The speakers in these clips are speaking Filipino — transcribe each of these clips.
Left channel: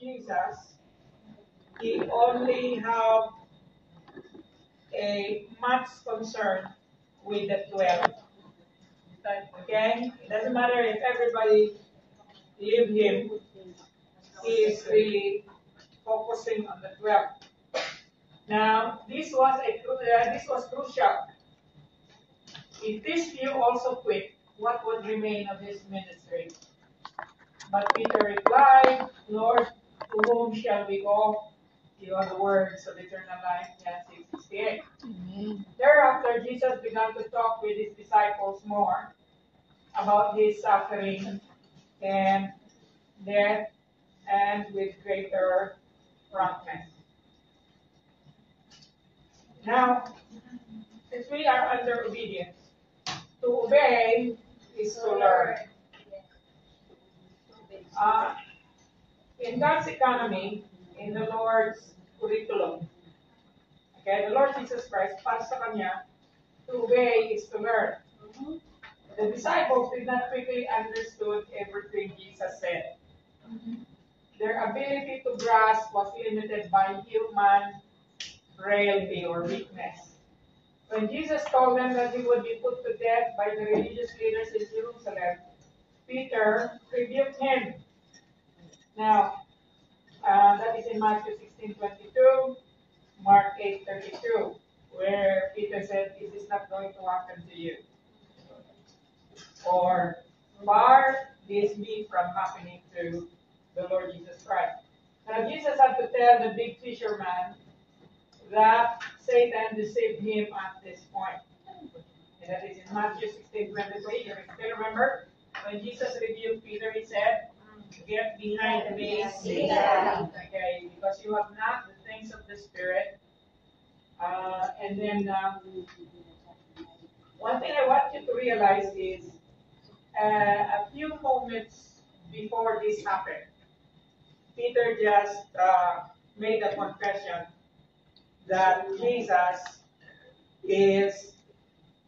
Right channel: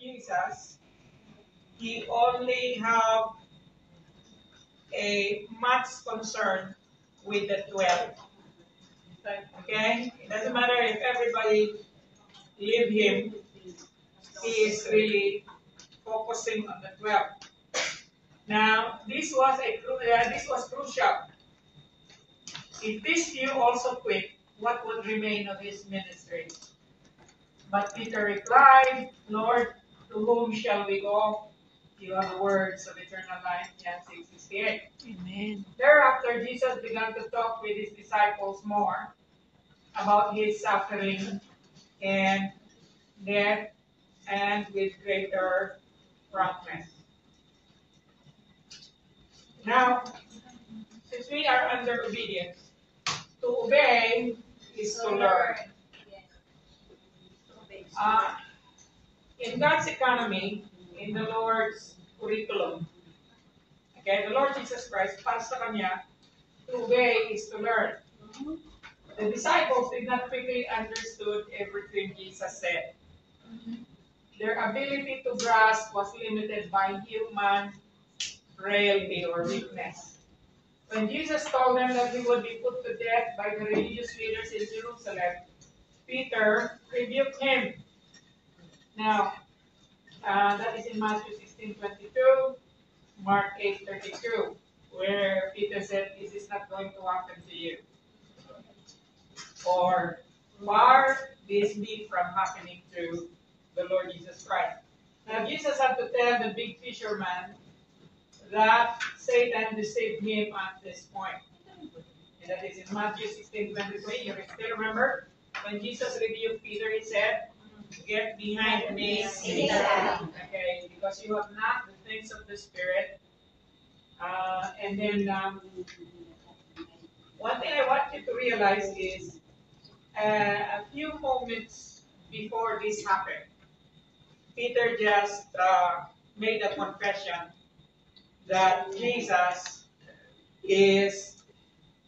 Jesus, he only have a much concern with the 12. Okay? It doesn't matter if everybody leave him, he is really focusing on the 12. Now, this was crucial. If these few also quit, what would remain of his ministry? But Peter replied, Lord, to whom shall we go? You are the words of eternal life. John 6:68. Amen. Thereafter, Jesus began to talk with his disciples more about his suffering and death, and with greater promptness. Now, since we are under obedience, to obey is to learn. In God's economy, in the Lord's curriculum, okay, the Lord Jesus Christ, para sa Kanya, to obey is to learn. The disciples did not quickly understood everything Jesus said. Their ability to grasp was limited by human frailty or weakness. When Jesus told them that he would be put to death by the religious leaders in Jerusalem, Peter rebuked him. Now, that is in Matthew 16:22, Mark 8:32, where Peter said, "This is not going to happen to you." Or, "Far this be from happening to the Lord Jesus Christ." Now, Jesus had to tell the big fisherman that Satan deceived him at this point. And that is in Matthew 16:23. You still remember? When Jesus rebuked Peter, he said, "Get behind me, Satan." Okay, because you have not the things of the Spirit. And then one thing I want you to realize is a few moments before this happened, Peter just made a confession that Jesus is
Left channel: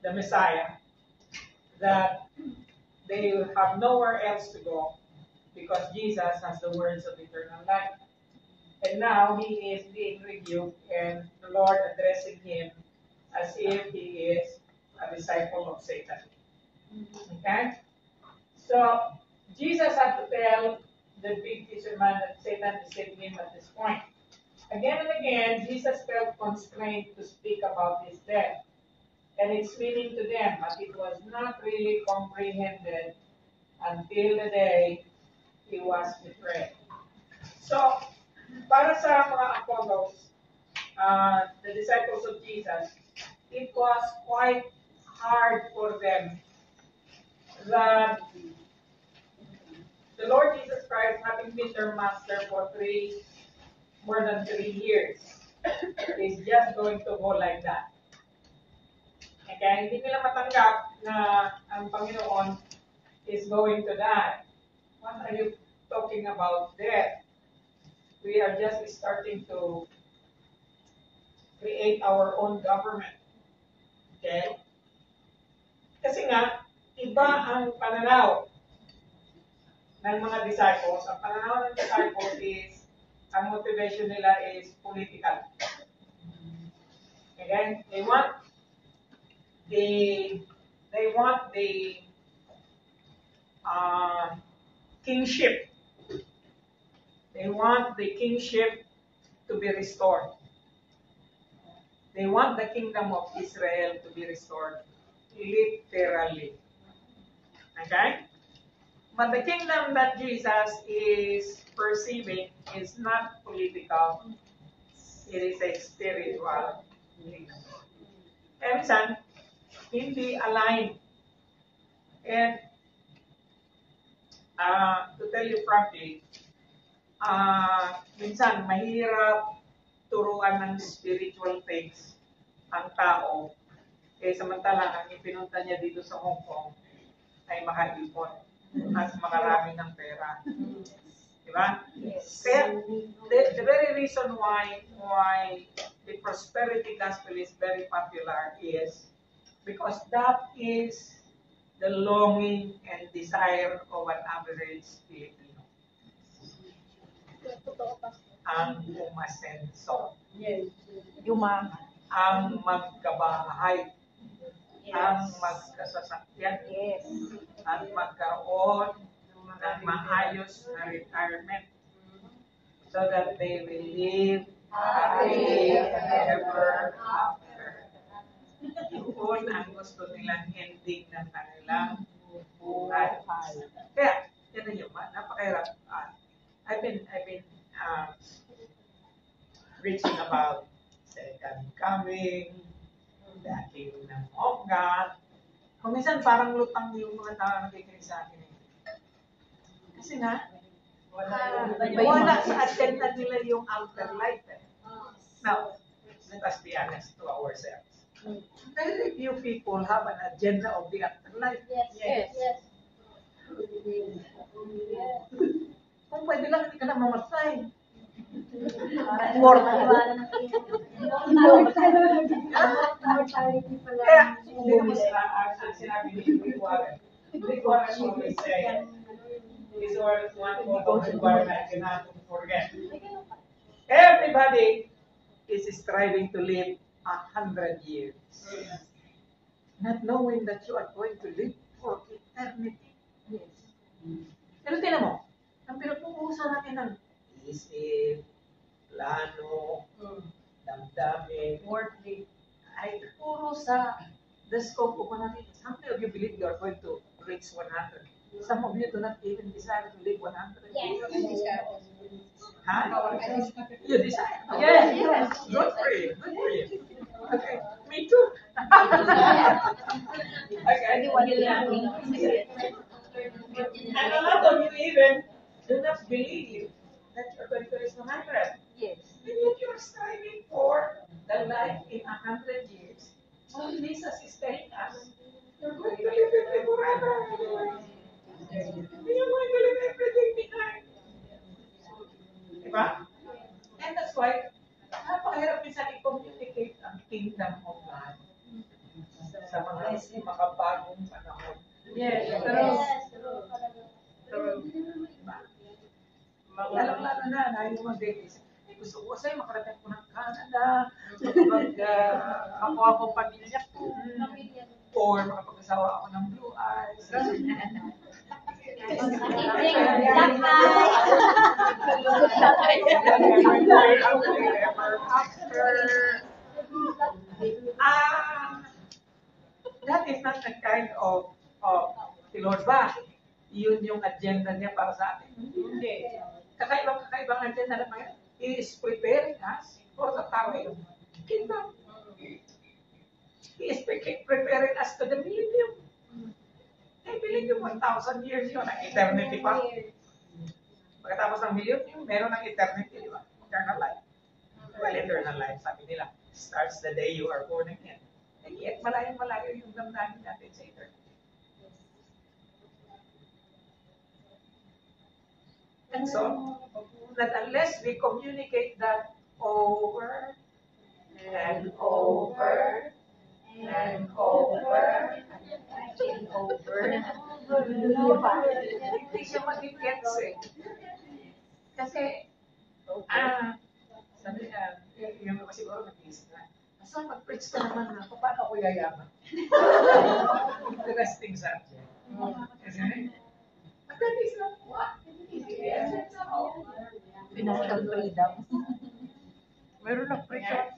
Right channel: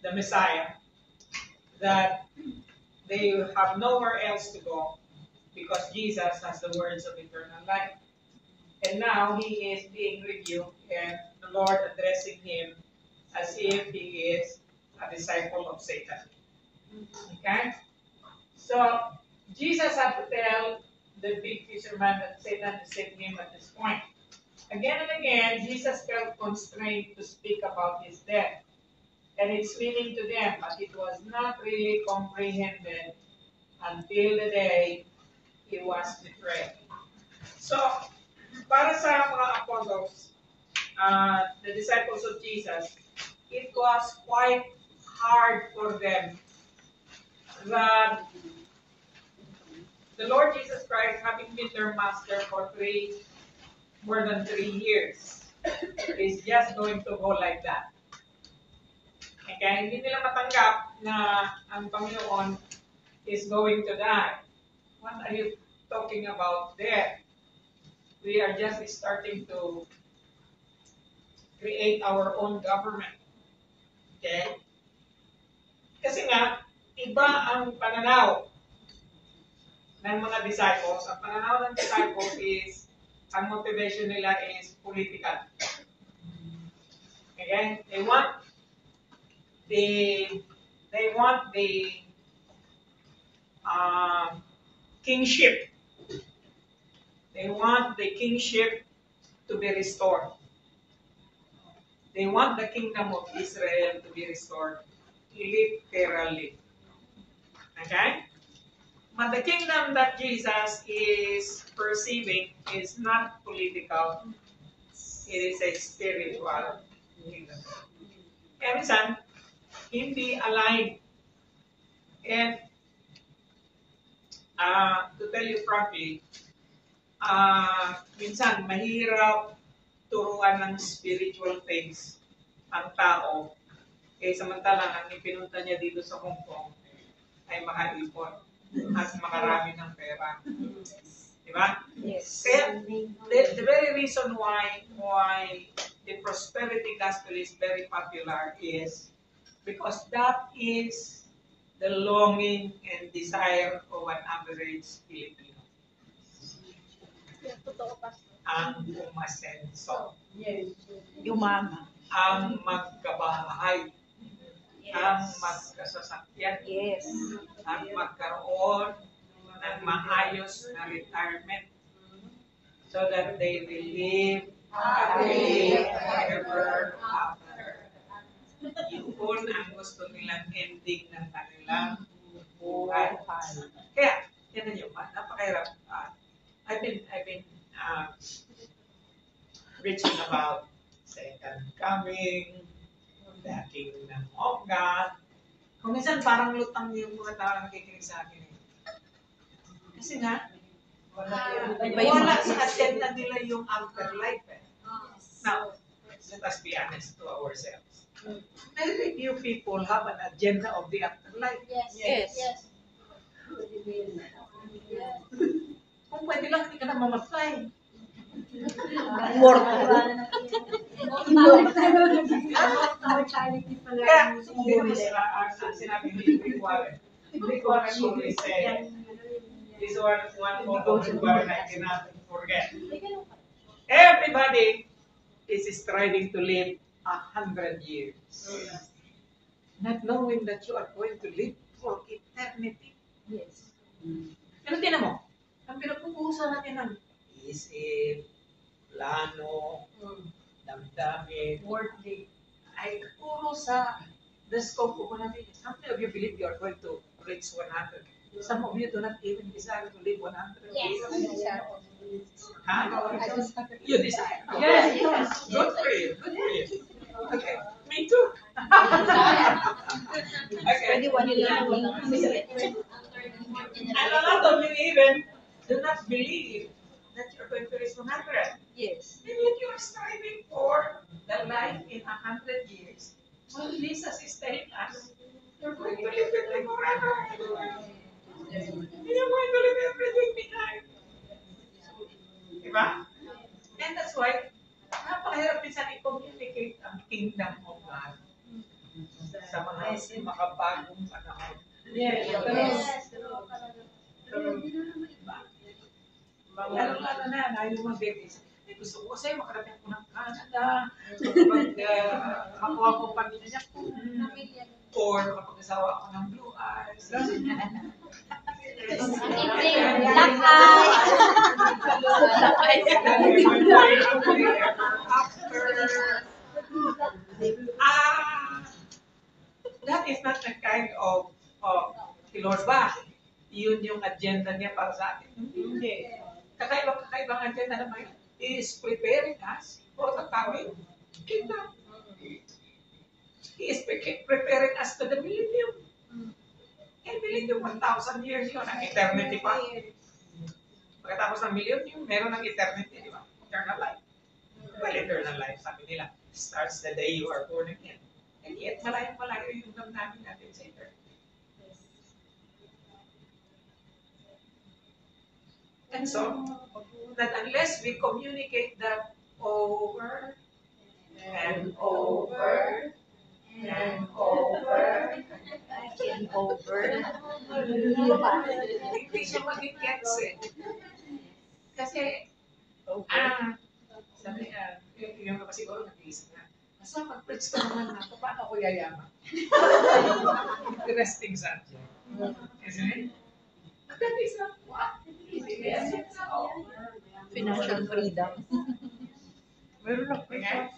the Messiah, that they have nowhere else to go because Jesus has the words of eternal life. And now he is being rebuked and the Lord addressing him as if he is a disciple of Satan. Okay? So Jesus had to tell the big fisherman that Satan deceived him at this point. Again and again, Jesus felt constrained to speak about his death and its meaning to them, but it was not really comprehended until the day he was betrayed. So, para sa mga apostles, the disciples of Jesus, it was quite hard for them that the Lord Jesus Christ, having been their master for more than 3 years, is just going to go like that. Okay? Hindi nila matanggap na ang Panginoon is going to die. What are you talking about there? We are just starting to create our own government. Okay? Kasi nga, iba ang pananaw ng mga disciples. Ang pananaw ng disciples is, ang motivation nila is political. Okay? They want the kingship. They want the kingship to be restored. They want the kingdom of Israel to be restored, literally. Okay? But the kingdom that Jesus is perceiving is not political. It is a spiritual kingdom. And minsan, hindi aligned. And to tell you frankly, minsan mahirap turuan ng spiritual things ang tao. Samantalang ang ipinunta niya dito sa Hong Kong ay makaipon at makarami ng pera. Diba? Yes. Kaya, the very reason why the prosperity gospel is very popular is because that is the longing and desire of an average Filipino. ang umasenso, Umama. ang magkabahay, ang Yes. magkasasakyan, Yes. at magkaroon ng maayos na retirement so that they will live happily ever after. Yun ang gusto nilang ending ng kanilang buhay. Kaya, yan yun, napakahirap. I've been preaching about second coming, the kingdom of God. Kung minsan parang lutang yung mga tao nakikinig sa akin. Kasi nga, wala sa agenda nila yung afterlife. Now, let us be honest to ourselves. Very few people have an agenda of the afterlife. Yes. Kung pwede lang, hindi ka na mamatay. Kaya, hindi naman sinabi ni Rick Warren. Rick Warren always say, this one photo Rick Warren I cannot forget. Everybody is striving to live 100 years. Not knowing that you are going to live for eternity. Yes. Pero tinan mo, ang pinag-uusapan natin ng isip, plano, damdamin, Worldly. ay puro sa the scope of natin. How many of you believe you are going to reach 100? Some of you do not even desire to live 100 years. Huh? You desire? Yes. Good for you. Good for you. Okay. Me too. Okay. And a lot of you even do not believe that you're going to reach 100. Yes. And yet you're striving for the life in 100 years. Well, Jesus is telling us, you're going to live with me forever. You're going to leave everything behind. Diba? And that's why, napakahirap minsan i-communicate ang kingdom of God sa mga makabagong panahon. Yes. Diba? Lalo na yung mga babies. Gusto ko sa'yo, makarating ko ng Canada, makakuha ko pamilya ko, or makapag-asawa ako ng Blue Eyes. That is not the kind of Lord ba? Yun yung agenda niya para sa atin. Hindi. Kakaibang agenda naman yan. He is preparing us for the coming kingdom. He is preparing us to the millennium. I believe yung 1,000 years yun, ang eternity pa. Pagkatapos ng millennium, meron ng eternity, di ba? Eternal life. Well, eternal life, sabi nila, starts the day you are born again. And yet, malayo-malayo yung damdamin natin sa eternity. And so, that unless we communicate that over and over and over and over, hindi siya mag-gets eh. Kasi, sabi niya, yung naman siguro nag-iisip na, basta mag-preach ka naman na, paano ako yayaman? Interesting subject. Isn't it? But that is not what it is. It's not Financial freedom. meron na freedom.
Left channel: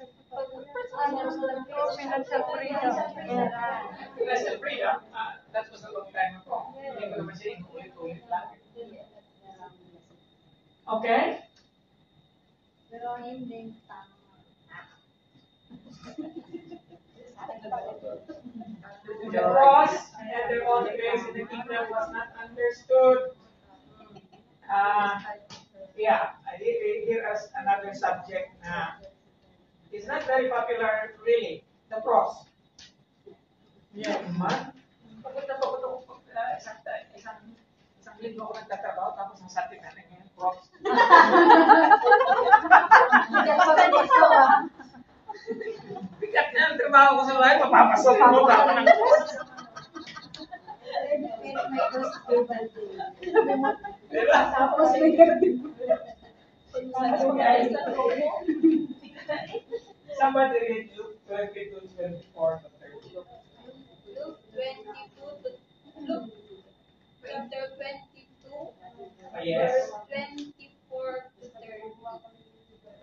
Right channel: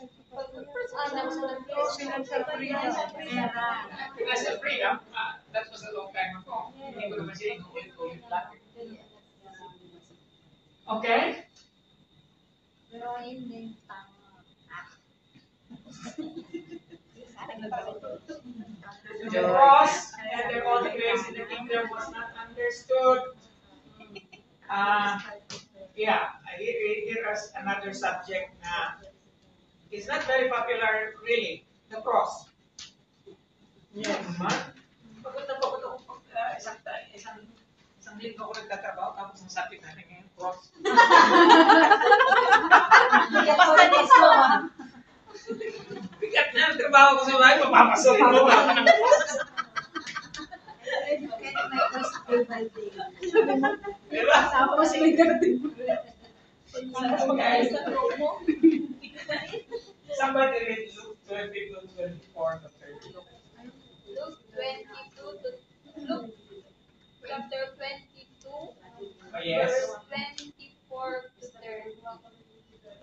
Financial freedom. Financial freedom, that was a long time ago. Hindi ko naman siya inulit-ulit lang. Okay? Pero hindi tama. The cross and their only grace in the kingdom was not understood. Here is another subject na is not very popular really, the cross. Man, pagod ako isang linggo ako nagtatrabaho tapos ang sabi natin ngayon, cross. Bigat na ang trabaho ko sa bahay, mapapasok mo ba ako ng cross? Diba? Okay. Somebody read Luke 22, 24 to 30. Luke 22 to Luke chapter 22, Oh, yes. verse 24 to 30.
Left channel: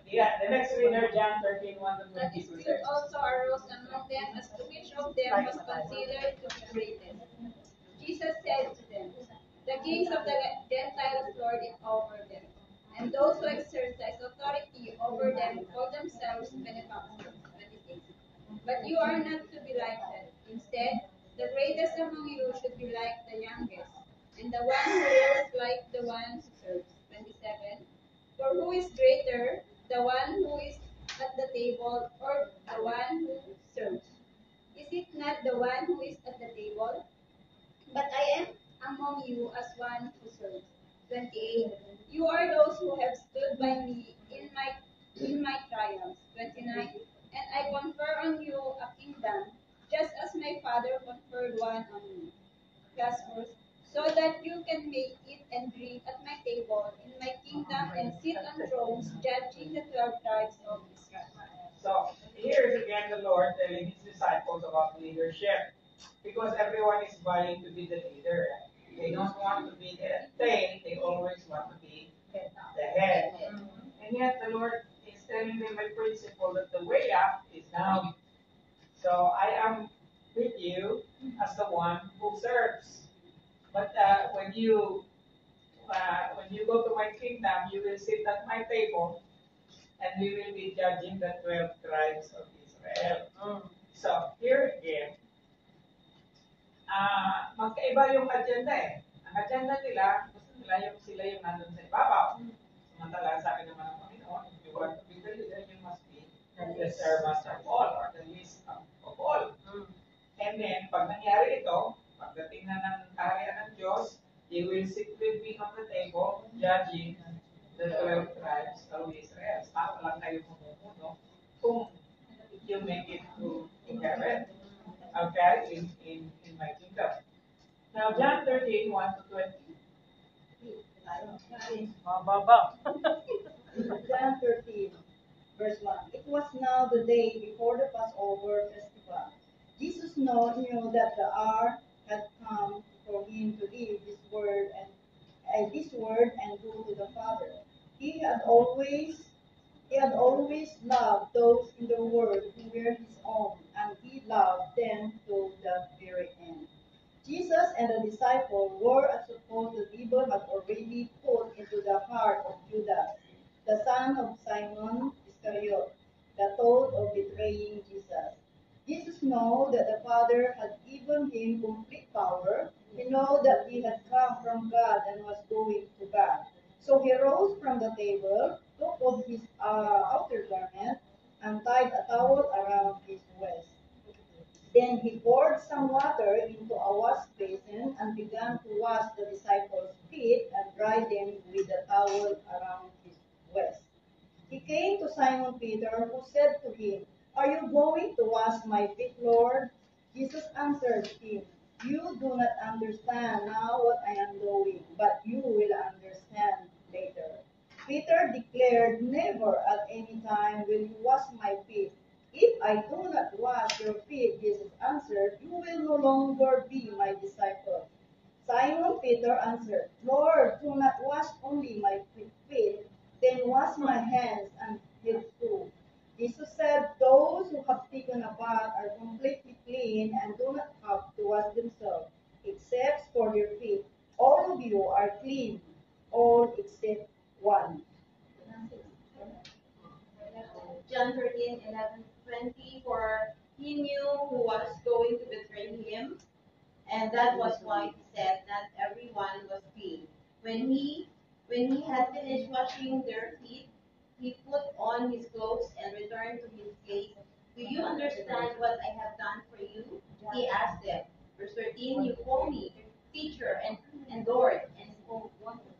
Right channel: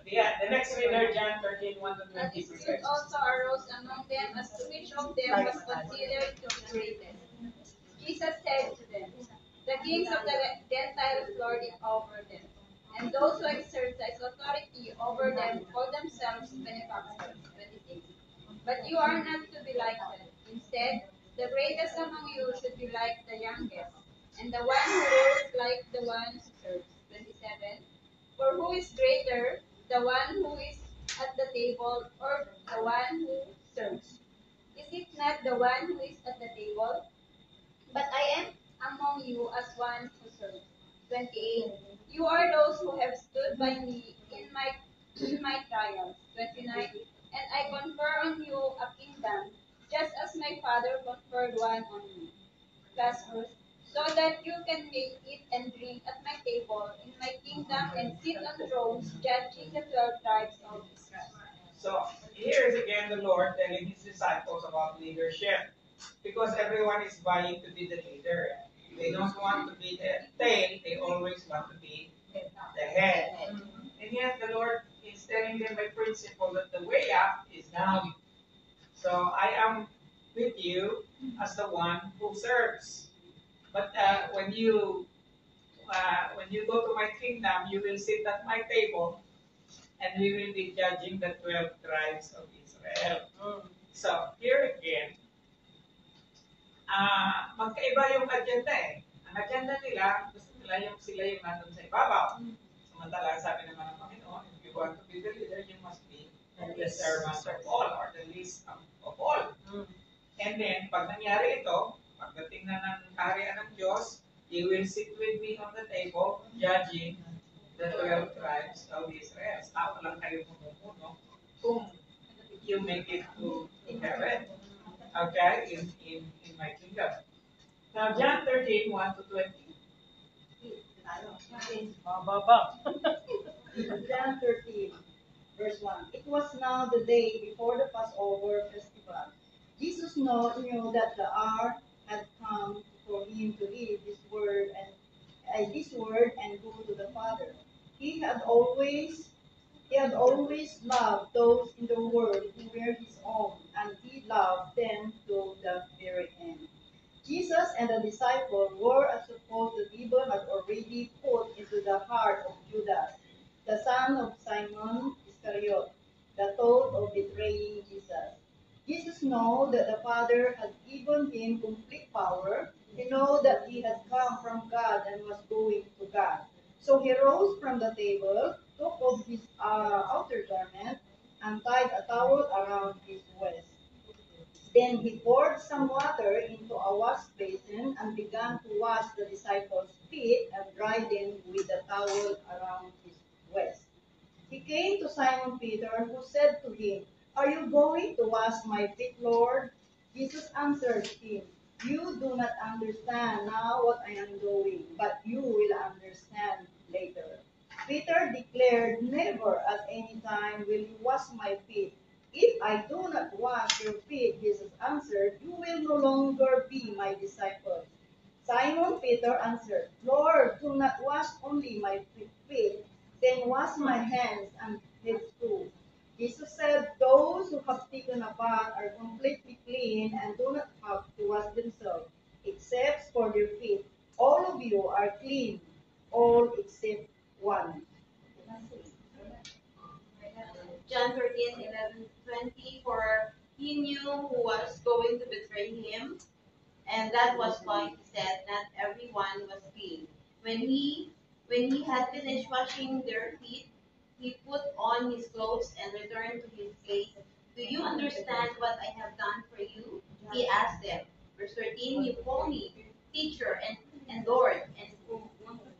Yeah, the next reader, John 13, 1 to A 20 dispute says. also arose among them as to which of them was considered to be greatest. Jesus said to them, the kings of the Gentiles lord it over them, and those who exercise authority over them call themselves benefactors. 26. But you are not to be like that. Instead, the greatest among you should be like the youngest, and the one who rules like the one who serves. 27. For who is greater, the one who is at the table or the one who serves? Is it not the one who is at the table? But I am among you as one who serves. 28. You are those who have stood by me in my trials. 29. And I confer on you a kingdom, just as my Father conferred one on me. Last verse. So that you can make it and drink at my table in my kingdom and sit on thrones, judging the 12 tribes of Israel. So here is again the Lord telling his disciples about leadership. Because everyone is vying to be the leader. They don't want to be the tail, they always want to be the head. And yet the Lord is telling them by principle that the way up is down. So I am with you as the one who serves. But when you go to my kingdom, you will sit at my table, and we will be judging the 12 tribes of Israel. So here again, magkaiba yung agenda eh. Ang agenda nila, gusto nila yung sila yung nandun sa ibabaw. Samantala, sabi naman ng Panginoon, if you want to be the leader, you must be the servant of all or the least of all. And then, pag nangyari ito, pagdating na ng kaharian ng Diyos, you will sit with me on the table, judging the 12 tribes of Israel. Ako lang kayo pumupuno kung you make it to heaven. Okay? In my kingdom. Now, John 13, 1 to 20. Mababa. John 13, verse 1. It was now the day before the Passover festival. Jesus knew that the hour had come for him to leave this world and go to the Father. He had always loved those in the world who were his own, and he loved them to the very end. Jesus and the disciple were, as supposed, the devil had already put into the heart of Judas, the son of Simon Iscariot, the thought of betraying Jesus. Jesus knew that the Father had given him complete power. He knew that he had come from God and was going to God. So he rose from the table, took off his outer garment, and tied a towel around his waist. Then he poured some water into a wash basin and began to wash the disciples' feet and dry them with the towel around his waist. He came to Simon Peter, who said to him, "Are you going to wash my feet, Lord?" Jesus answered him, "You do not understand now what I am doing, but you will understand later." Peter declared, "Never at any time will you wash my feet." "If I do not wash your feet," Jesus answered, "you will no longer be my disciple." Simon Peter answered, "Lord, do not wash only my feet, then wash my hands and head too." Jesus said, "Those who have taken a bath are completely clean and do not have to wash themselves, except for their feet. All of you are clean, all except one." John 13, 11, 20, for he knew who was going to betray him, and that was why he said not everyone was clean. When he had finished washing their feet, he put on his clothes and returned to his place. "Do you understand what I have done for you?" he asked them. Verse 13, "You call me teacher and Lord,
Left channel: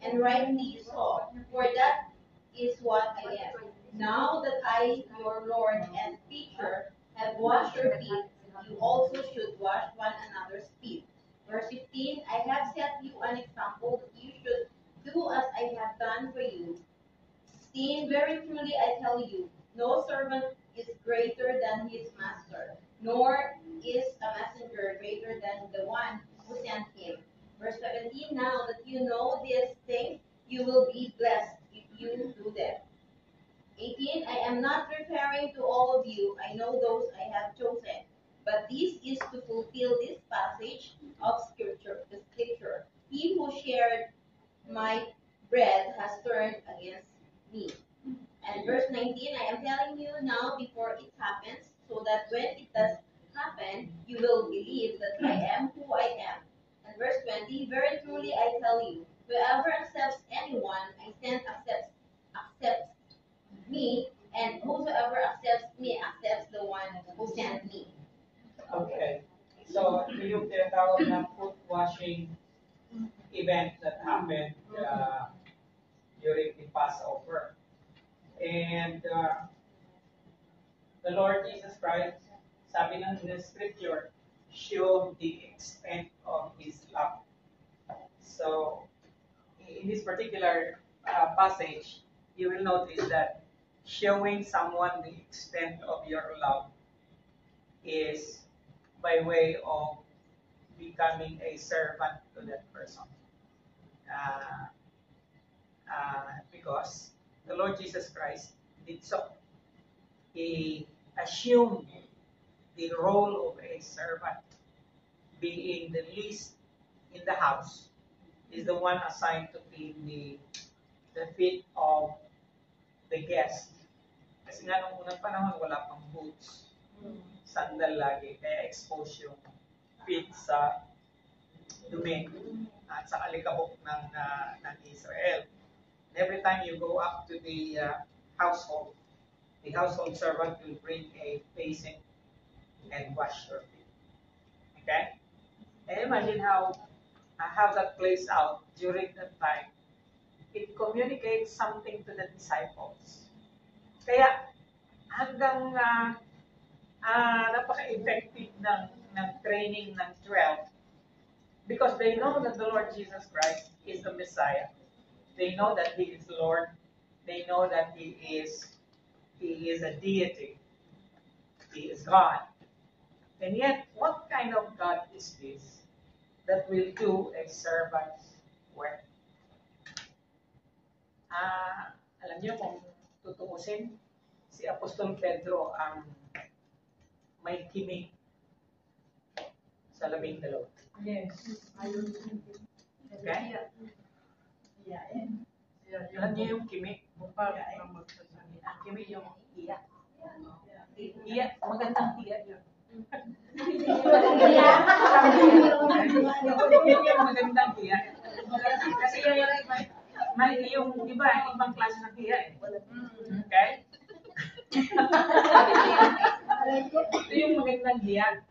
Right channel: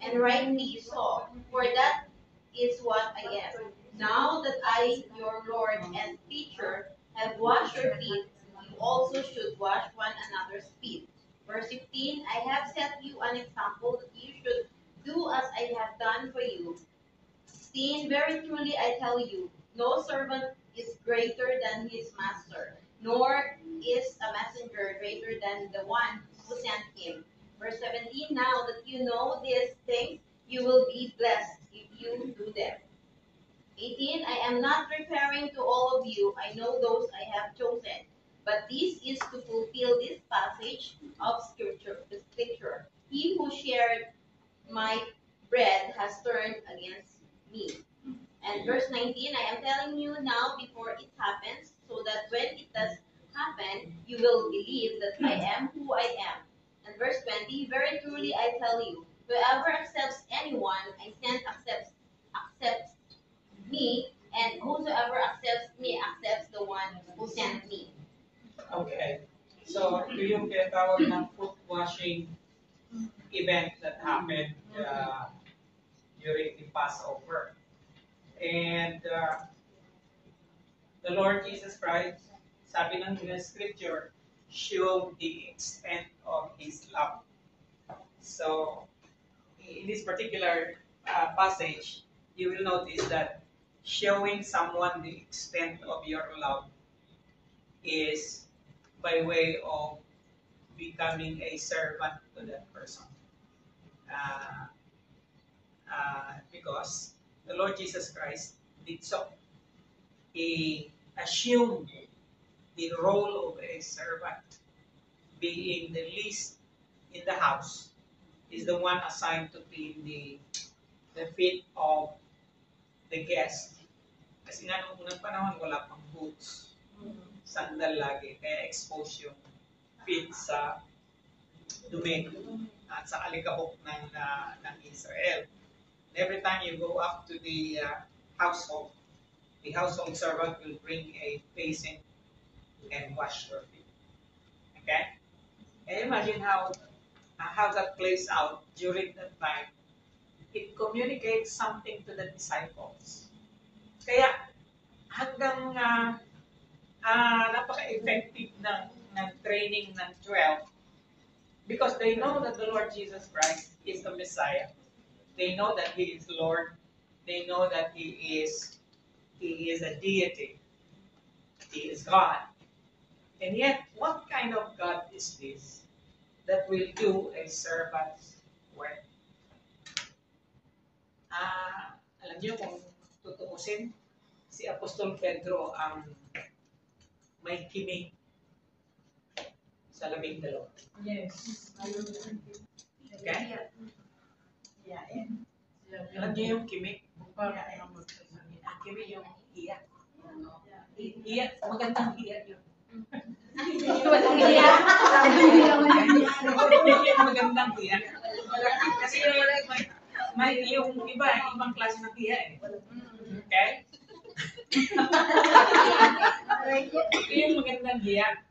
and rightly so, for that is what I am. Now that I, your Lord and teacher, have washed your feet, you also should wash one another's feet." Verse 15, "I have set you an example that you should do as I have done for you. 16, very truly I tell you, no servant is greater than his master, nor is a messenger greater than the one who sent him. Verse 17, now that you know these things, you will be blessed if you do them. 18, I am not referring to all of you. I know those I have chosen. But this is to fulfill this passage of scripture. The scripture. He who shared my bread has turned against me. And verse 19, I am telling you now before it happens, so that when it does happen, you will believe that I am who I am. And verse 20, very truly I tell you, whoever accepts anyone I send accepts me, and whosoever accepts me accepts the one who sent me. Okay. So, ito yung tinatawag na foot washing event that happened during the Passover. And the Lord Jesus Christ, sabi ng scripture, showed the extent of His love. So, in this particular passage, you will notice that showing someone the extent of your love is by way of becoming a servant to that person. Because the Lord Jesus Christ did so. He assumed the role of a servant, being the least in the house, is the one assigned to clean the feet of the guest. Kasi nga nung unang panahon, wala pang boots. Sandal lagi, kaya expose yung feet sa dumi at sa alikabok ng Israel. And every time you go up to the household servant will bring a basin and wash your feet. Okay? And imagine how that plays out during that time. It communicates something to the disciples. Kaya hanggang napaka-effective ng training ng 12 because they know that the Lord Jesus Christ is the Messiah. They know that He is Lord. They know that He is a deity. He is God. And yet, what kind of God is this that will do a servant's work? Alam niyo kung tutuusin, si Apostol Pedro ang may kimik sa 12. Yes. Okay? Alam niyo yung kimik? Ang kimik yung iyak. Iyak, magandang iyak yun. Yung magandang iyak. Kasi may yung ibang klase ng iyak eh. Okay? Ito yung magandang iyak.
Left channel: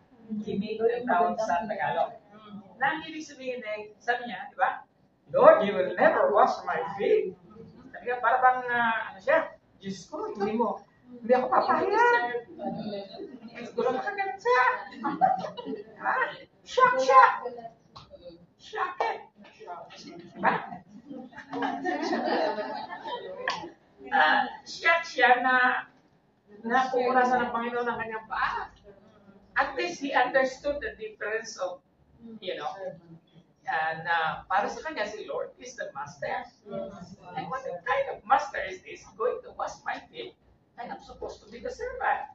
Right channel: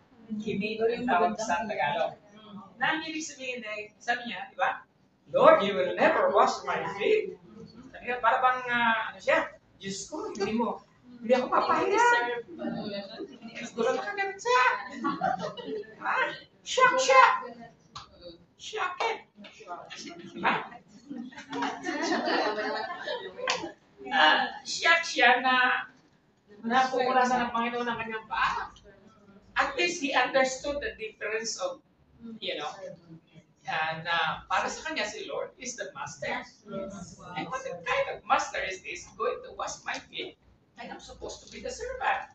Kimik ang tawag sa Tagalog. Na ang ibig sabihin ay, sabi niya, di ba? Lord, you will never wash my feet. Sabi niya, para bang, ano siya? Diyos ko, hindi ako papaya. Siguro nakaganon siya. Shock siya. Shock it. Diba? Shock siya na pumulasan ng Panginoon ng kanyang paa. At least he understood the difference of, and para sa kanya si Lord is the master. And what kind of master is this going to wash my feet? And I'm supposed to be the servant.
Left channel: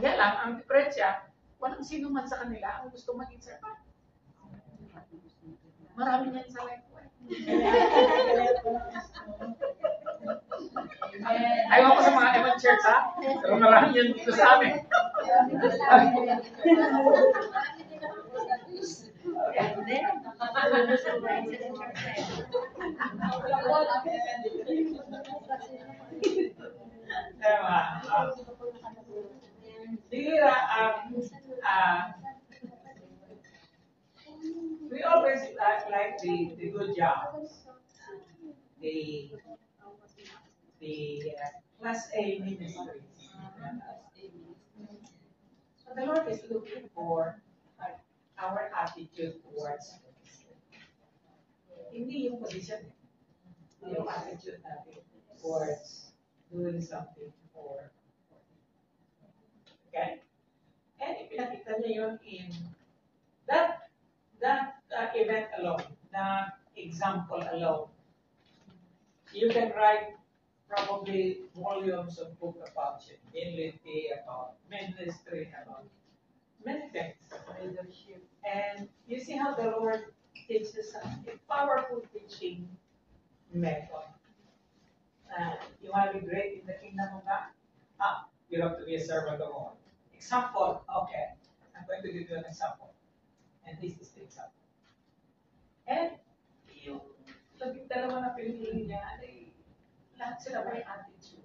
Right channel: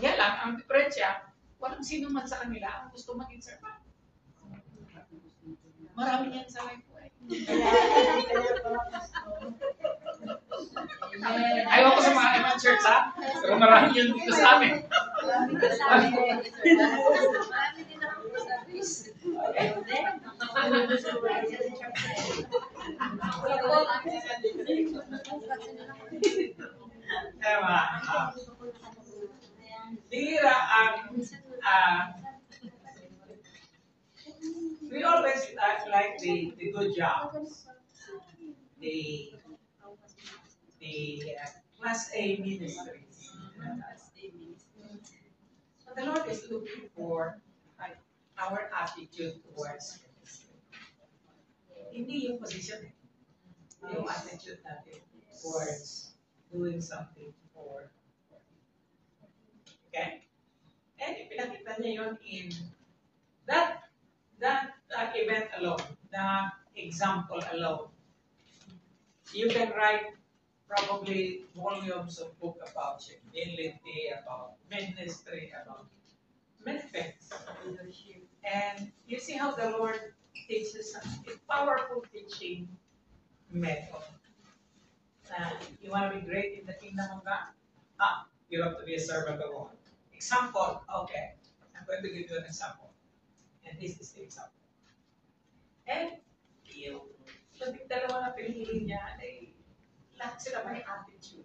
Kaya lang, ang diferensya, walang sino man sa kanila ang gusto maging servant. Marami yan sa life ko eh. Ayaw ko sa mga ibang church ha, pero marami yan dito sa amin. Bihira ang we always like the good jobs, the class A ministries. But the Lord is looking for our attitude towards ministry. Hindi yung position yung attitude natin towards doing something for. Okay? And ipinakita niya yun in that event alone, that example alone. You can write probably volumes of book about humility, about ministry, about many things. And you see how the Lord teaches us a powerful teaching method. You want to be great in the kingdom of God? You have to be a servant of all. Example, okay. I'm going to give you an example. And this is the example. And yung labing dalawa na pinili niya, lahat sila may attitude.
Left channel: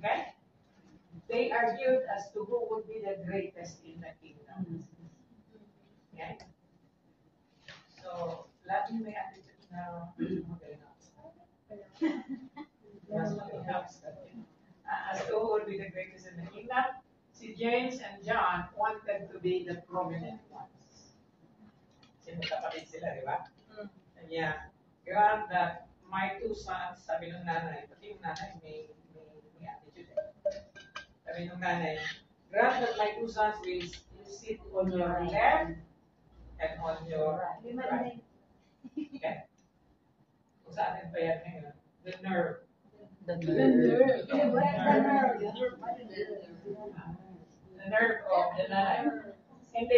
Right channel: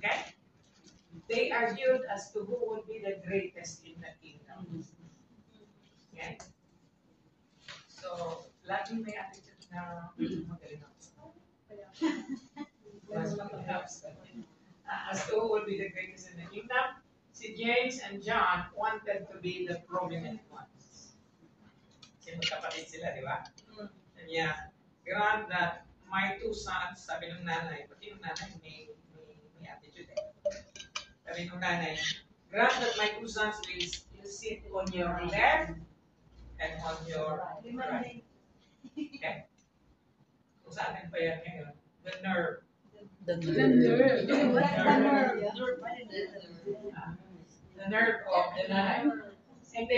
Okay? They argued as to who would be the greatest in the kingdom. Okay? So, laging may attitude na magaling ako. Mas magaling ako. As to who would be the greatest in the kingdom, si James and John wanted to be the prominent ones. Kasi magkapatid sila, di ba? And yeah, grant that my two sons, sabi ng nanay, pati yung nanay may attitude eh. Sabi ng nanay, grant that my two sons will sit on your left and on your right. Okay? Kung sa atin pa yan ngayon, the nerve. The nerve. The nerve of the nanay. And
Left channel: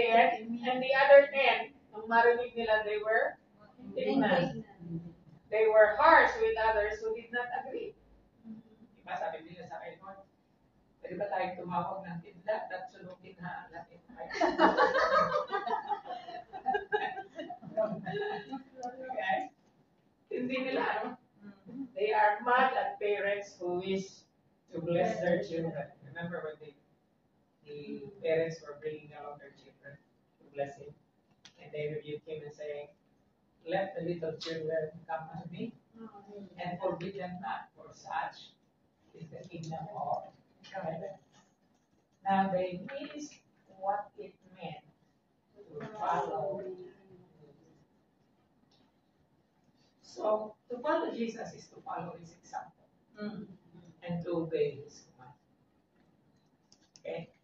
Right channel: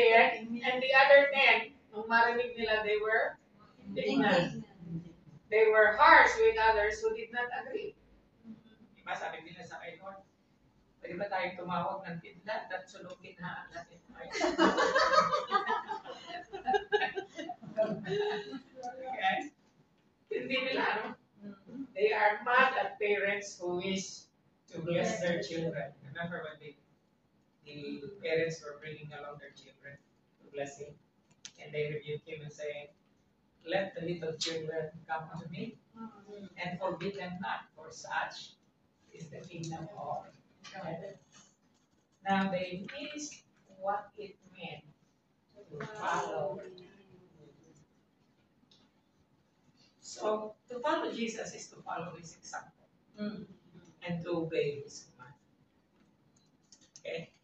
the other 10, nung marinig nila, they were indignant. They were harsh with others who did not agree. Diba sabi nila sa kay Lord, pwede ba tayong tumawag ng kidlat at sunugin ha natin tayo? Okay? Hindi nila, no? They are mad at parents who wish to bless their children. Remember when the parents were bringing along their children to bless him, and they rebuked him and saying, "Let the little children come to me, and forbid them not, for such is the kingdom of heaven." Now they missed what it meant to follow. So to follow Jesus is to follow his example and to obey his command. Okay?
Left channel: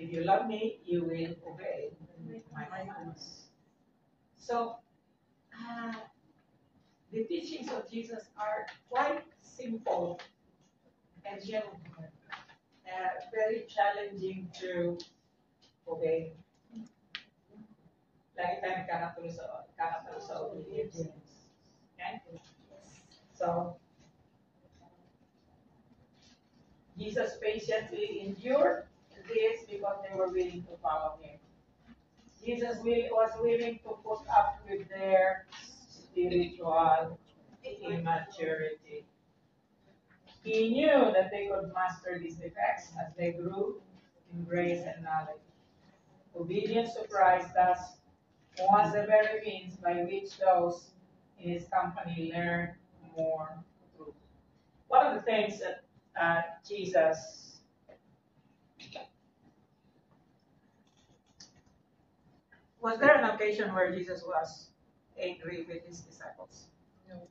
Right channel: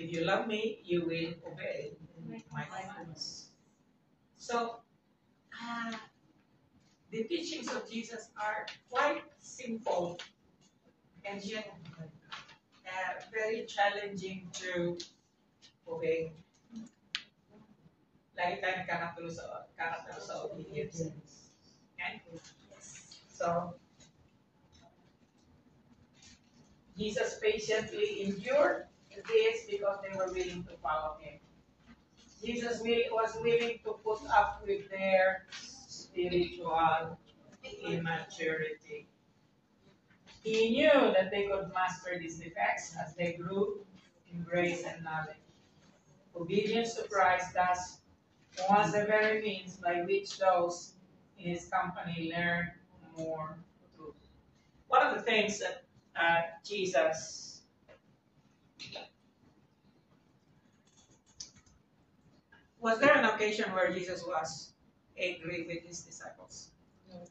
If you love me, you will obey my commands. So the teachings of Jesus are quite simple and yet very challenging to obey. Lagi tayo nakakatulo sa obedience. Okay? So, Jesus patiently endured this because they were willing to follow him. Jesus was willing to put up with their spiritual immaturity. He knew that they could master these defects as they grew in grace and knowledge. Obedience to Christ thus was the very means by which those in his company learned more truth. One of the things that Jesus was there an occasion where Jesus was angry with his disciples? No.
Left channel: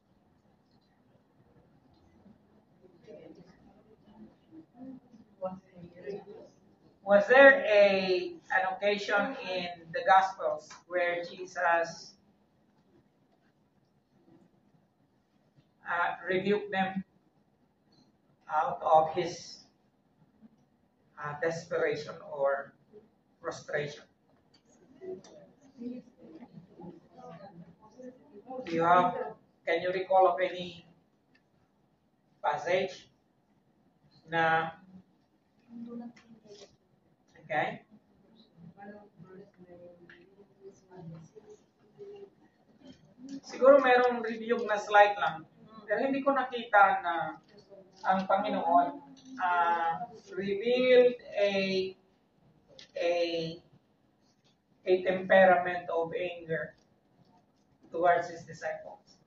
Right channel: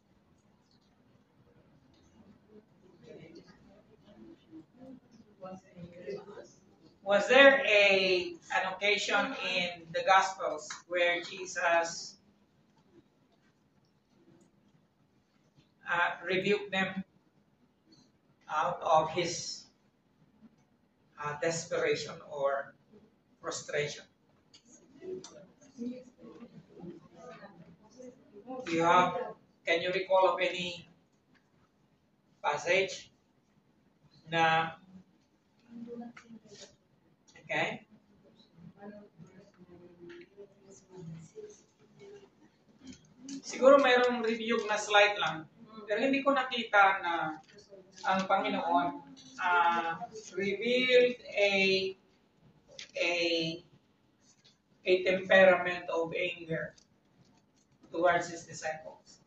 Was there an occasion in the Gospels where Jesus rebuked them out of his desperation or frustration? Can you recall of any passage na okay? Siguro mayroong review na slide lang, pero hindi ko nakita na ang Panginoon revealed a temperament of anger towards his disciples.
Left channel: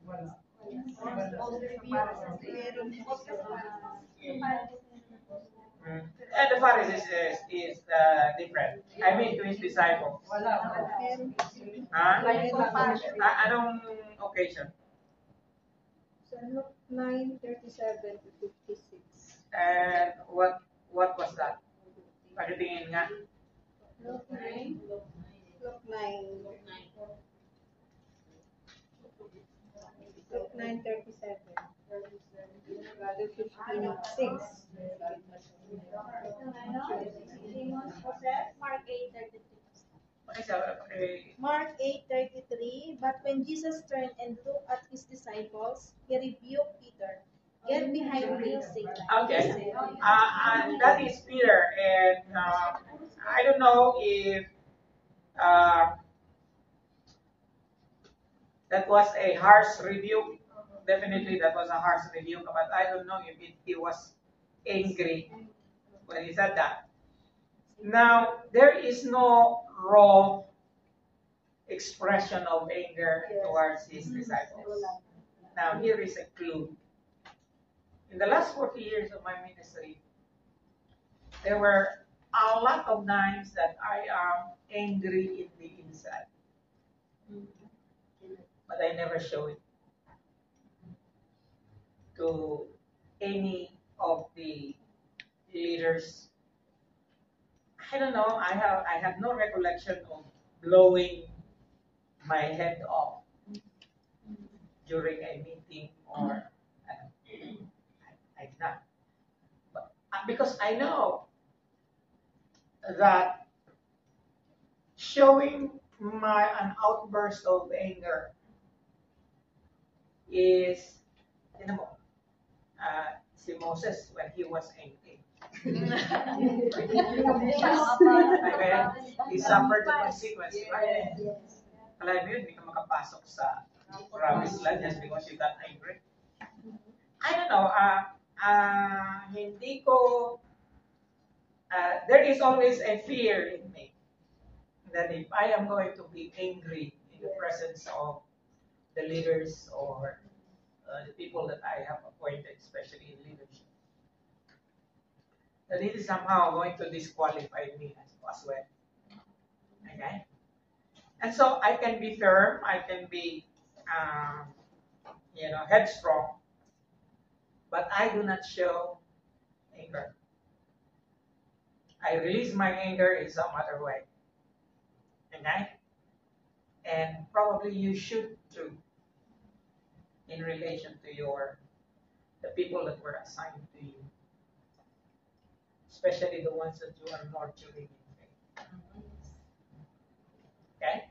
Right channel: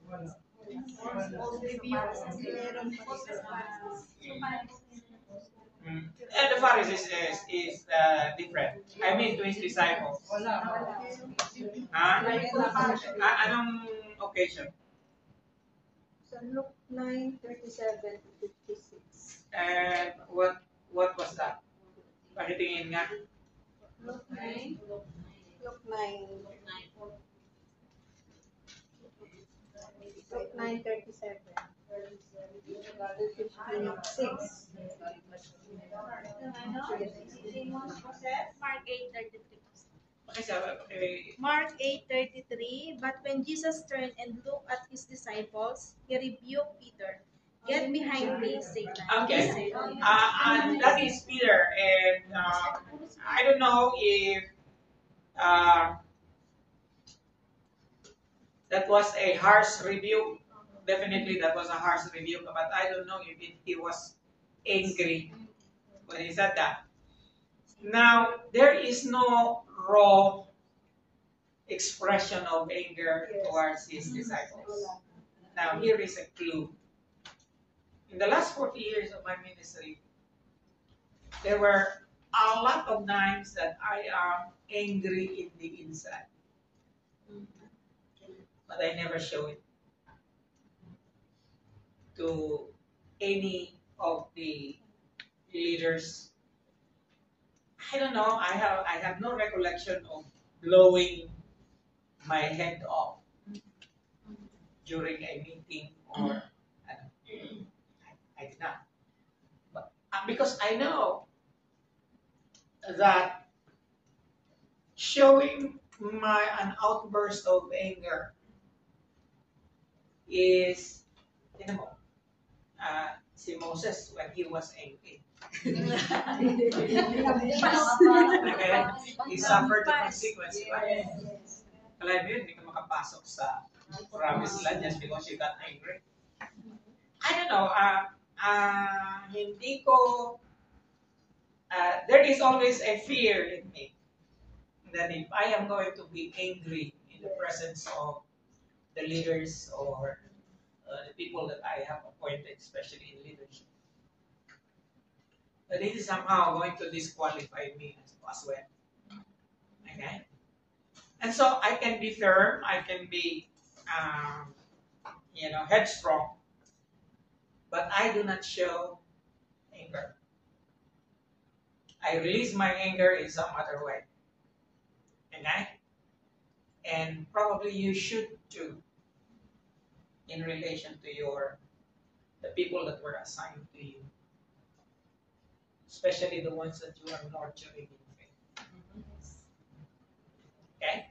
And the Pharisees is different. I mean to his disciples. Anong occasion? Luke 9:37 to 56. And what was that? Pakitingin nga. Luke 9. Luke 9. Luke 9:37 to 56. Mark 8:33. Mark 8:33. But when Jesus turned and looked at his disciples, he rebuked Peter. Get behind me, Satan. Okay. He said. And that is Peter. And I don't know if that was a harsh rebuke. Definitely that was a harsh rebuke, but I don't know if he was angry when he said that. Now, there is no raw expression of anger towards his disciples. Now, here is a clue. In the last 40 years of my ministry, there were a lot of times that I am angry in the inside. But I never show it to any of the leaders. I don't know. I have no recollection of blowing my head off during a meeting or I did not. But because I know that showing an outburst of anger is, you know, si Moses when he was angry. He suffered the consequence, right? Alam mo yun, hindi ka makapasok sa promised land just because you got angry. I don't know, hindi ko, there is always a fear in me that if I am going to be angry in the presence of the leaders or the people that I have appointed, especially in leadership, that it is somehow going to disqualify me as well. Okay? And so I can be firm, I can be, headstrong, but I do not show anger. I release my anger in some other way. Okay? And probably you should too, in relation to the people that were assigned to you. Especially the ones that you are nurturing in faith. Okay?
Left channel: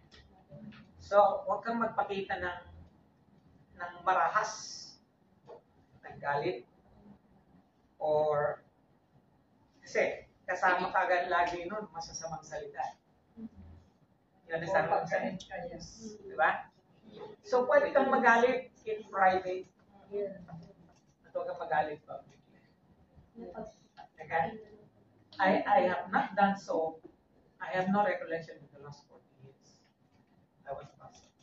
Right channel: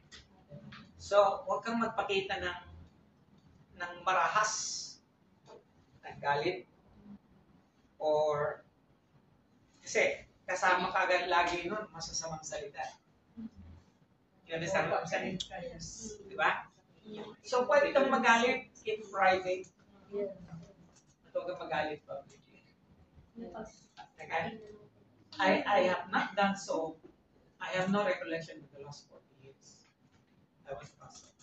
So, huwag kang magpakita ng marahas, ng galit, or kasi kasama ka agad lagi nun, masasamang salita. You understand what I'm saying? Yes. Diba? So, pwede kang magalit in private. At huwag kang magalit publicly. Okay? I have not done so. I have no recollection in the last 40 years. I was pastor.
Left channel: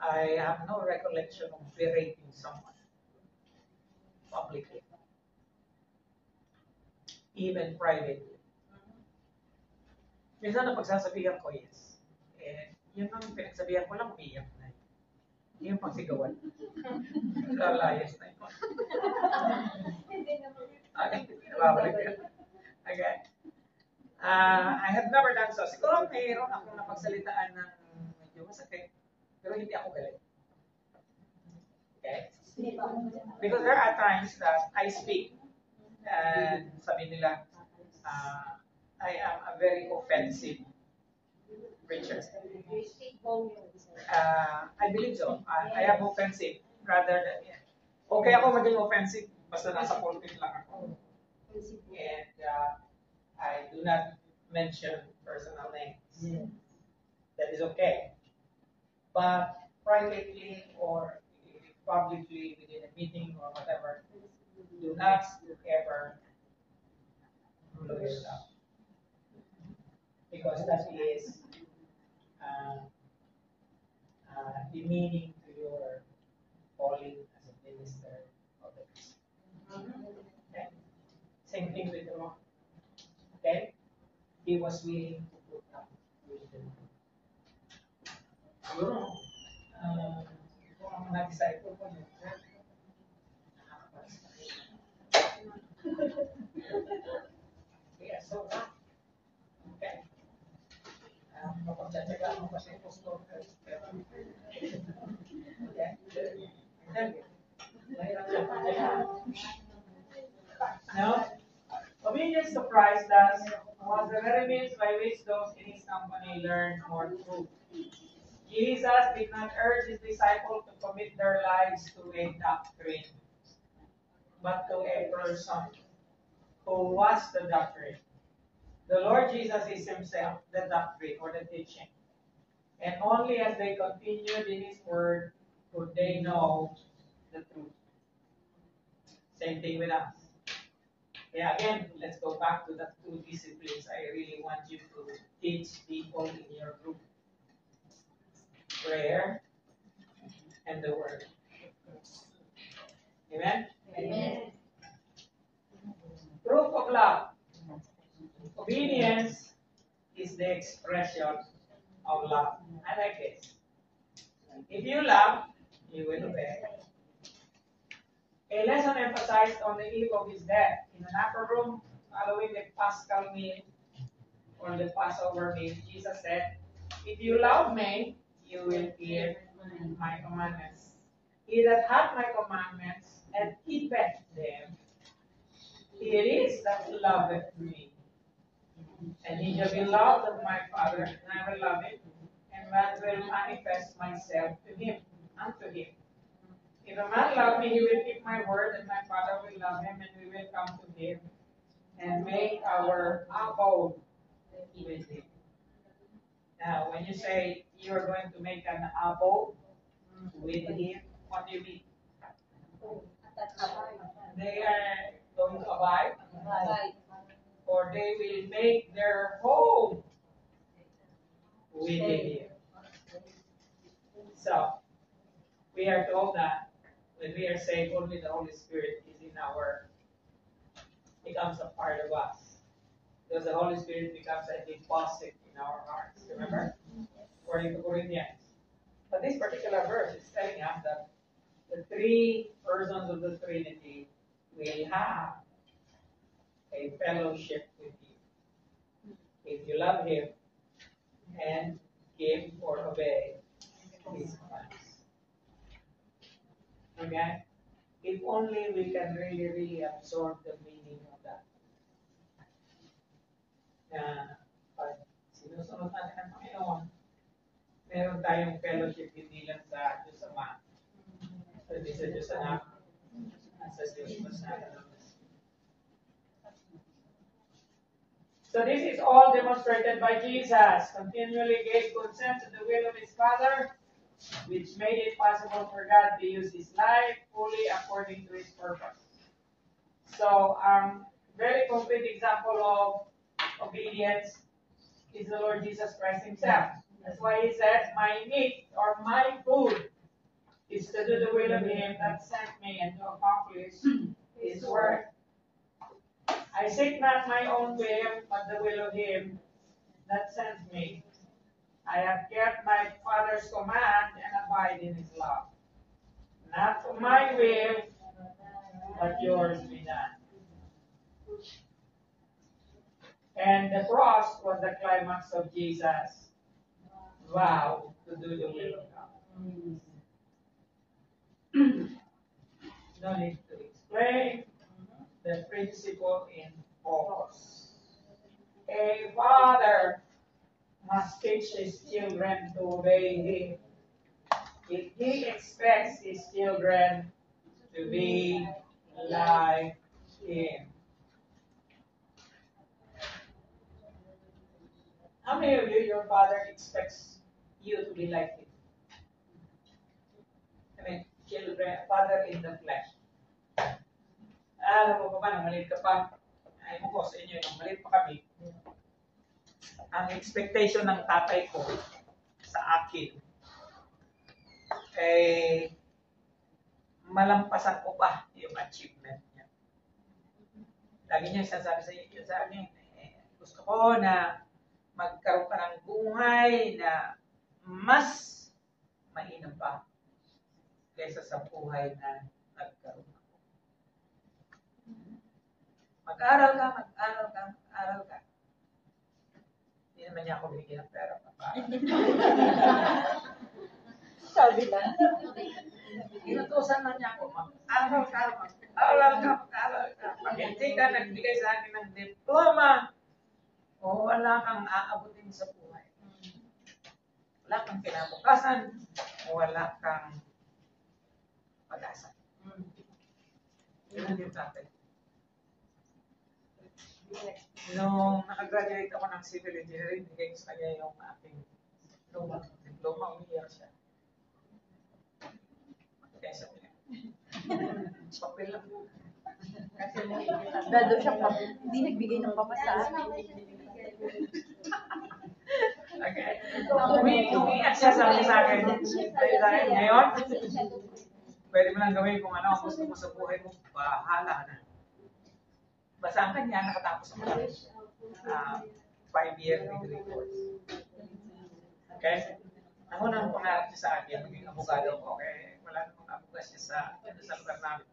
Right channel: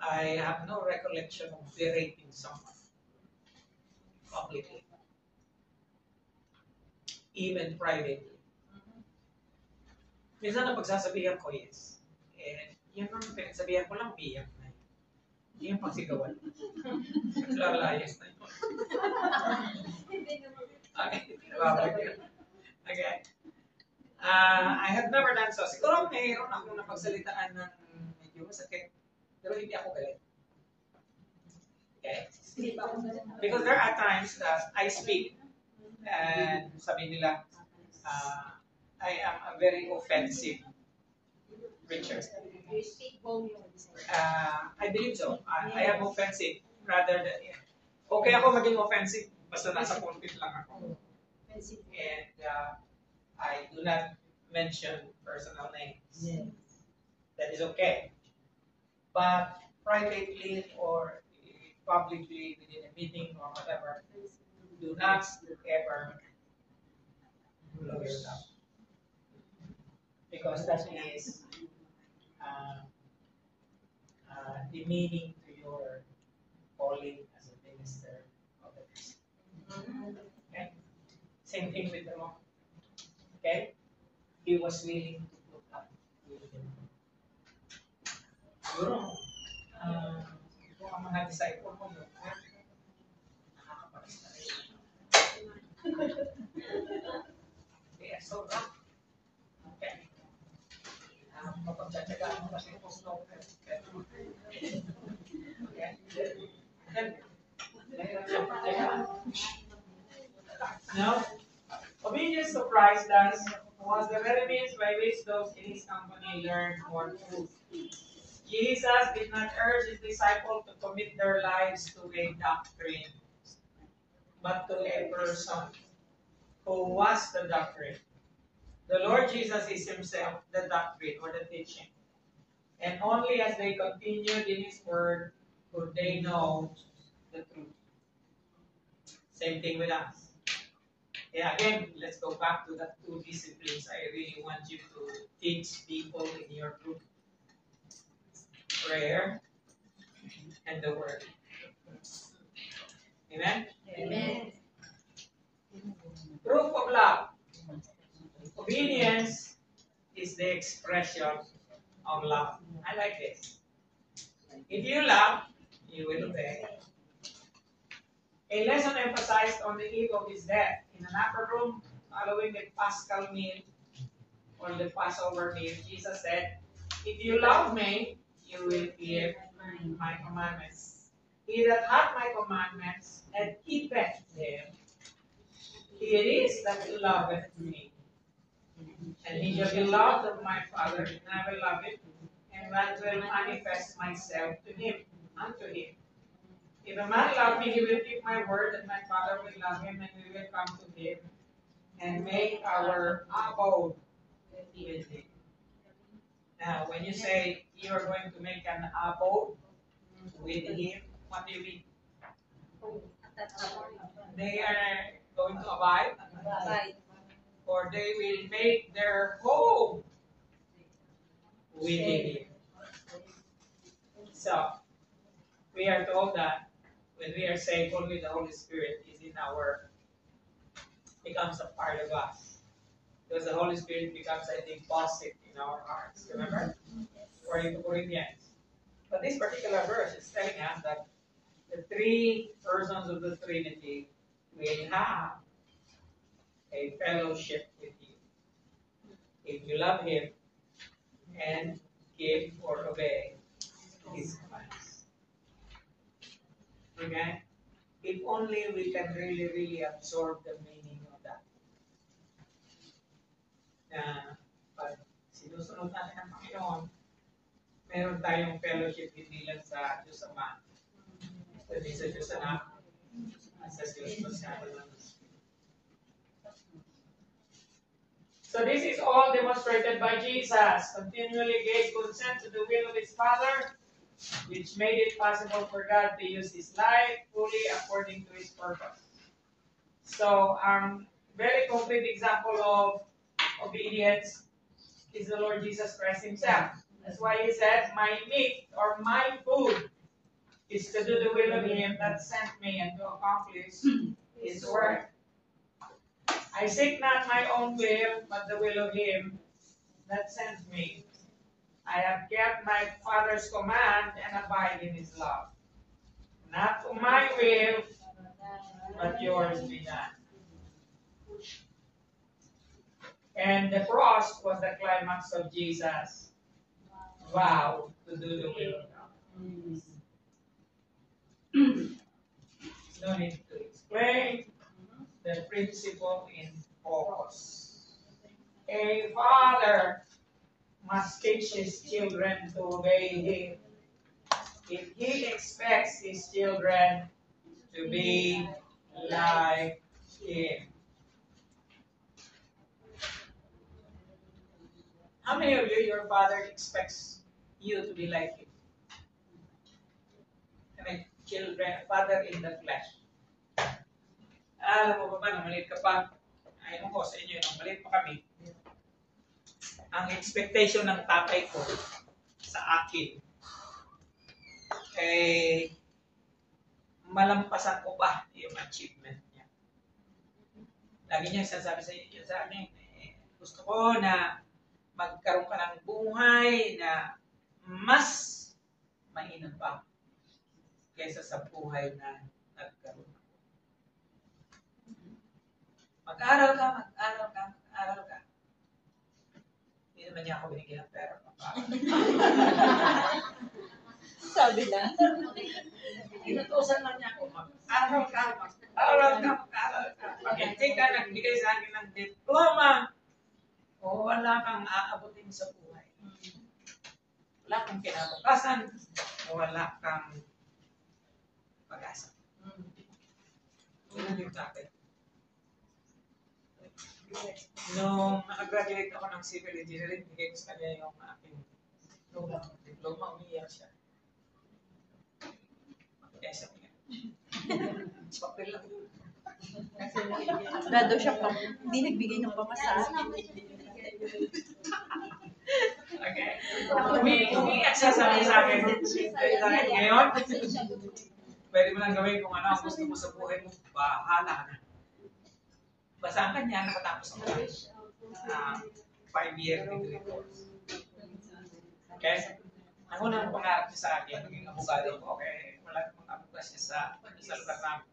I have no recollection of berating someone publicly, even privately. Minsan na pagsasabihan ko, yes. And yun ang pinagsabihan ko lang, biyak na yun. Yung pagsigawan. Lalayas na yun. Okay. Okay. I have never done so. Siguro mayroon akong napagsalitaan ng medyo masakit, pero hindi ako galit. Okay? Because there are times that I speak and sabi nila, I am a very offensive preacher. I believe so. I am offensive rather than, okay ako maging offensive, basta nasa pulpit lang ako. And I do not mention personal names. Yes. That is okay. But privately or publicly within a meeting or whatever, do not ever blow yourself. Because that is demeaning to your calling as a minister of the Christ. Okay? Same thing with the Lord. Okay? He was willing to put up with them. Siguro, kung ang mga disciple mo, handle it. Mahirap siya pagkayan. No? Obedience to Christ thus was the very means by which those in his company learned more truth. Jesus did not urge his disciples to commit their lives to a doctrine, but to a person who was the doctrine. The Lord Jesus is himself the doctrine or the teaching. And only as they continued in his word could they know the truth. Same thing with us. Yeah, again, let's go back to the two disciplines I really want you to teach people in your group. Prayer and the word. Amen? Amen. Proof of love. Obedience is the expression of love. I like this. If you love, you will obey. A lesson emphasized on the eve of his death. In an upper room following the Paschal meal or the Passover meal, Jesus said, "If you love me, you will keep my commandments. He that hath my commandments and keepeth them, it is that loveth me. And he shall be loved of my Father, and I will love him, and I will manifest myself to him, unto him. If a man love me, he will keep my word, and my Father will love him, and we will come to him and make our abode with him." Now, when you say you are going to make an abode with him, what do you mean? They are going to abide, or they will make their home with him. So, we are told that when we are saved, only the Holy Spirit is in becomes a part of us. Because the Holy Spirit becomes a deposit in our hearts. Remember? According to Corinthians. But this particular verse is telling us that the three persons of the Trinity will have a fellowship with you. If you love him and give or obey his commands. Okay? If only we can really absorb the meaning of that. Na pag sinusunod natin ang Panginoon, meron tayong fellowship hindi lang sa Diyos Ama, kundi sa Diyos Anak, at sa Diyos Masyaman. So this is all demonstrated by Jesus. Continually gave consent to the will of his Father, which made it possible for God to use his life fully according to his purpose. So, very complete example of obedience is the Lord Jesus Christ himself. That's why he said, "My meat or my food is to do the will of him that sent me and to accomplish his work. I seek not my own will, but the will of him that sent me. I have kept my Father's command and abide in his love. Not to my will, but yours be done." And the cross was the climax of Jesus' vow to do the will of God. No need to explain the principle in focus. A father must teach his children to obey him if he expects his children to be like him. How many of you, your father expects you to be like him? I mean, children, father in the flesh. Alam mo ba nang maliit ka pa? Ayaw mo ko sa inyo, nang maliit pa kami. Ang expectation ng tatay ko sa akin, malampasan ko pa yung achievement niya. Lagi niya sasabi sa akin, gusto ko na magkaroon ka ng buhay na mas mainam pa kaysa sa buhay na nagkaroon ako. Mag-aral ka. Hindi naman niya ako binigyan ng pera. Sabi na. Inutusan lang niya ako, mag-aral ka, mag-aral ka, mag-aral ka. Pag hindi ka nagbigay sa akin ng diploma, o wala kang aabutin sa buhay. Wala kang kinabukasan, o wala kang pag-asa. Yun yung tatay. Nung nakagraduate ako ng civil engineering, bigay ko sa kanya yung aking diploma, umiiyak siya. Kaya siya niya. Papel lang yun. Grado siya pa. Hindi nagbigay ng pamasahe. Okay? Umiiyak siya sa akin. Ngayon, pwede mo lang gawin kung ano ang gusto mo sa buhay mo, bahala ka na. Basta ang kanya, nakatapos ako ng 5-year degree course. Okay? Ako nang pangarap niya sa akin, maging abogado ko, okay? Wala namang abogas niya sa lugar namin.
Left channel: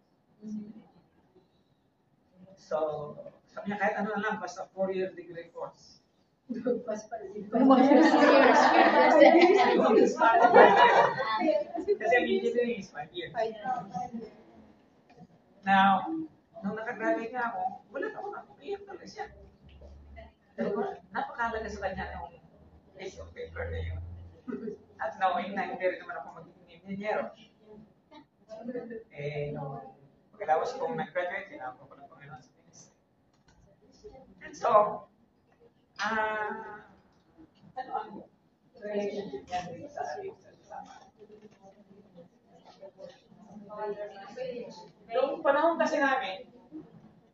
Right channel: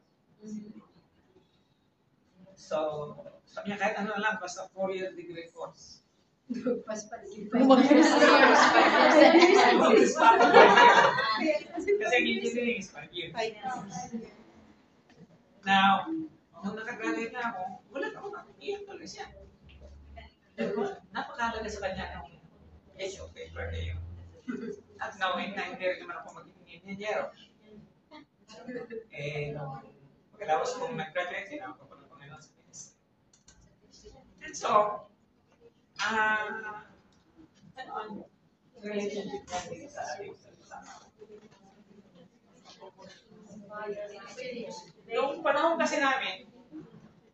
So, sabi niya, kahit ano lang, basta 4-year degree course. Kasi ang engineering is 5 years. Now, nung nakagraduate na ako, wala ako na. Iyak tuloy siya. Napakalaga sa kanya ng issue of paper na yun. At knowing na hindi rin naman ako magiging engineer. Nung pagkalawas kong nag-graduate, sinama ko ng Panginoon sa ministry. And so, ano ang relationship niya din sa ating sama? Noong panahon kasi namin,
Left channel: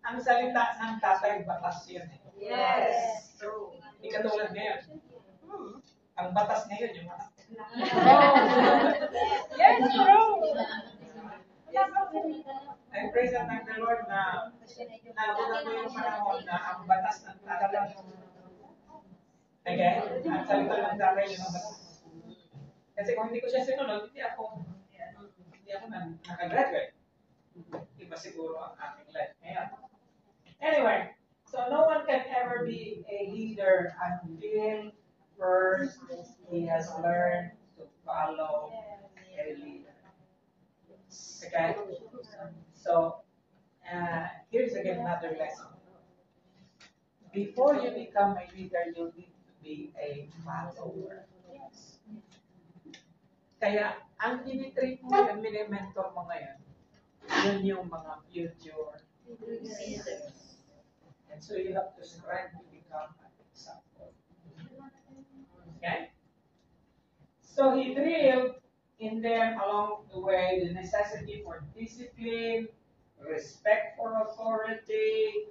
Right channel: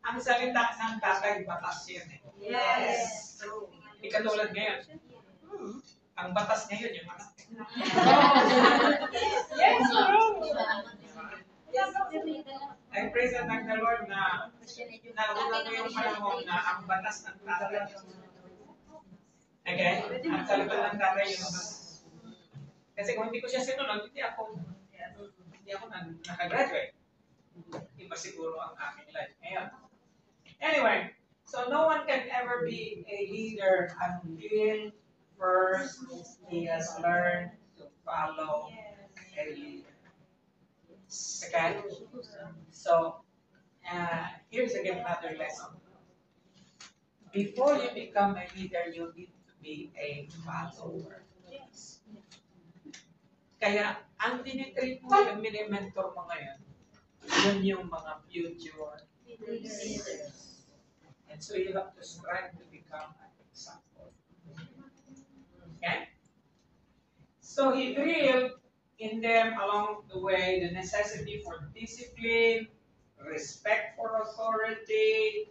ang salita ng tatay batas yun eh. Yes. Hindi katulad ngayon. Ang batas ngayon yung anak. Yes, I praise and thank the Lord na naabot ko yung panahon na ang batas ng tatay. Okay? Ang salita ng tatay yun ang batas. Kasi kung hindi ko siya sinunod, hindi ako nakagraduate. Iba siguro ang aking life ngayon. Anyway, so no one can ever be a leader until first he has learned to follow a leader. Okay? So, here's again another lesson. Before you become a leader, you need to be a follower. Kaya, ang tinitreat mo, yung mini-mentor mo ngayon, yun yung mga future leaders. And so you have to strive to become an example. Okay? So he drilled in them along the way the necessity for discipline, respect for authority.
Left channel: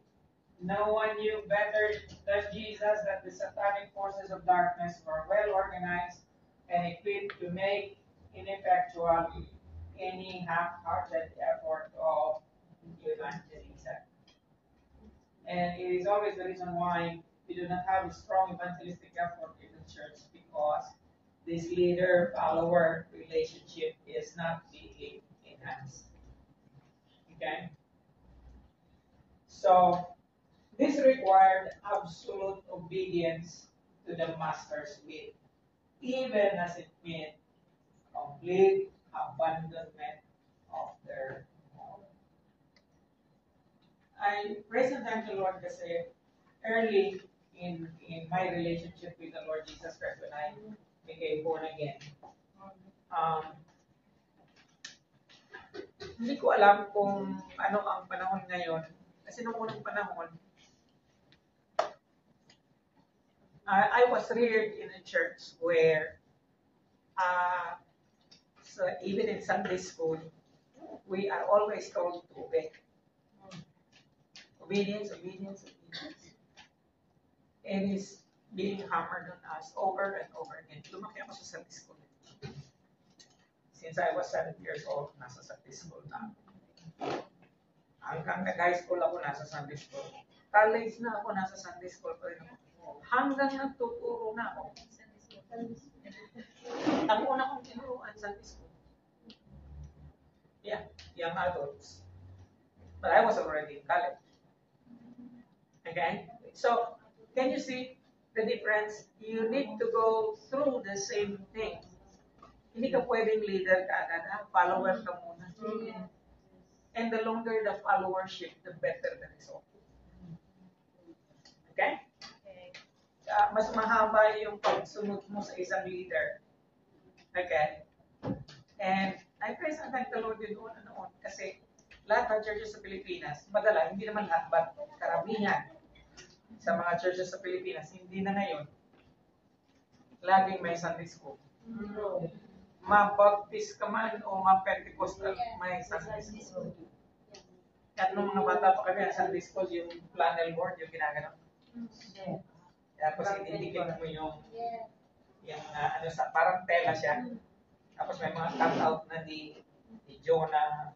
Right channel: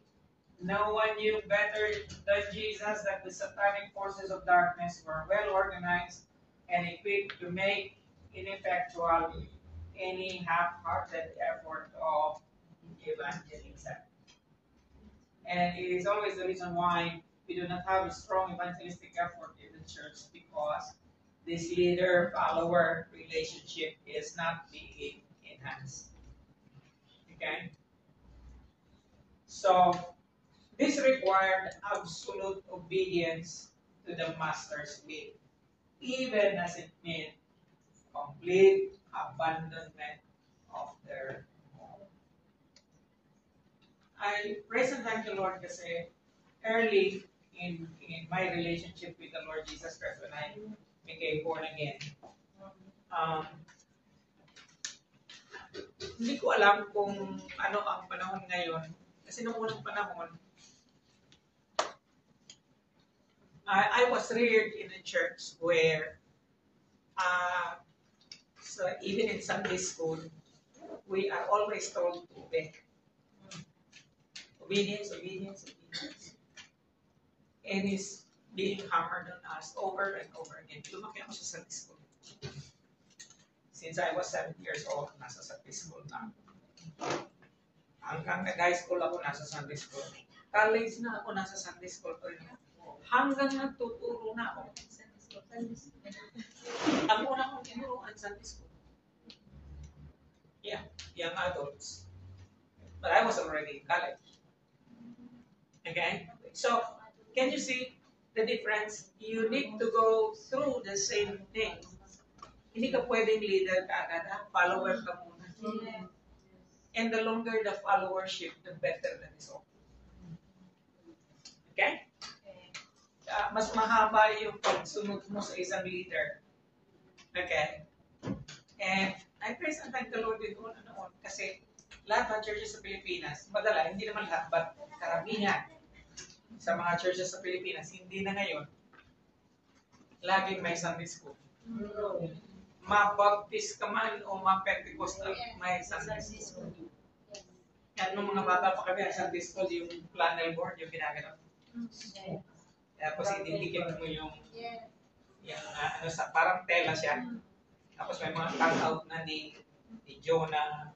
No one knew better than Jesus that the satanic forces of darkness were well organized and equipped to make ineffectual any half-hearted effort of evangelism. And it is always the reason why we do not have a strong evangelistic effort in the church, because this leader-follower relationship is not being enhanced. Okay? So, this required absolute obedience to the master's will, even as it meant complete abandonment of their home. I praise and thank the Lord kasi early in my relationship with the Lord Jesus Christ when I became born again, hindi ko alam kung ano ang panahon ngayon. Kasi noong unang panahon, I was reared in a church where so even in Sunday school, we are always told to obey. Obedience, obedience, obedience. And it's being hammered on us over and over again. Lumaki ako sa Sunday school. Since I was 7 years old, nasa Sunday school na. Hanggang nag-high school ako, nasa Sunday school. College na ako, nasa Sunday school pa rin ako. Hanggang nagtuturo na ako. Ang una kong tinuruan, Sunday school. Yeah, young adults. But I was already in college. Okay? So, can you see the difference? You need to go through the same thing. Hindi ka pwedeng leader ka agad, follower ka muna. And the longer the followership, the better the result. Okay? Mas mahaba yung pagsunod mo sa isang leader. Okay? And I praise and thank the Lord din noon kasi lahat ng churches sa Pilipinas, madala, hindi naman lahat, but karamihan sa mga churches sa Pilipinas, hindi na ngayon, laging may Sunday school. Ma-baptist ka man o ma-Pentecostal, may Sunday school. At nung mga bata pa kami, Sunday school, yung flannel board, yung ginaganon. Tapos ididikit mo yung ano sa parang tela siya. Tapos may mga cut-out na ni Jonah.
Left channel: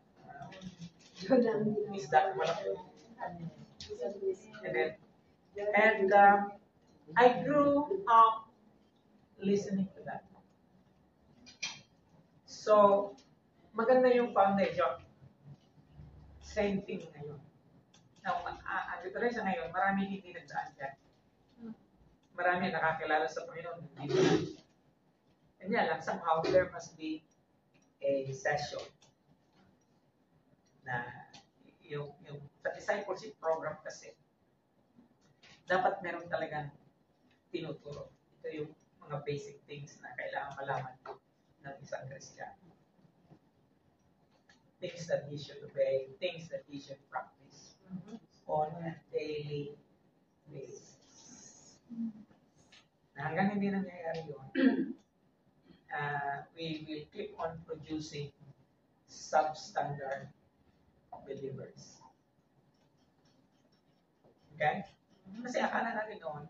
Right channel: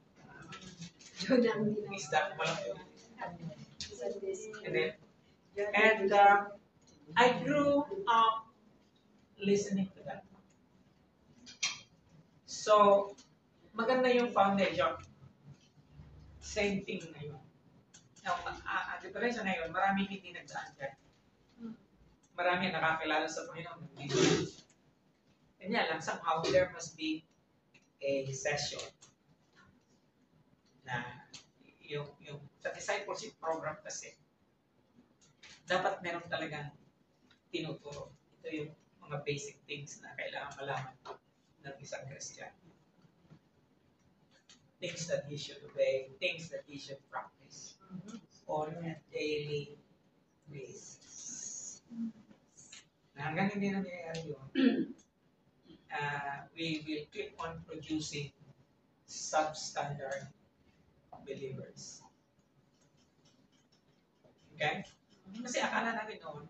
Isda malaki. And I grew up listening to that. So, maganda yung foundation. Same thing ngayon. Now, dito rin siya ngayon, maraming hindi nagdaan dyan. Marami nakakilala sa Panginoon. Kanya lang, somehow there must be a session na yung sa discipleship program kasi dapat meron talagang tinuturo. Ito yung mga basic things na kailangan malaman ng isang Christian. Things that he should obey, things that he should practice on a daily basis. Na hanggang hindi nangyayari yun, we will keep on producing substandard believers. Okay? Kasi akala natin noon,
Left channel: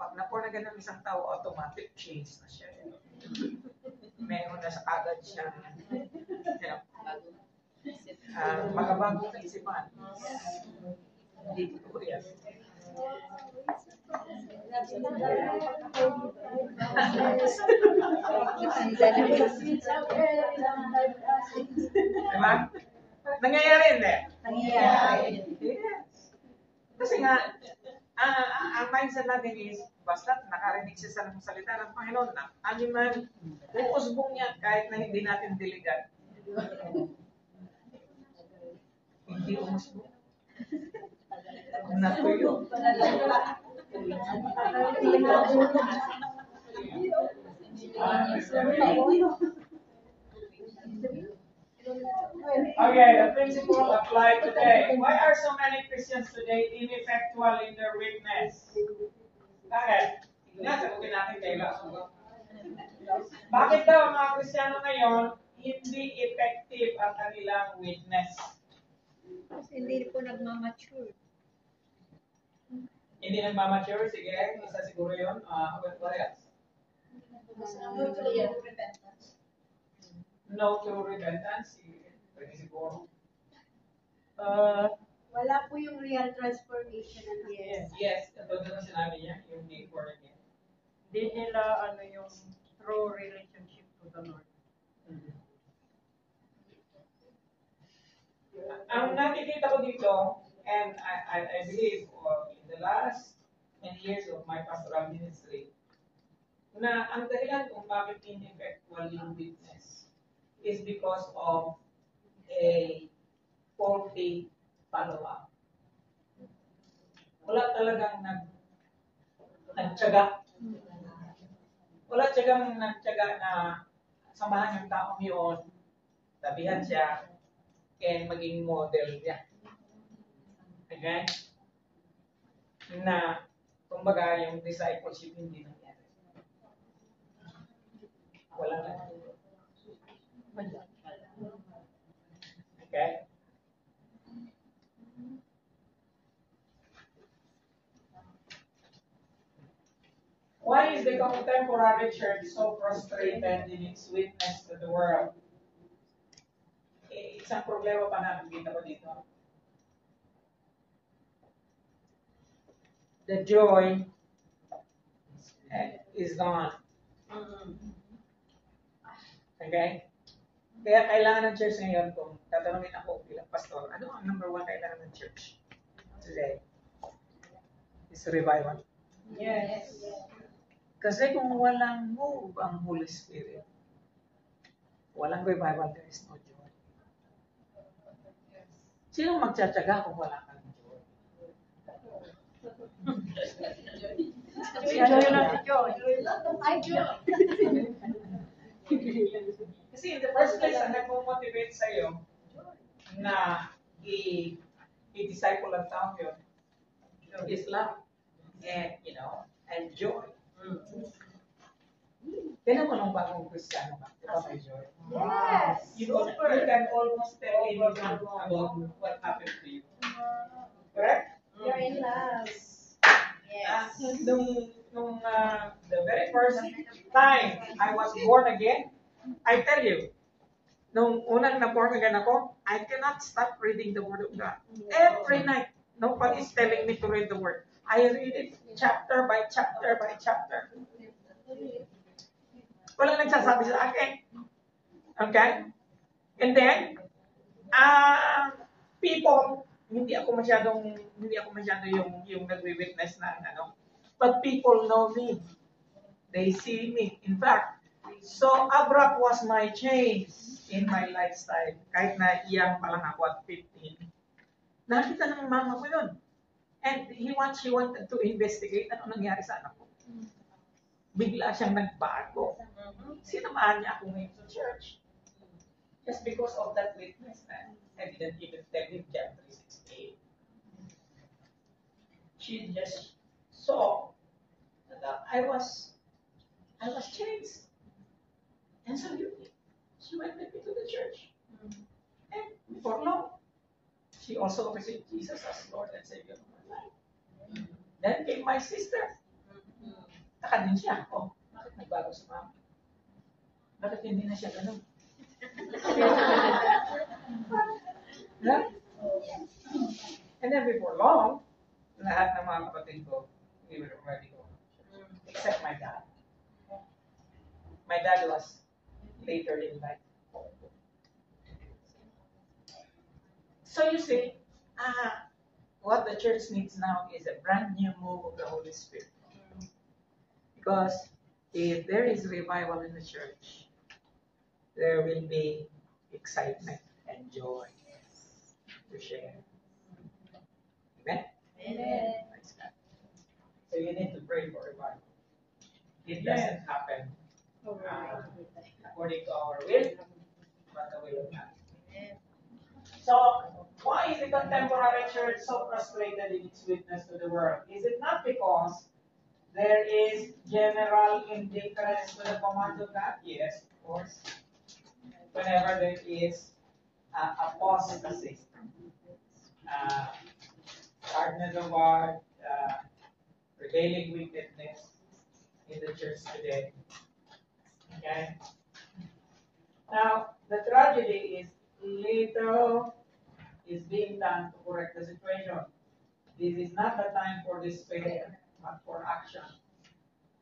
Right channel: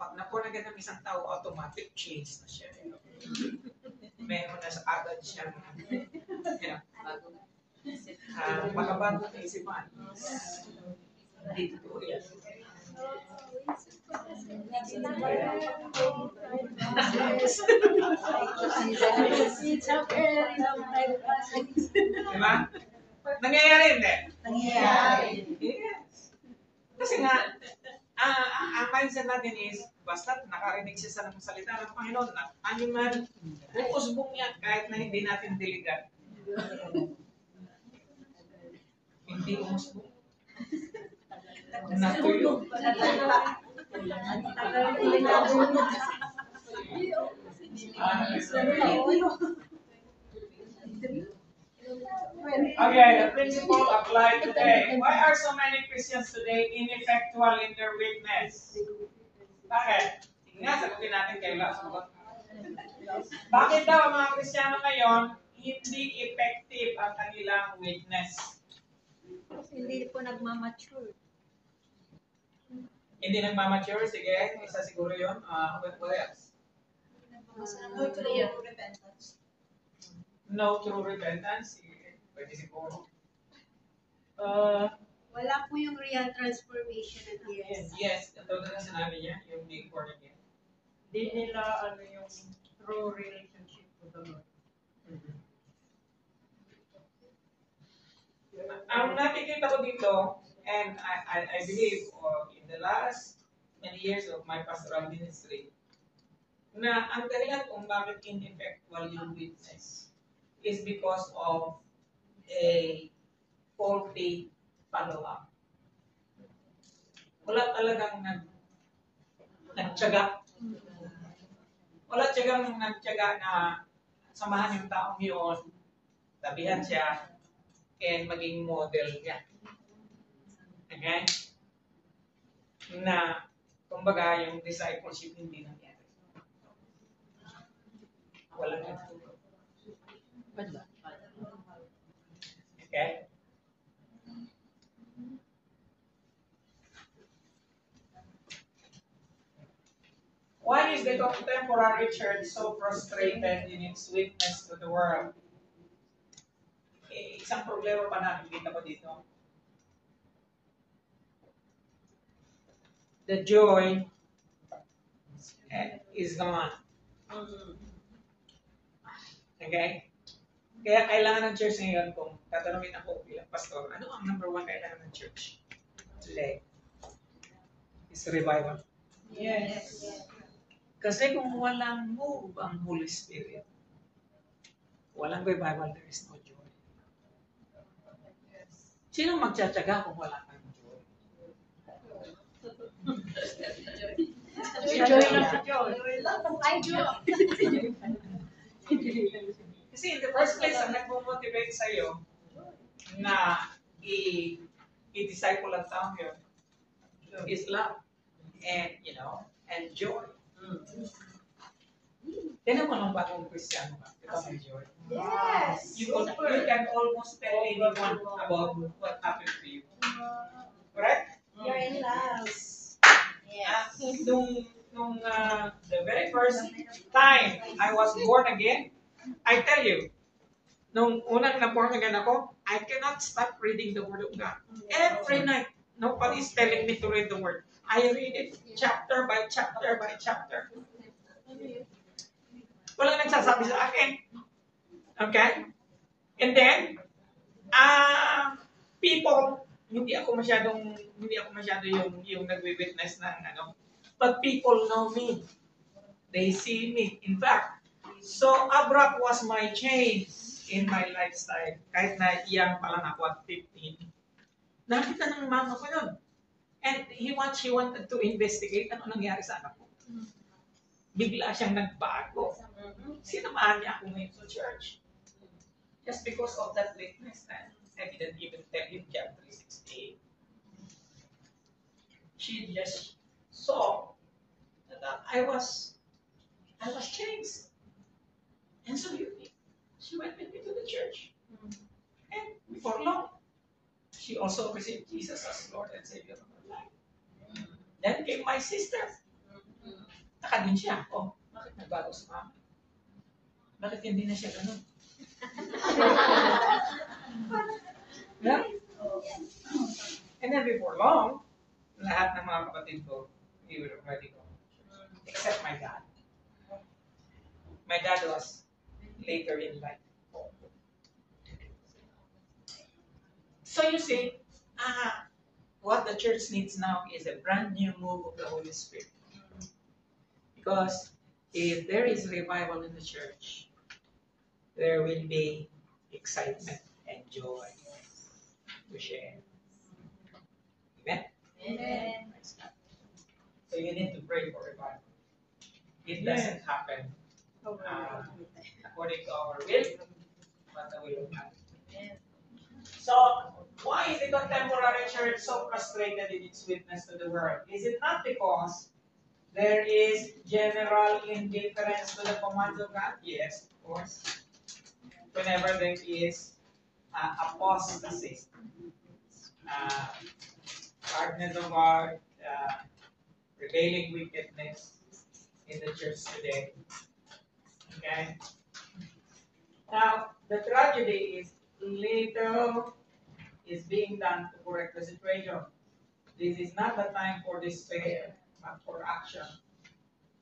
pag na-born again ng isang tao, automatic change na siya. Meron na sa agad siya. Makabago na isipan. Hindi totoo yan. Diba? Nangyayari hindi? Nangyayari. Yes. Kasi nga, ang mindset natin is, basta nakarinig siya sa salita ng Panginoon na, ano man, uusbong yan kahit na hindi natin diligan. Hindi umusbong. Natuyo. Okay, the principle applied today. Why are so many Christians today ineffectual in their witness? Bakit? Sige nga, sagutin natin kayo lang. Bakit daw ang mga Kristiyano ngayon hindi effective ang kanilang witness? Kasi hindi po nagmamature. Hindi nagmamature? Sige, isa siguro yun. What else? No true repentance. No true repentance? Sige, pwede siguro. Wala po yung real transformation. Yes, ito na sinabi niya, yung being born again. Hindi nila yung true relationship to the Lord. Ang nakikita ko dito, and I believe in the last many years of my pastoral ministry, na ang dahilan kung bakit ineffectual yung witness is because of a faulty follow-up. Wala talagang nagtiyaga. Wala tiyagang nagtiyaga na samahan yung taong yun, tabihan siya, and maging model niya. Okay? Na, kumbaga, yung discipleship hindi nangyari. Walang nagturo. Okay? Why is the contemporary church so frustrated in its witness to the world? Isang problema pa nakikita ko dito. The joy is gone. Okay? Kaya kailangan ng church ngayon, kung tatanungin ako bilang pastor, ano ang number one kailangan ng church today? Is revival. Yes. Kasi kung walang move ang Holy Spirit, walang revival, there is no joy. Sino magtsatsaga kung wala kang joy? Joy lang si Joy. Ay, Joy. Kasi in the first place, ang nagmo-motivate sa'yo na i-disciple ang tao yun is love and, and joy. Tinan mo nung bagong Kristiyano ka, di ba may joy? Yes. You can almost tell anyone about what happened to you. Correct? You're in love. The very first time I was born again, I tell you, nung unang na-born again ako, I cannot stop reading the Word of God. Every night, nobody's telling me to read the Word. I read it chapter by chapter by chapter. Wala nagsasabi sa akin. Okay? And then, people, hindi ako masyado yung nagwi-witness ng but people know me. They see me. In fact, so abrupt was my change in my lifestyle. Kahit na young pa lang ako at 15. Nakita ng mama ko yun. And she wanted to investigate ano nangyari sa anak ko. Bigla siyang nagbago. Sinamahan niya ako ngayon sa church. Just because of that witness na I didn't even tell him John 3:16. She just saw that I was changed. And so she went with me to the church. And before long, she also received Jesus as Lord and Savior of her life. Then came my sister. Taka din siya. Oh, bakit nagbago sa mama? Bakit hindi na siya ganun? Yeah? And then before long, lahat ng mga kapatid ko, we were already going to church. Except my dad. My dad was later in life. So you see, what the church needs now is a brand new move of the Holy Spirit. Because if there is revival in the church, there will be excitement and joy to share. Amen? Amen. So you need to pray for revival. It doesn't happen according to our will, but the will of God. So, why is the contemporary church so frustrated in its witness to the world? Is it not because there is general indifference to the commands of God? Yes, of course. Whenever there is apostasy, hardness of heart, prevailing wickedness in the church today. Okay? Now, the tragedy is little is being done to correct the situation. This is not the time for despair, but for action.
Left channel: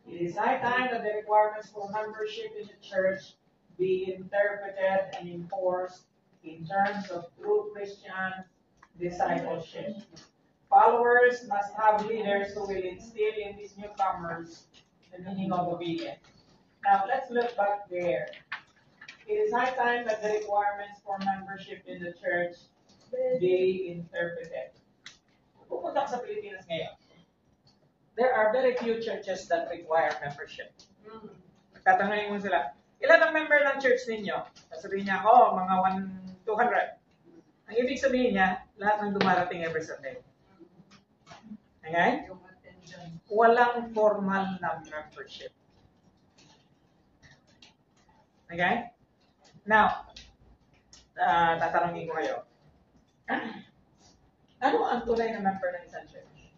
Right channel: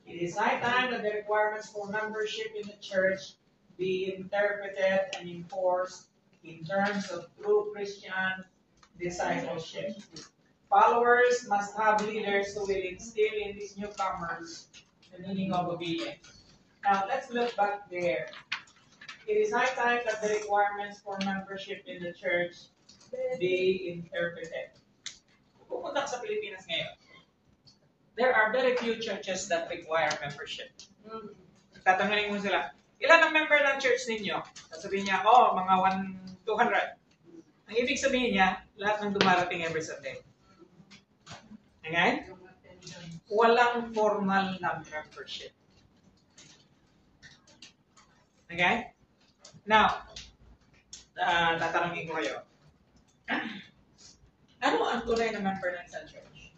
It is high time that the requirements for membership in the church be interpreted and enforced in terms of true Christian discipleship. Followers must have leaders who will instill in these newcomers the meaning of obedience. Now, let's look back there. It is high time that the requirements for membership in the church be interpreted. Pupunta ka sa Pilipinas ngayon. There are very few churches that require membership. Tatanungin mo sila, ilan ang member ng church ninyo? Sasabihin niya, mga 200. Ang ibig sabihin niya, lahat ng dumarating every Sunday. Okay? Walang formal na membership. Okay? Now, tatanungin ko kayo. Ano ang tunay na member ng isang church?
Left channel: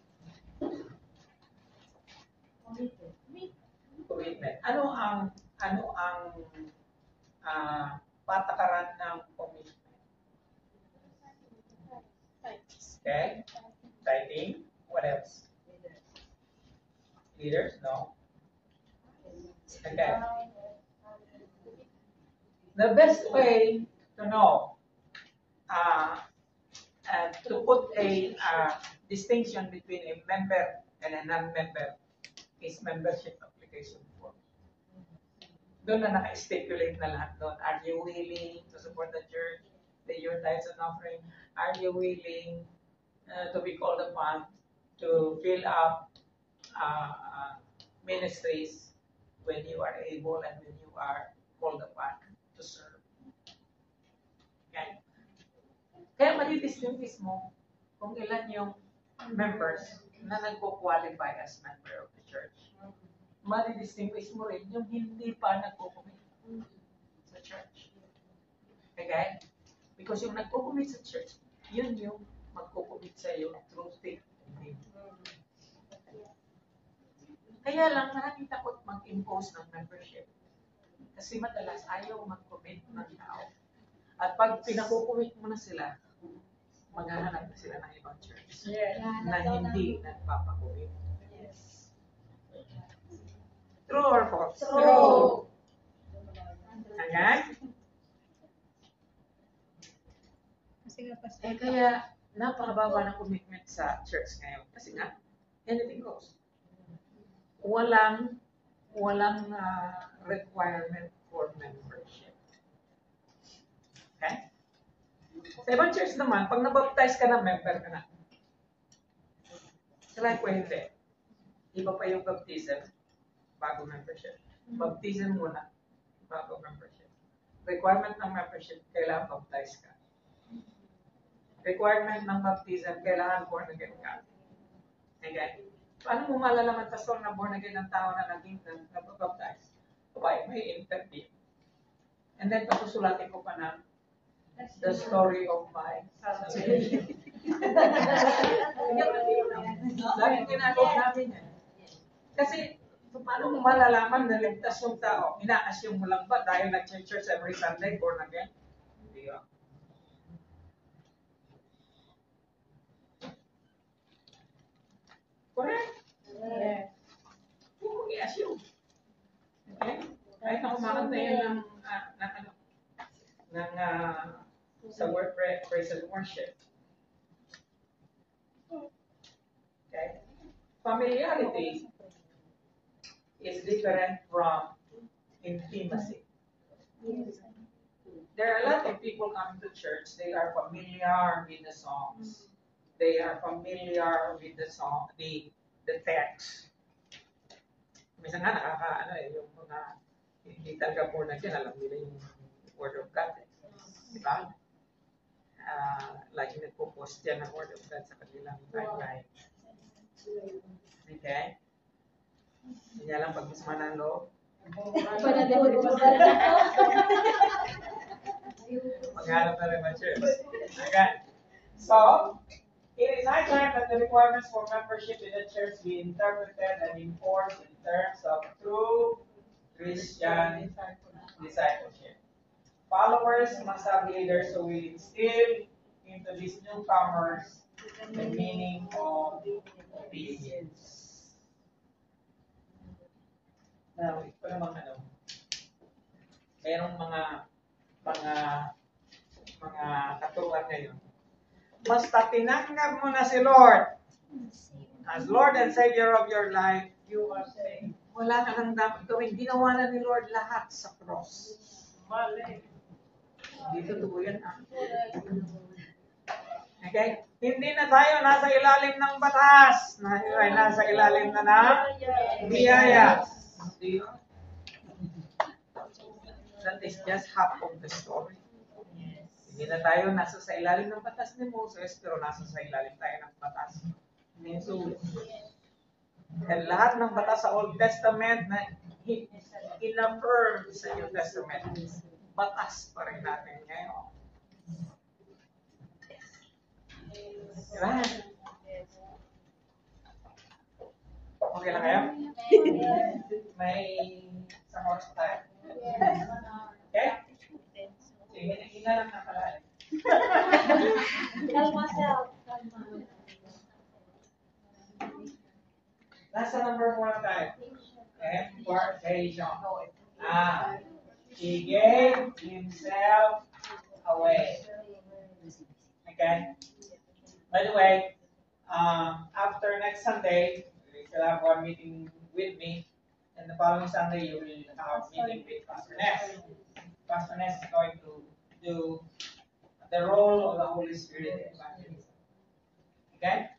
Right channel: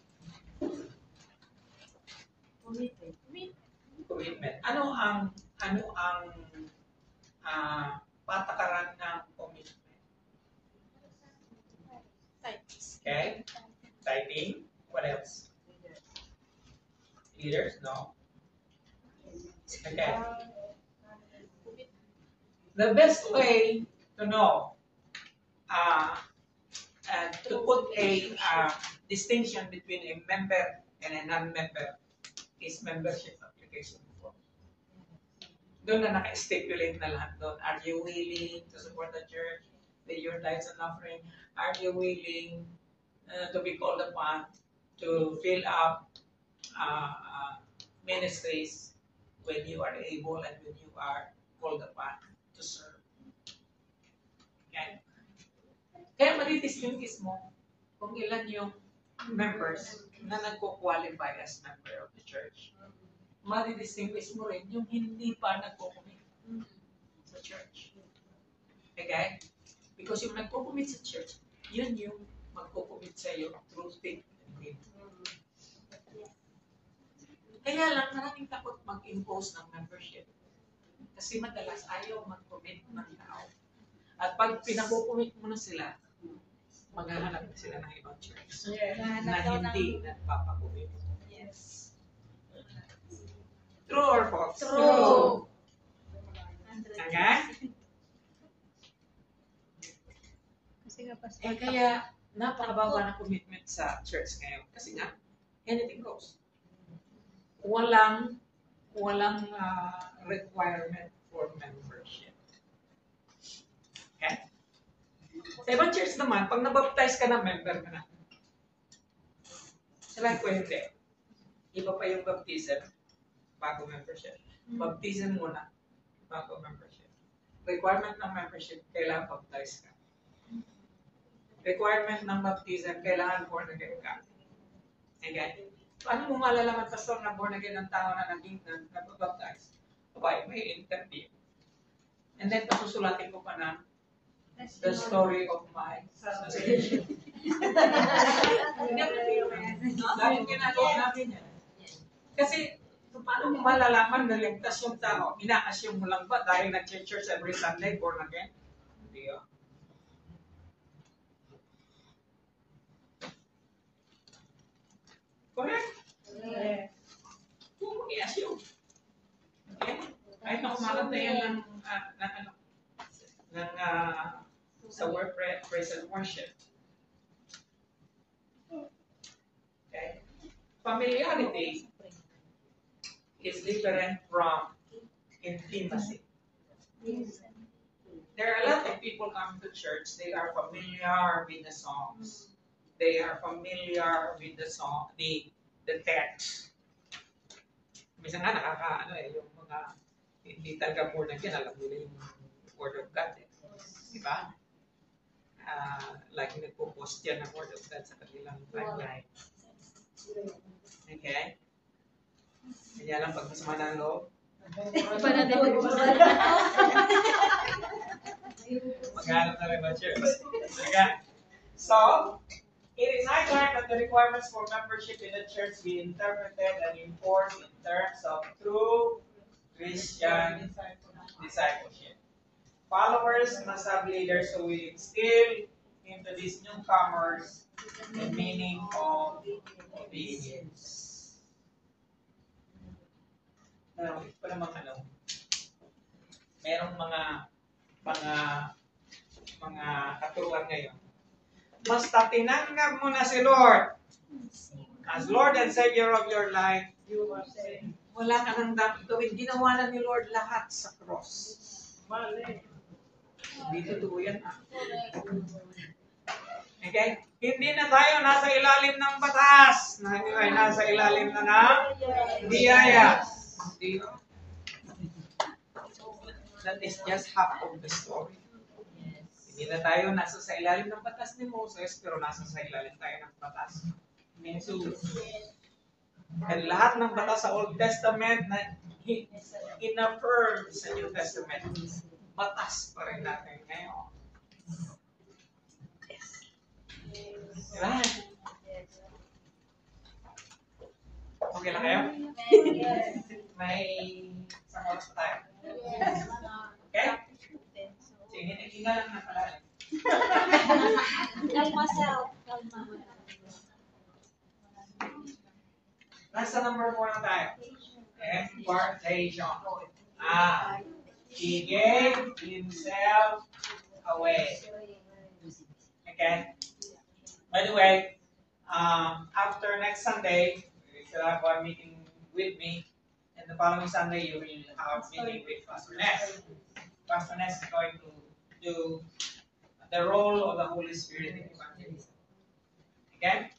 Commitment. Ano ang patakaran ng commitment? Okay? Tithing. What else? Leaders? No. Okay. The best way to know, to put a distinction between a member and a non-member is membership application form. Doon na naka-stipulate na lahat doon. Are you willing to support the church? pay your tithes and offering. Are you willing to be called upon to fill up ministries when you are able and when you are called upon to serve? Okay? Kaya madidistinguish mo kung ilan yung members na nagko-qualify as member of the church. Madidistinguish mo rin yung hindi pa nagko-commit sa church. Okay? Because yung nagko-commit sa church, yun yung magko-commit sa iyo through thick and thin. Kaya lang, maraming takot mag-impose ng membership. Kasi madalas ayaw mag-commit ng tao. At pag pinakukumit mo na sila, maghahanap na sila ng ibang church na hindi nagpapakumit. Yes. True or false? True. Okay? Kasi nga pa Kaya napakababa ng commitment sa church ngayon. Kasi nga, anything goes. Walang requirement for membership. Okay? Sa ibang church naman, pag nabaptize ka na, member ka na. Sa life ko hindi. Iba pa yung baptism bago membership. Baptism muna bago membership. Requirement ng membership, kailangan baptize ka. Requirement ng baptism, kailangan born again ka. Okay? Paano mo malalaman, pastor, na born again ng tao na naging nabaptize? Okay, may interview. And then, pasusulatin ko pa na the story of my salvation. Laging ginagawa namin yan. Kasi, paano mo malalaman na ligtas yung tao? Ina-assume mo lang ba dahil nag-church every Sunday, born again? Hindi yun. Correct? Yes. Huwag mo i-assume. Okay? Kahit na kumakanta yan sa word praise and worship. Okay? Familiarity is different from intimacy. There are a lot of people coming to church, they are familiar with the songs. They are familiar with the song, the text. Minsan nga yung mga hindi talaga born again, alam nila yung Word of God. Diba? Lagi nagpo-post yan ng Word of God sa kanilang timeline. Okay? Kanya lang pag masama ng loob. Maghanap na rin ng church. Okay? So, it is high time that the requirements for membership in the church be interpreted and enforced in terms of true Christian discipleship. Followers must have leaders who will instill into these newcomers the meaning of obedience. Now, ito pa namang merong mga katuruan ngayon. Basta tinanggap mo na si Lord as Lord and Savior of your life, you are saved. Wala ka nang dapat gawin. Ginawa na ni Lord lahat sa cross. Mali. Hindi totoo yan. Okay? Hindi na tayo nasa ilalim ng batas. Ay nasa ilalim na ng biyaya. That is just half of the story. Hindi na tayo nasa sa ilalim ng batas ni Moses, pero nasa sa ilalim tayo ng batas ni Jesus. And lahat ng batas sa Old Testament na in-affirm sa New Testament, batas pa rin natin ngayon. Right? Okay lang kayo? May isang oras pa tayo. Okay? Sige, hinga lang na pala. Kalma self. Kalma. Nasa number 4 na tayo. Impartation. He gave himself away. Okay? By the way, after next Sunday, you will have one meeting with me. And the following Sunday, you will have a meeting with Pastor Ness. Pastor Ness is going to do the role of the Holy Spirit in evangelism. Okay?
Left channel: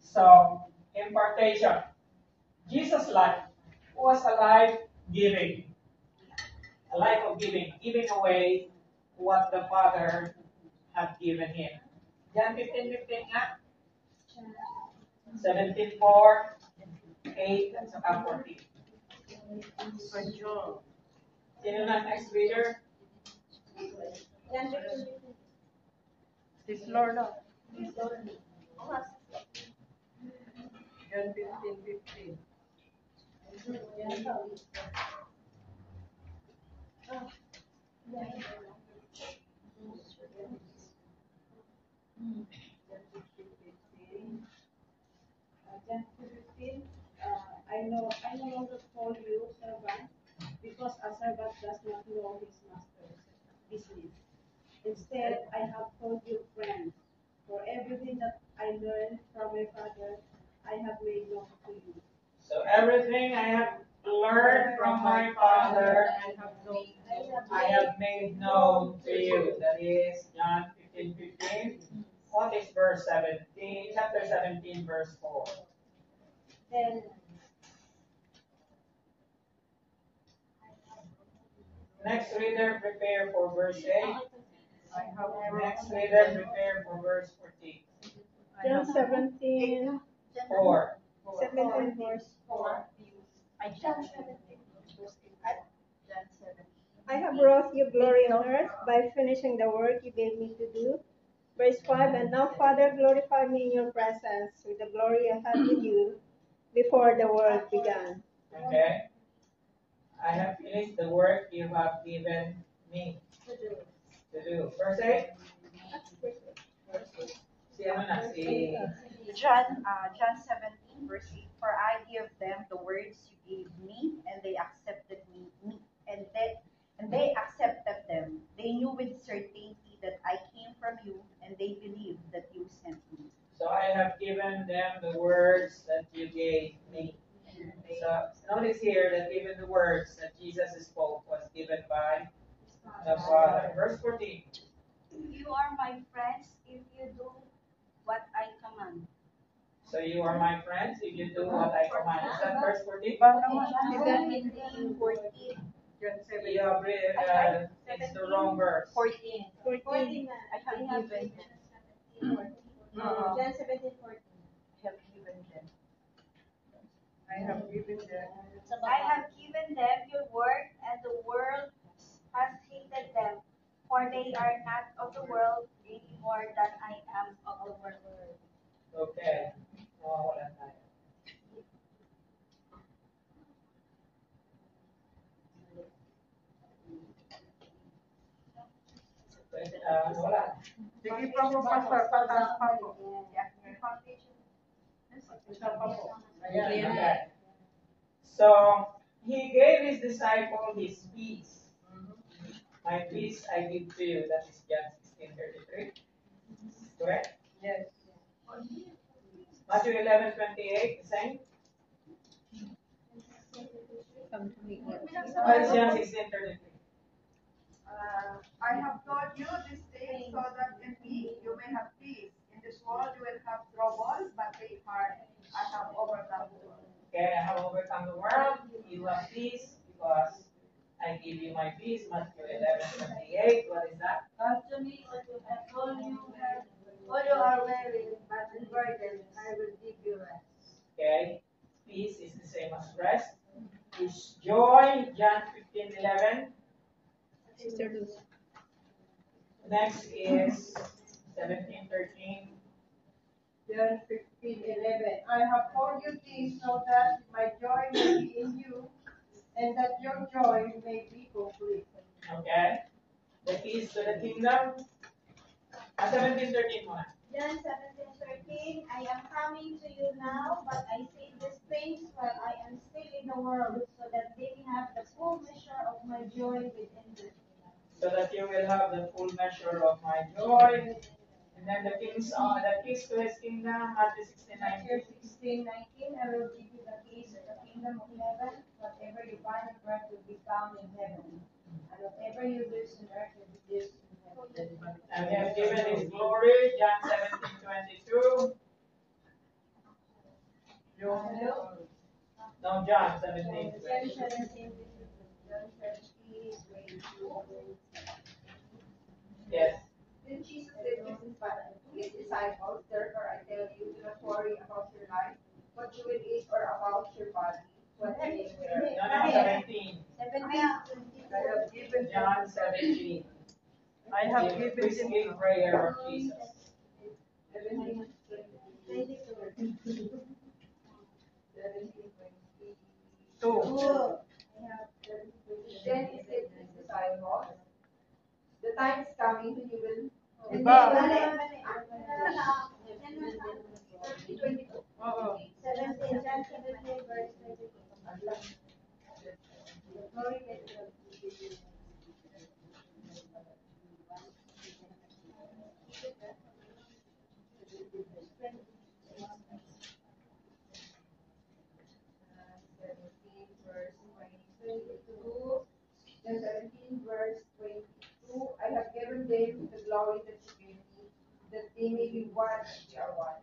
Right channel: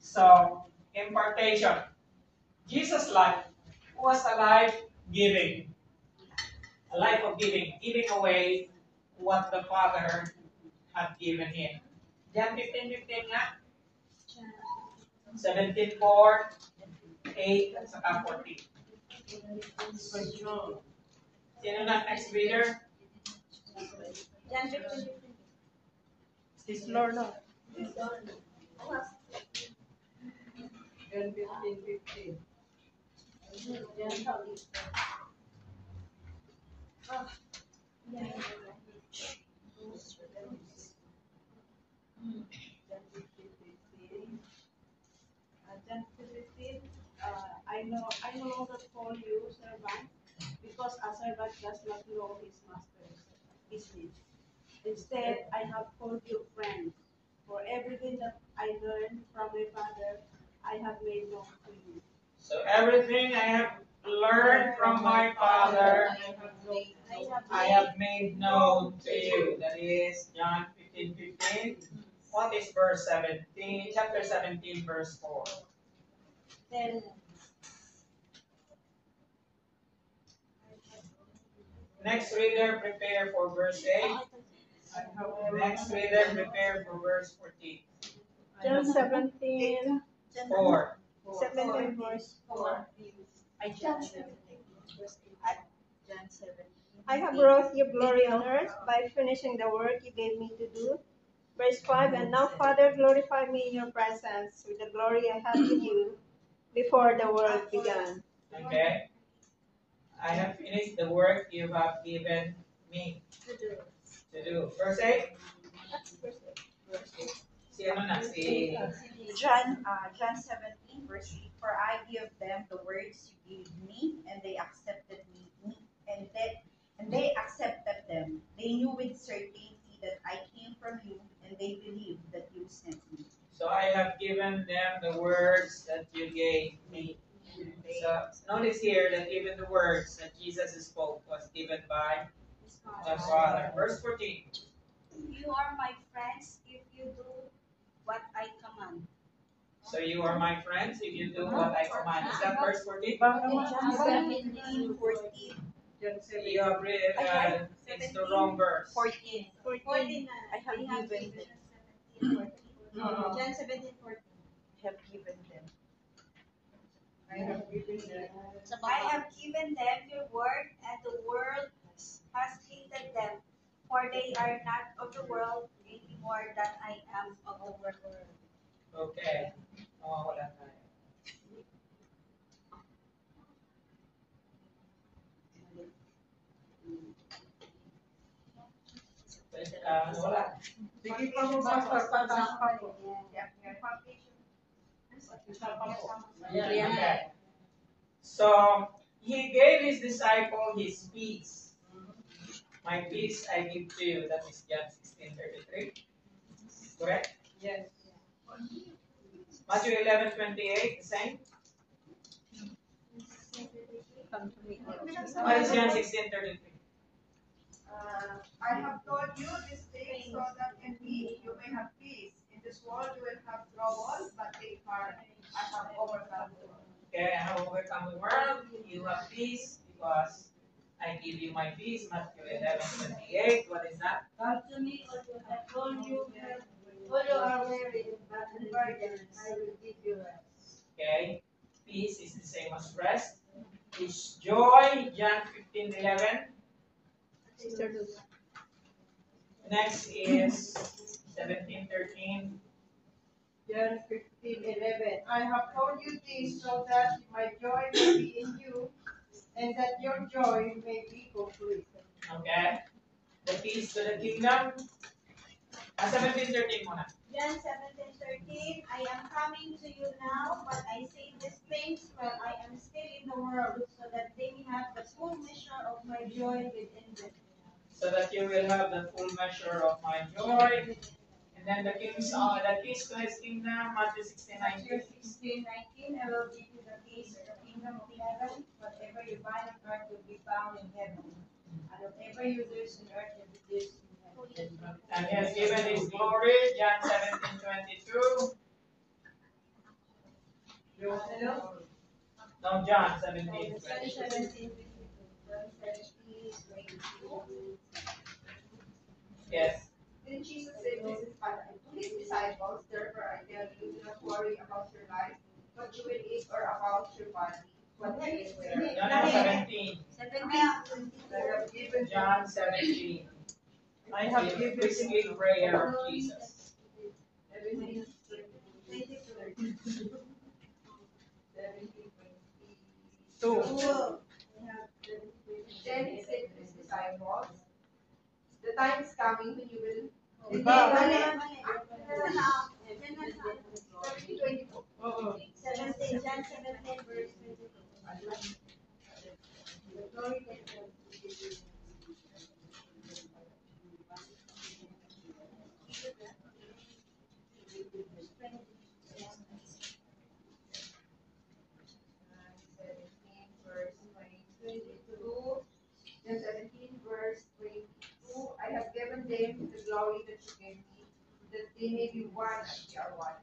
So, impartation. Jesus' life was a life giving. A life of giving. Giving away what the Father had given him. John 15:15 nga. 17:4, 8, at saka 14. Sino na next reader? John 15:15. Sis Lorna. John 15:15. John 15, I no longer call you servant, because a servant does not know his master's business. Instead, I have called you friends, for everything that I learned from my Father, I have made known to you. So everything I have learned from my Father, I have made known to you. That is John 15:15. What is verse 17? Chapter 17, verse 4. Then, Next reader, prepare for verse 8. Next reader, prepare for verse 14. John 17, 4. 17 verse 4. John 17, verse 8. John 17. I have brought you glory on earth by finishing the work you gave me to do. Verse 5, and now, Father, glorify me in your presence with the glory I had with you before the world began. Okay? I have finished the work you have given me to do. Verse 8. Si ano na? Si John 17, verse 8. For I give them the words you gave me, and they accepted and they accepted them. They knew with certainty that I came from you, and they believed that you sent me. So I have given them the words that you gave me. So notice here that even the words that Jesus spoke was given by the Father. Verse 14. You are my friends if you do what I command. So you are my friends if you do what I command. Is that verse 14? John 17, 14. John You have read, it's the wrong verse. 14. 14. I have given them. John 17, 14. I have given them. I have given them. I have given them your word, and the world has hated them, for they are not of the world any more than I am of the world. Okay. Wala tayo. Wala. Sige pa mo pa po. Okay. So he gave his disciple his peace. My peace I give to you. That is John 16:33. Correct? Yes. Matthew 11:28, the same. Come to me. What is John 16:33? I have told you these things so that in me you may have peace. In this world you will have trouble, but take heart, I have overcome the world. Okay, I have overcome the world. You have peace because I give you my peace. Matthew 11:28. What is that? Come to me, all you are weary, but burdened, I will give you rest. Okay, peace is the same as rest. Is joy. John 15:11. Sister Luz. Next is 17:13. John 15:11. I have told you this so that my joy may be in you, and that your joy may be complete. Okay, the keys to the kingdom. 17:13 muna. John 17:13. I am coming to you now, but I say these things while I am still in the world, so that they may have the full measure of my joy within them. So that you will have the full measure of my joy. And then the keys to his kingdom, Matthew 16:19. 16:19. I will give you the keys of the kingdom of heaven. Whatever you bind on earth will be bound in heaven, and whatever you loose on earth will be loosed in heaven. And he has given his glory, John 17:22. No, John 17. John 17, John 17, 22. Yes. Then Jesus said to his disciples, therefore I tell you, do not worry about your life, what you will eat, or about your body, what you will wear. No, 17. 17. I have given John 17. I have given Basically prayer of Jesus. 17, 22. 2. Then he said to his disciples, the time is coming when you will. Iba. 22. Oo. 17, John 17, verse 22. Glory to God. John 17, verse 22. I have given them the glory that you gave me, that they may be one as we are one.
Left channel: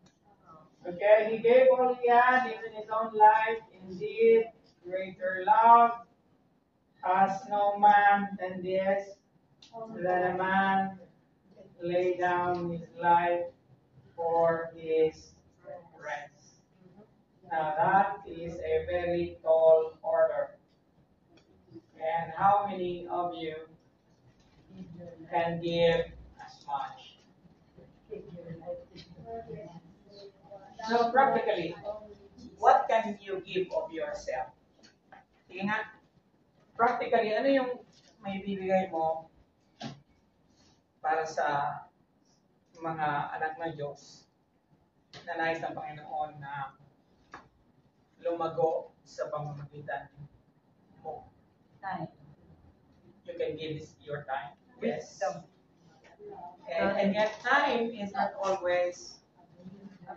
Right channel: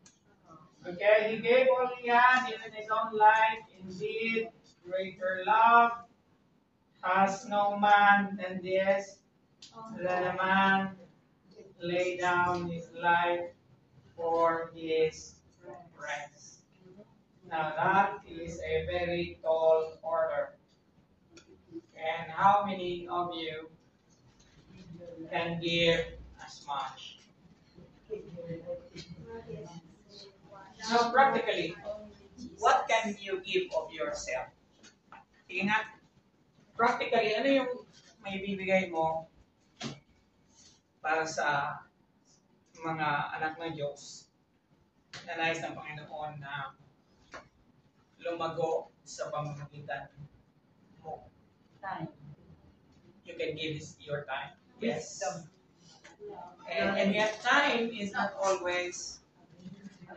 Okay, he gave all he had, even his own life. Indeed, greater love has no man than this, that a man lay down his life for his friends. Now that is a very tall order. And how many of you can give as much? So practically, what can you give of yourself? Sige nga, practically, ano yung may bibigay mo para sa mga anak ng Diyos na nais ng Panginoon na lumago sa pamamagitan mo? Time. You can give this your time. Yes. And yet time is not always no.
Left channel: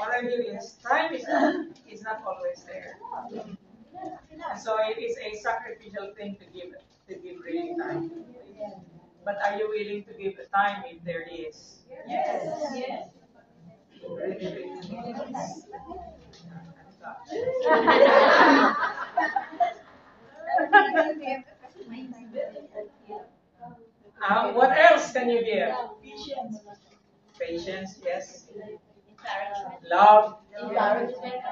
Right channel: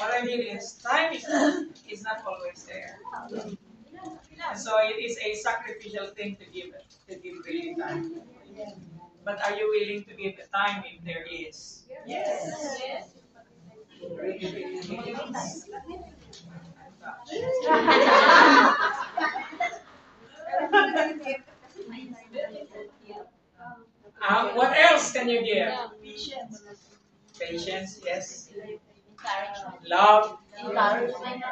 What I mean is time is not always there. So it is a sacrificial thing to give really time. But are you willing to give the time if there is? Yes. Yes. Really. What else can you give? Patience, yes. Love, encouragement.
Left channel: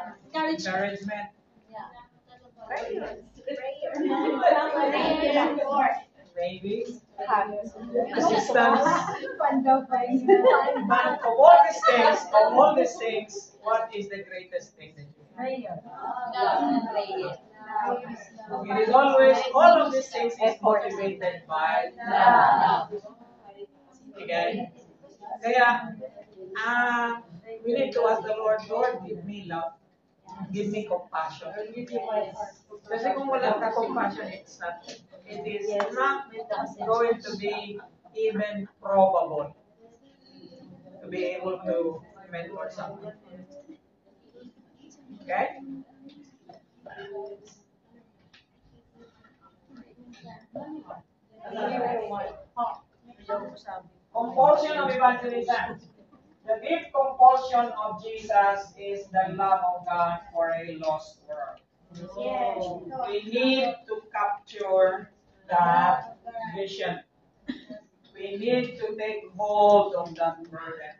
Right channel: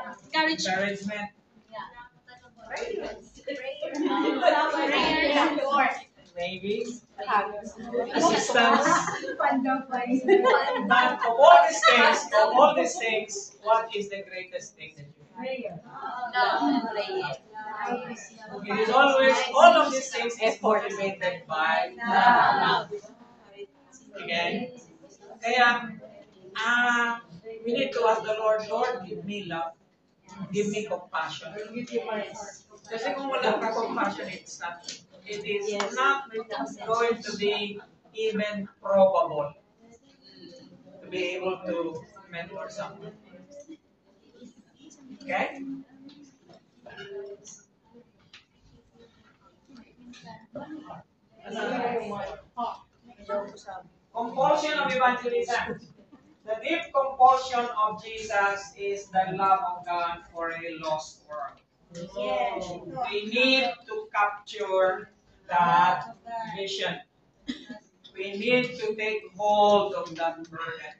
Maybe assistance. But of all these things, what is the greatest thing that you have? It is always, all of these things is motivated by love. Okay? Kaya, we need to ask the Lord, Lord, give me love. Give me compassion. Kasi kung wala ka compassion, it is not going to be even probable to be able to mentor someone. Okay? Compulsion of evangelism. The deep compulsion of Jesus is the love of God for a lost world. Yes. We need to capture that vision. We need to take hold of that burden.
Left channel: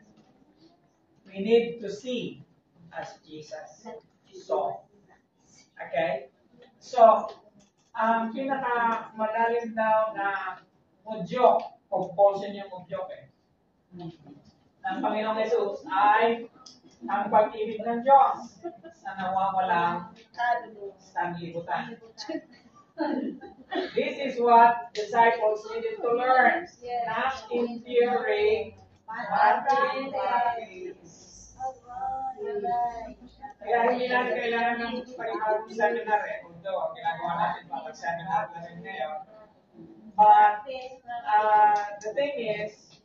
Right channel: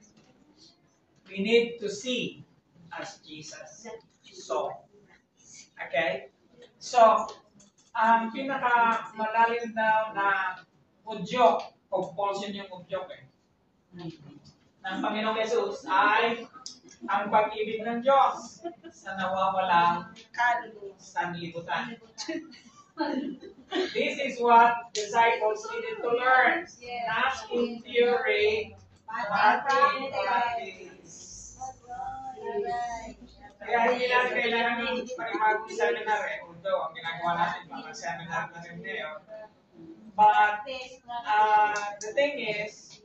We need to see as Jesus saw. Okay? So, ang pinakamalalim daw na udyok, compulsion yung udyok ng Panginoong Jesus ay ang pag-ibig ng Diyos sa nawawalang sanlibutan. This is what disciples needed to learn. Not in theory, but in practice. Kaya hindi natin kailangan ng panibagong seminar although ang ginagawa natin parang seminar na rin ngayon. But the thing is,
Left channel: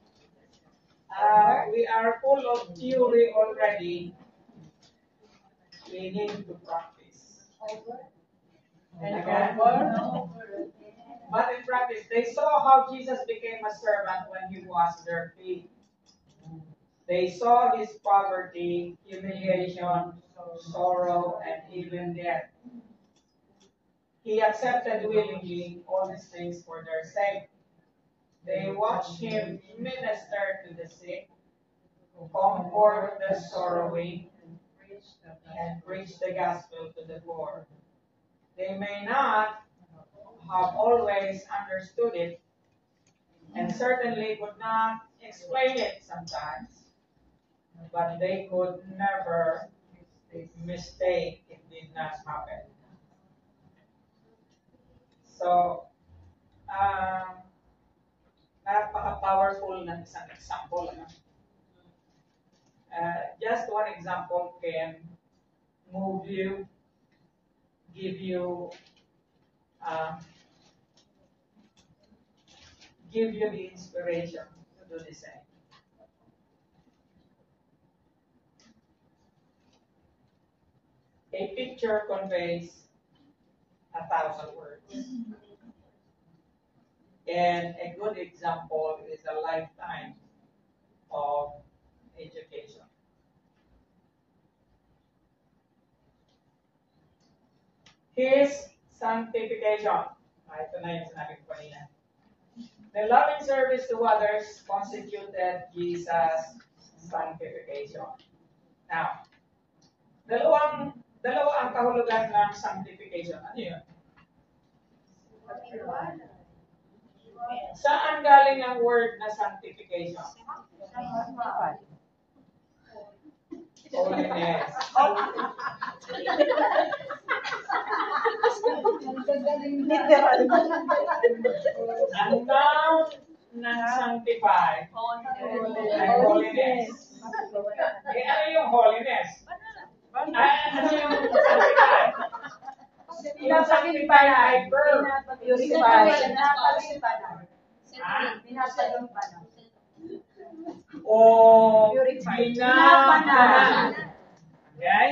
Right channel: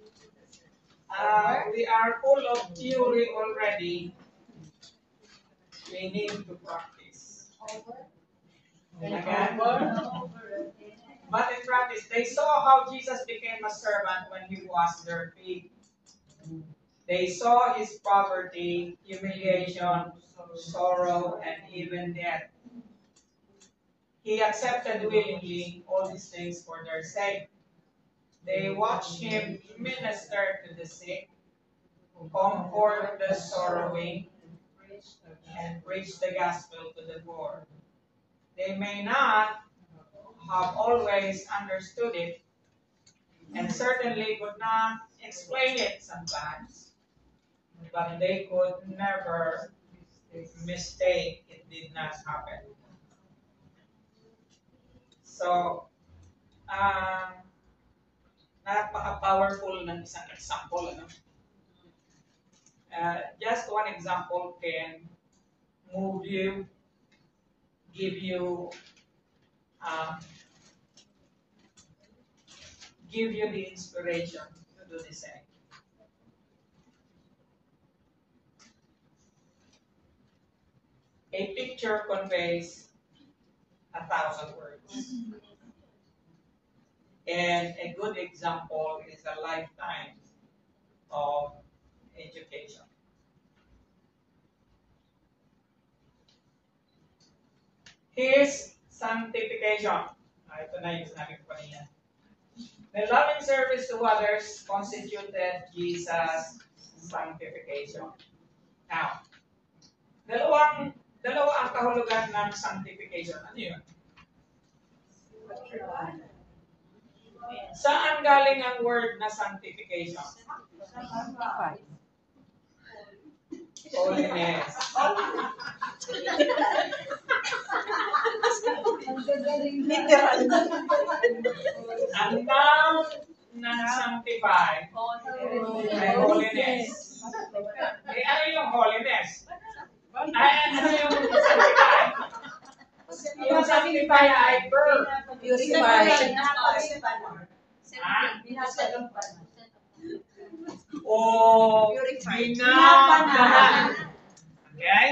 we are full of theory already. We need to practice. Again. But in practice, they saw how Jesus became a servant when he washed their feet. They saw his poverty, humiliation, sorrow, and even death. He accepted willingly all these things for their sake. They watched him minister to the sick, comfort the sorrowing, and preach the gospel to the poor. They may not have always understood it, and certainly could not explain it sometimes, but they could never mistake it did not happen. So, napaka-powerful ng isang example. Ano? Just one example can move you, give you the inspiration to do the same. A picture conveys 1,000 words. And a good example is a lifetime of education. His sanctification. Ito na yung sinabi ko kanina. The loving service to others constituted Jesus' sanctification. Now, dalawa ang kahulugan ng sanctification. Ano yun? Saan galing ang word na sanctification? Holiness. Ang noun ng sanctify ay holiness. Eh, ano yung holiness? Ano yung sanctify? Yung sanctify ay verb. Purify. O binabanal. Okay?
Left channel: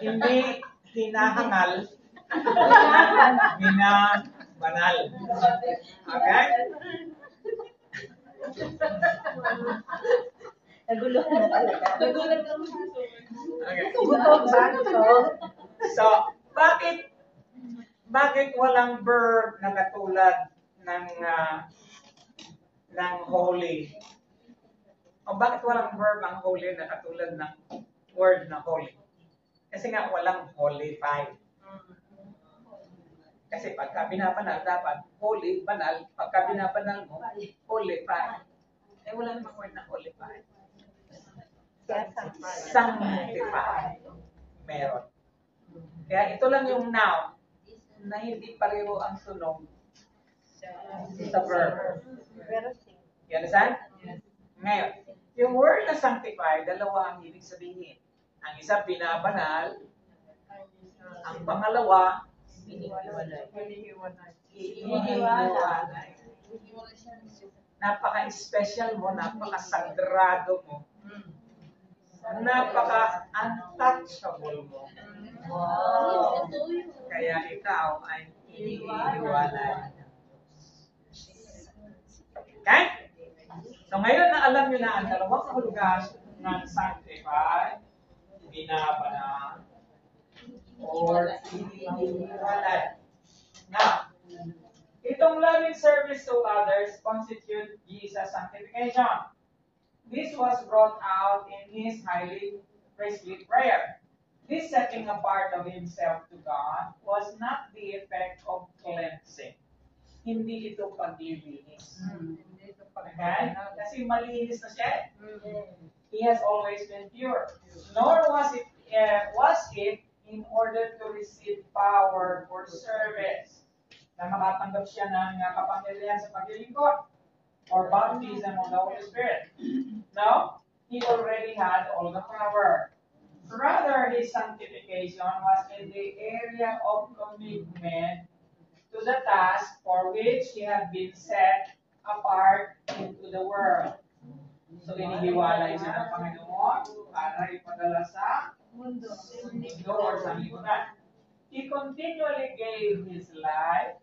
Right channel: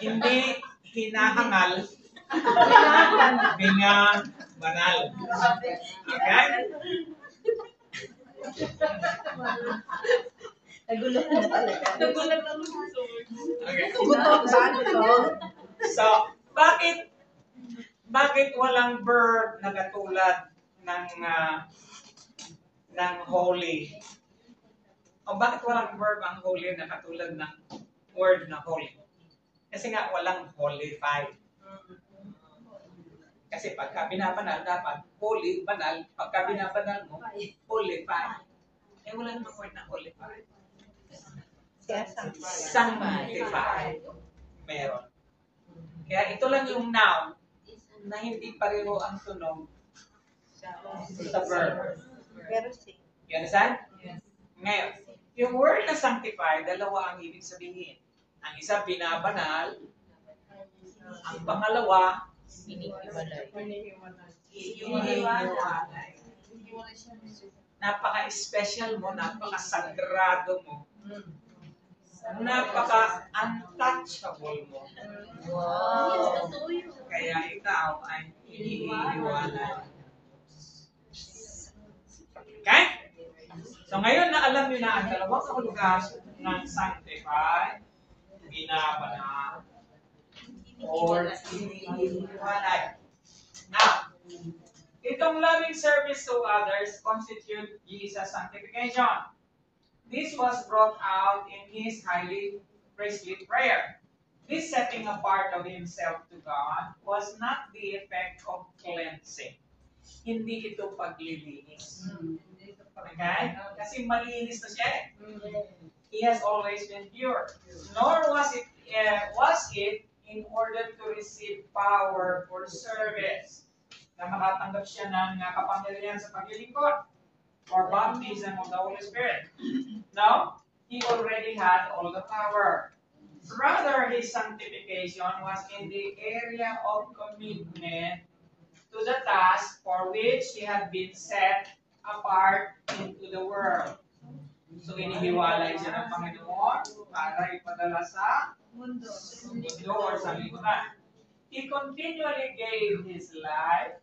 Hindi hinahangal. Binabanal. Okay? Naguluhan na talaga. Okay. Gutom. So, bakit walang verb na katulad ng holy? O bakit walang verb ang holy na katulad ng word na holy? Kasi nga walang holy-fied. Kasi pagka binabanal, dapat holy, banal. Pagka binabanal mo, holy-fied. Eh wala namang word na holy-fied. Sanctified. Meron. Kaya ito lang yung noun na hindi pareho ang tunog sa verb. You understand? Ngayon, yung word na sanctify, dalawa ang ibig sabihin. Ang isa, binabanal. Ang pangalawa, hinihiwalay. Napaka-special mo, napaka-sagrado mo. Napaka-untouchable mo. Kaya ikaw ay hinihiwalay. Okay? So ngayon na alam nyo na ang dalawang kahulugan ng sanctify, binabanal, or hinihiwalay. Now, itong loving service to others constitute Jesus' sanctification. This was brought out in his highly priestly prayer. This setting apart of himself to God was not the effect of cleansing. Hindi ito paglilinis. Okay? Kasi malinis na siya. He has always been pure. Nor was it in order to receive power for service na makatanggap siya ng kapangyarihan sa paglilingkod or baptism of the Holy Spirit. No, he already had all the power. Rather, his sanctification was in the area of commitment to the task for which he had been set apart into the world. So, inihiwalay siya ng Panginoon para ipadala sa mundo or sa lipunan. He continually gave his life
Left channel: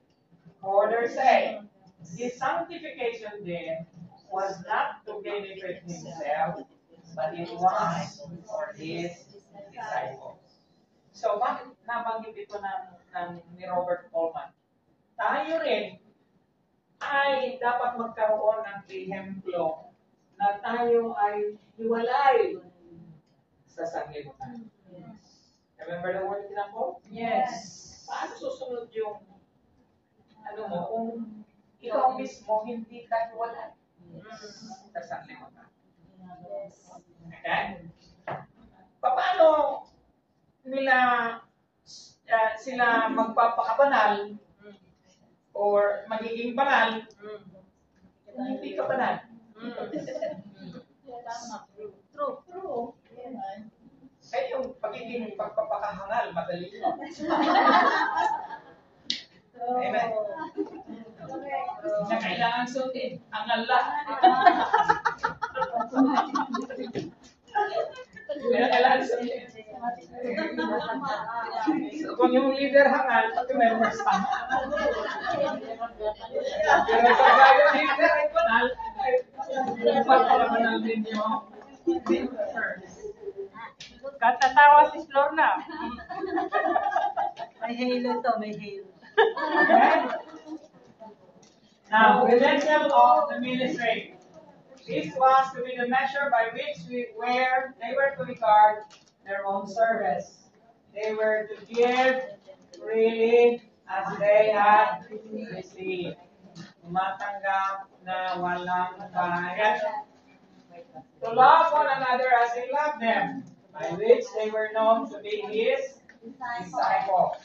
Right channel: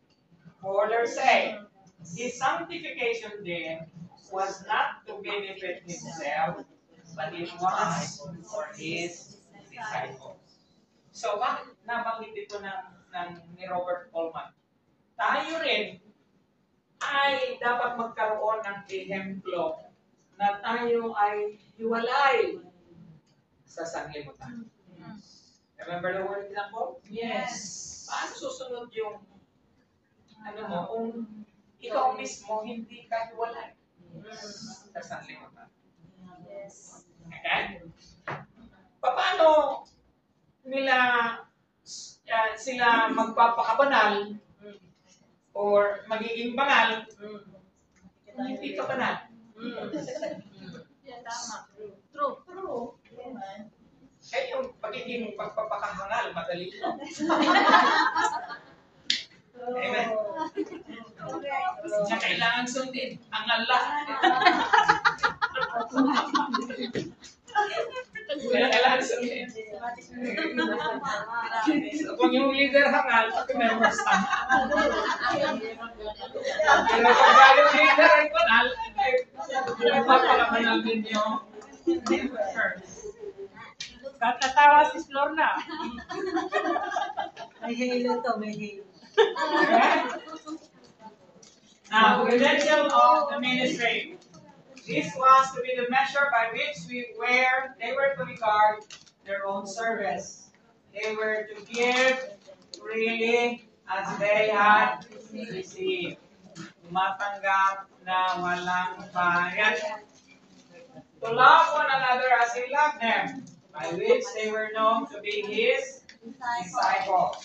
for their sake. His sanctification then was not to benefit himself, but it was for his disciples. So, bakit nabanggit ito ni Robert Coleman? Tayo rin ay dapat magkaroon ng ehemplo na tayo ay hiwalay sa sanglibutan. Remember the word example? Yes. Paano susunod yung kung ikaw mismo hindi ka hiwalay sa sanglibutan? Okay? Paano sila magpapakabanal or magiging banal kung hindi ka banal? Tama. True. Kaya yung pagiging pagpapakahangal, madali lang. Amen. Na kailangan sundin ang Allah. Kailangan sundin. So, kung yung leader hangal, pag-members hangal. Pero pag yung leader ay banal, papakabanal din yung members. Katatawa si Florna. May halo to, may halo. Now, credential of the ministry. This was to be the measure by which they were to regard their own service. They were to give freely as they had received. Matanggap na walang bayad. To love one another as He loved them, by which they were known to be His disciples.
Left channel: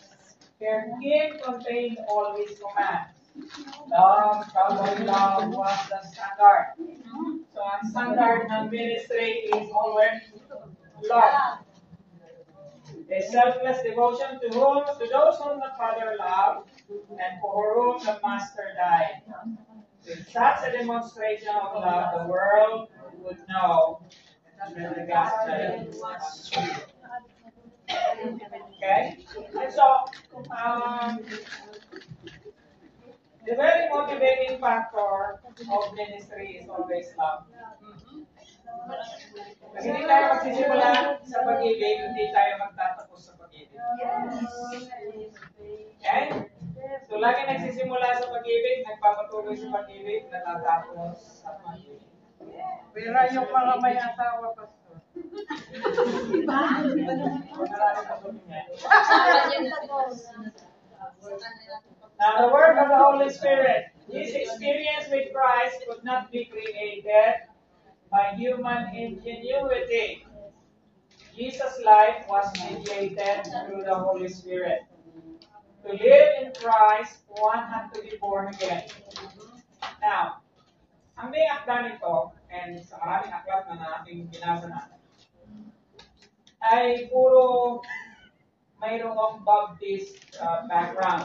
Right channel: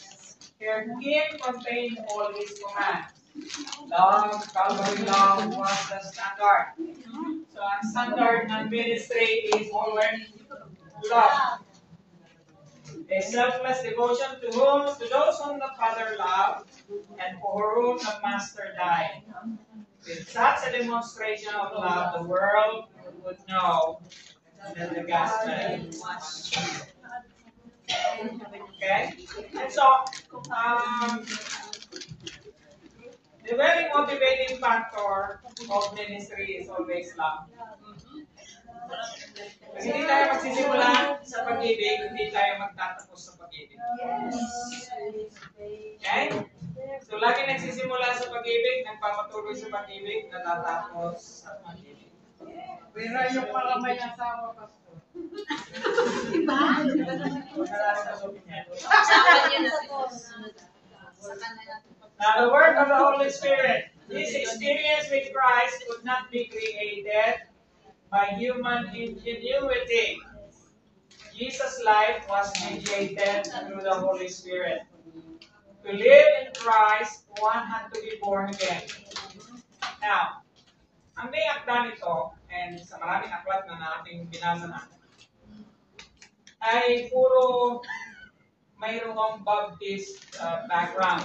Herein contained all His commands. Love, Calvary love was the standard. So, ang standard ng ministry is always love. A selfless devotion to those whom the Father loved and for whom the Master died. With such a demonstration of love, the world would know that the gospel was true. Okay? So, the very motivating factor of ministry is always love. Pag hindi tayo magsisimula sa pag-ibig, hindi tayo magtatapos sa pag-ibig. Okay? So, lagi nagsisimula sa pag-ibig, nagpapatuloy sa pag-ibig, natatapos sa pag-ibig. Pero yung mga may asawa, Pastor. Now, the work of the Holy Spirit. This experience with Christ could not be created by human ingenuity. Jesus' life was mediated through the Holy Spirit. To live in Christ, one had to be born again. Now, ang may akda nito, and sa maraming aklat na ating binasa natin, ay puro mayroong Baptist background.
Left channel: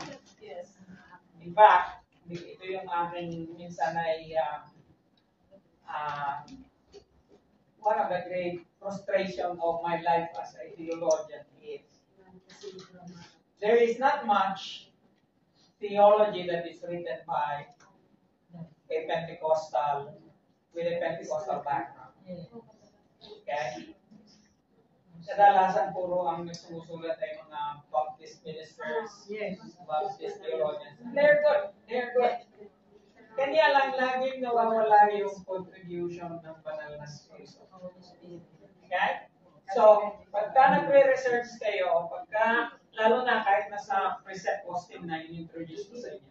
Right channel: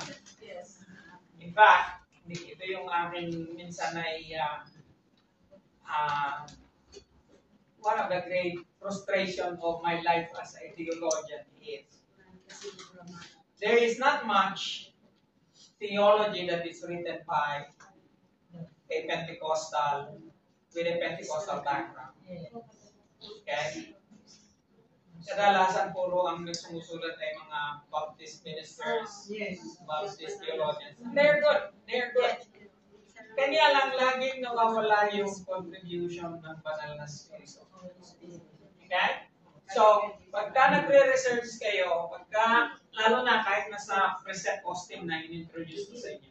In fact, ito yung aking minsan ay one of the great frustration of my life as a theologian is there is not much theology that is written by a Pentecostal with a Pentecostal background. Okay? Kadalasan puro ang sumusulat ay mga Baptist ministers, Baptist theologians. They're good. They're good. Kanya lang laging nawawala yung contribution ng banal na Espiritu. Okay? So, pagka nagre-research kayo, lalo na kahit nasa preset posting na in-introduce ko sa inyo,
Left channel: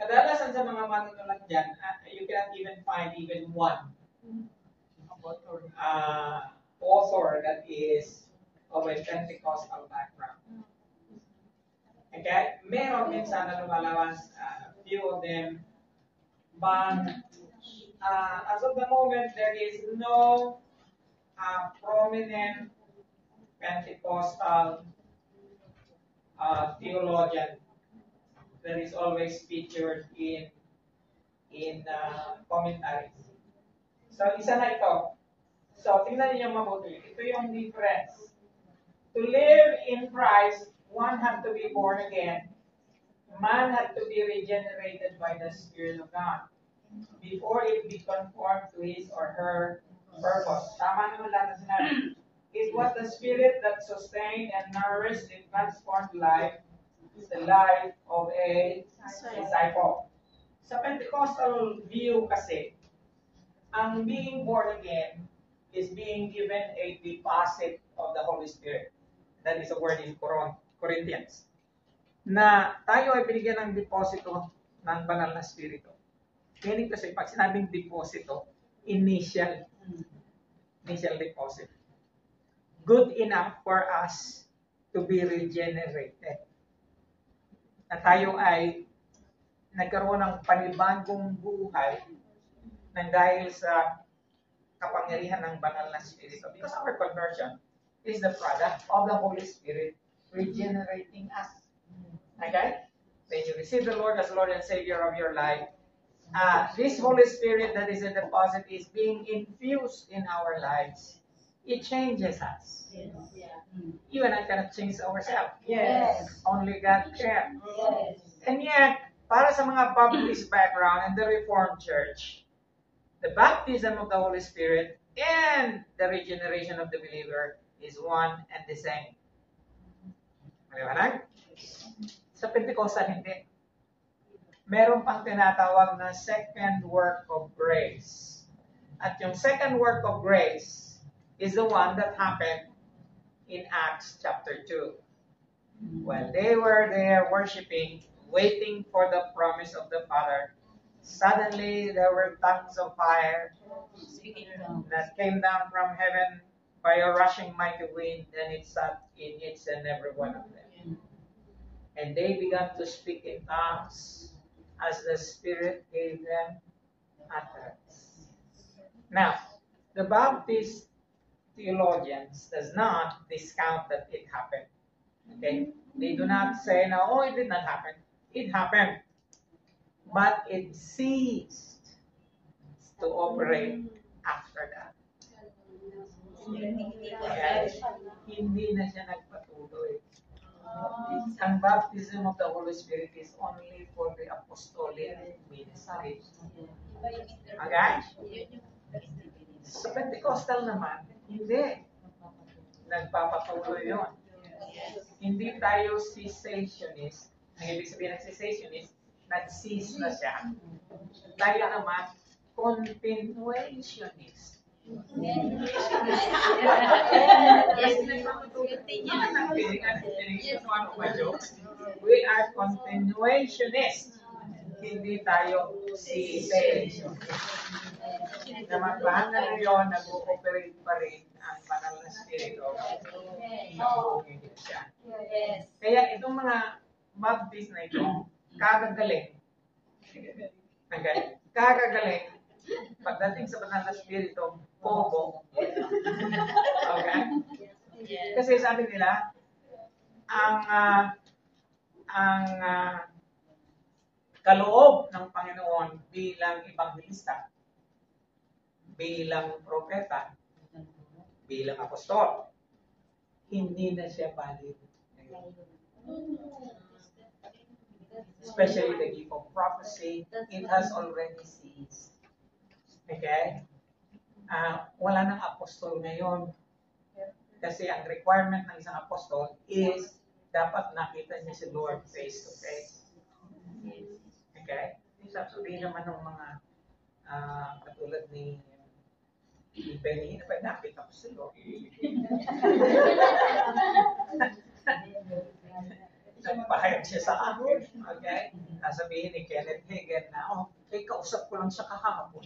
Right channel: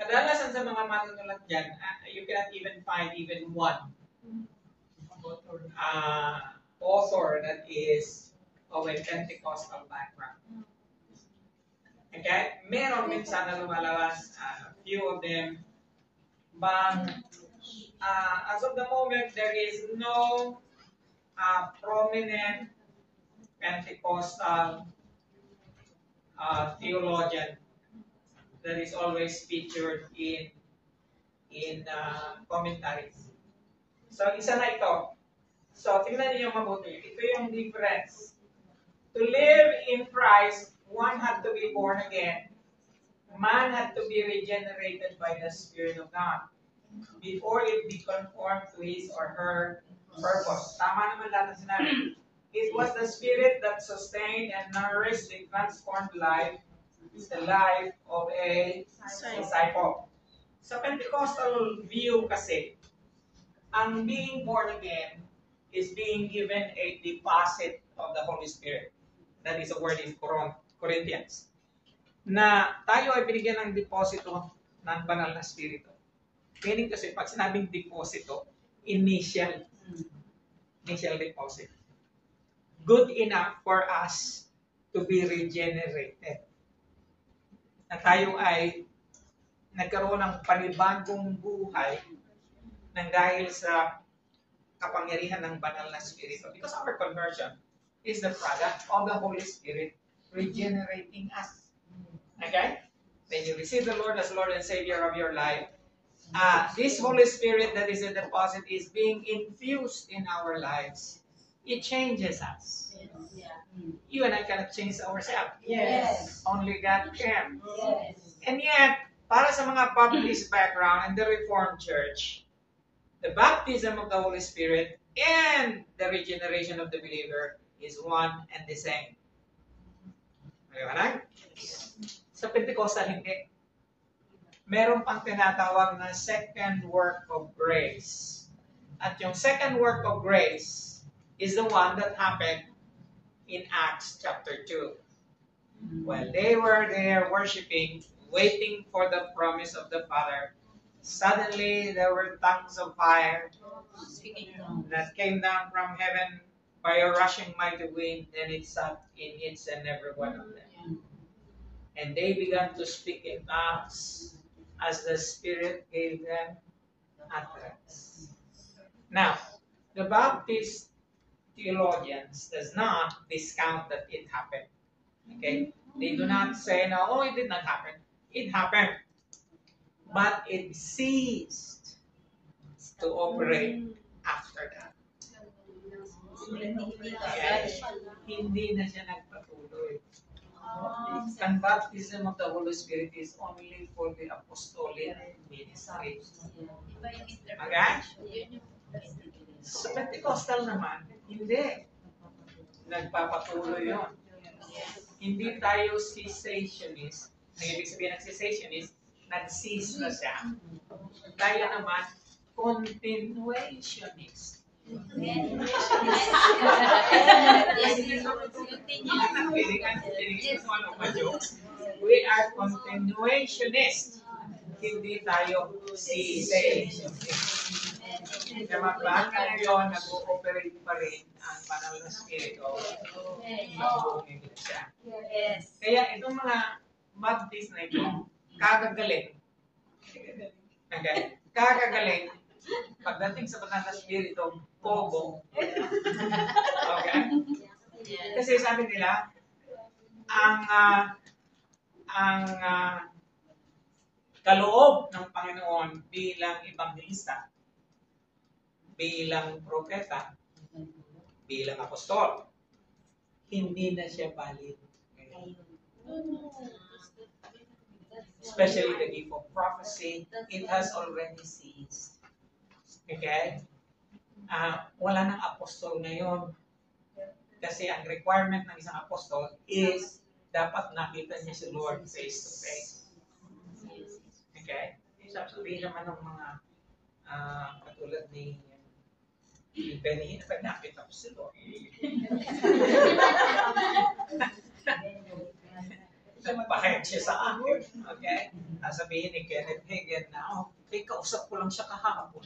kadalasan sa mga manunulat dyan, you cannot even find even one author that is of a Pentecostal background. Okay? Meron minsan na lumalabas, a few of them, but as of the moment, there is no prominent Pentecostal theologian that is always featured in commentaries. So, isa na ito. So, tingnan niyo mabuti. Ito yung difference. To live in Christ, one had to be born again. Man had to be regenerated by the Spirit of God before it be conformed to his or her purpose. Tama naman lahat ng sinabi. It was the Spirit that sustained and nourished the transformed life, the life of a disciple. Sa Pentecostal view kasi, ang being born again is being given a deposit of the Holy Spirit. That is a word in Corinthians. Na tayo ay binigyan ng deposito ng banal na Espiritu. Meaning kasi, pag sinabing deposito, initial deposit. Good enough for us to be regenerated. Na tayo ay nagkaroon ng panibagong buhay nang dahil sa kapangyarihan ng banal na Espiritu. Because our conversion is the product of the Holy Spirit regenerating us. Okay? When you receive the Lord as Lord and Savior of your life, this Holy Spirit that is a deposit is being infused in our lives. It changes us. Yeah. You and I cannot change ourselves. Yes. Only God can. Yes. And yet, para sa mga Baptist background and the Reformed Church, the baptism of the Holy Spirit and the regeneration of the believer is one and the same. Maliwanag? Sa Pentecostal, hindi. Meron pang tinatawag na second work of grace. At yung second work of grace is the one that happened in Acts chapter 2. While they were there worshiping, waiting for the promise of the Father, suddenly there were tongues of fire that came down from heaven by a rushing mighty wind, and it sat in each and every one of them. And they began to speak in tongues as the Spirit gave them utterance. Now, the Baptist theologians does not discount that it happened. Okay? They do not say, no, oh, it did not happen. It happened. But it ceased to operate after that. Okay? Hindi na siya nagpatuloy. Ang baptism of the Holy Spirit is only for the apostolic ministry. Okay? Sa Pentecostal naman, hindi. Nagpapatuloy yun. Hindi tayo cessationist. Ang ibig sabihin ng cessationist, nag-cease na siya. Tayo naman, continuationist. We are continuationists. Hindi tayo cessationist. Na maghanga ngayon, nag-ooperate pa rin ang banal na spirito. Nag-ooperate siya. Kaya itong mga Baptist na ito, kagagaling. Okay? Kagagaling. Pagdating sa banal na spirito, pobo. Okay? Kasi sabi nila, ang kaloob ng Panginoon bilang evangelista, bilang propeta, bilang apostol, hindi na siya valid. Especially the gift of prophecy, it has already ceased. Okay? Wala nang apostol ngayon. Kasi ang requirement ng isang apostol is dapat nakita niya si Lord face to face. Okay? Sabihin naman ng mga katulad ni Benny, nakita ko si Lord. Nagpahayag siya sa akin. Okay? Nasabihin ni Kenneth Hagin na, okay, kausap ko lang siya kahapon.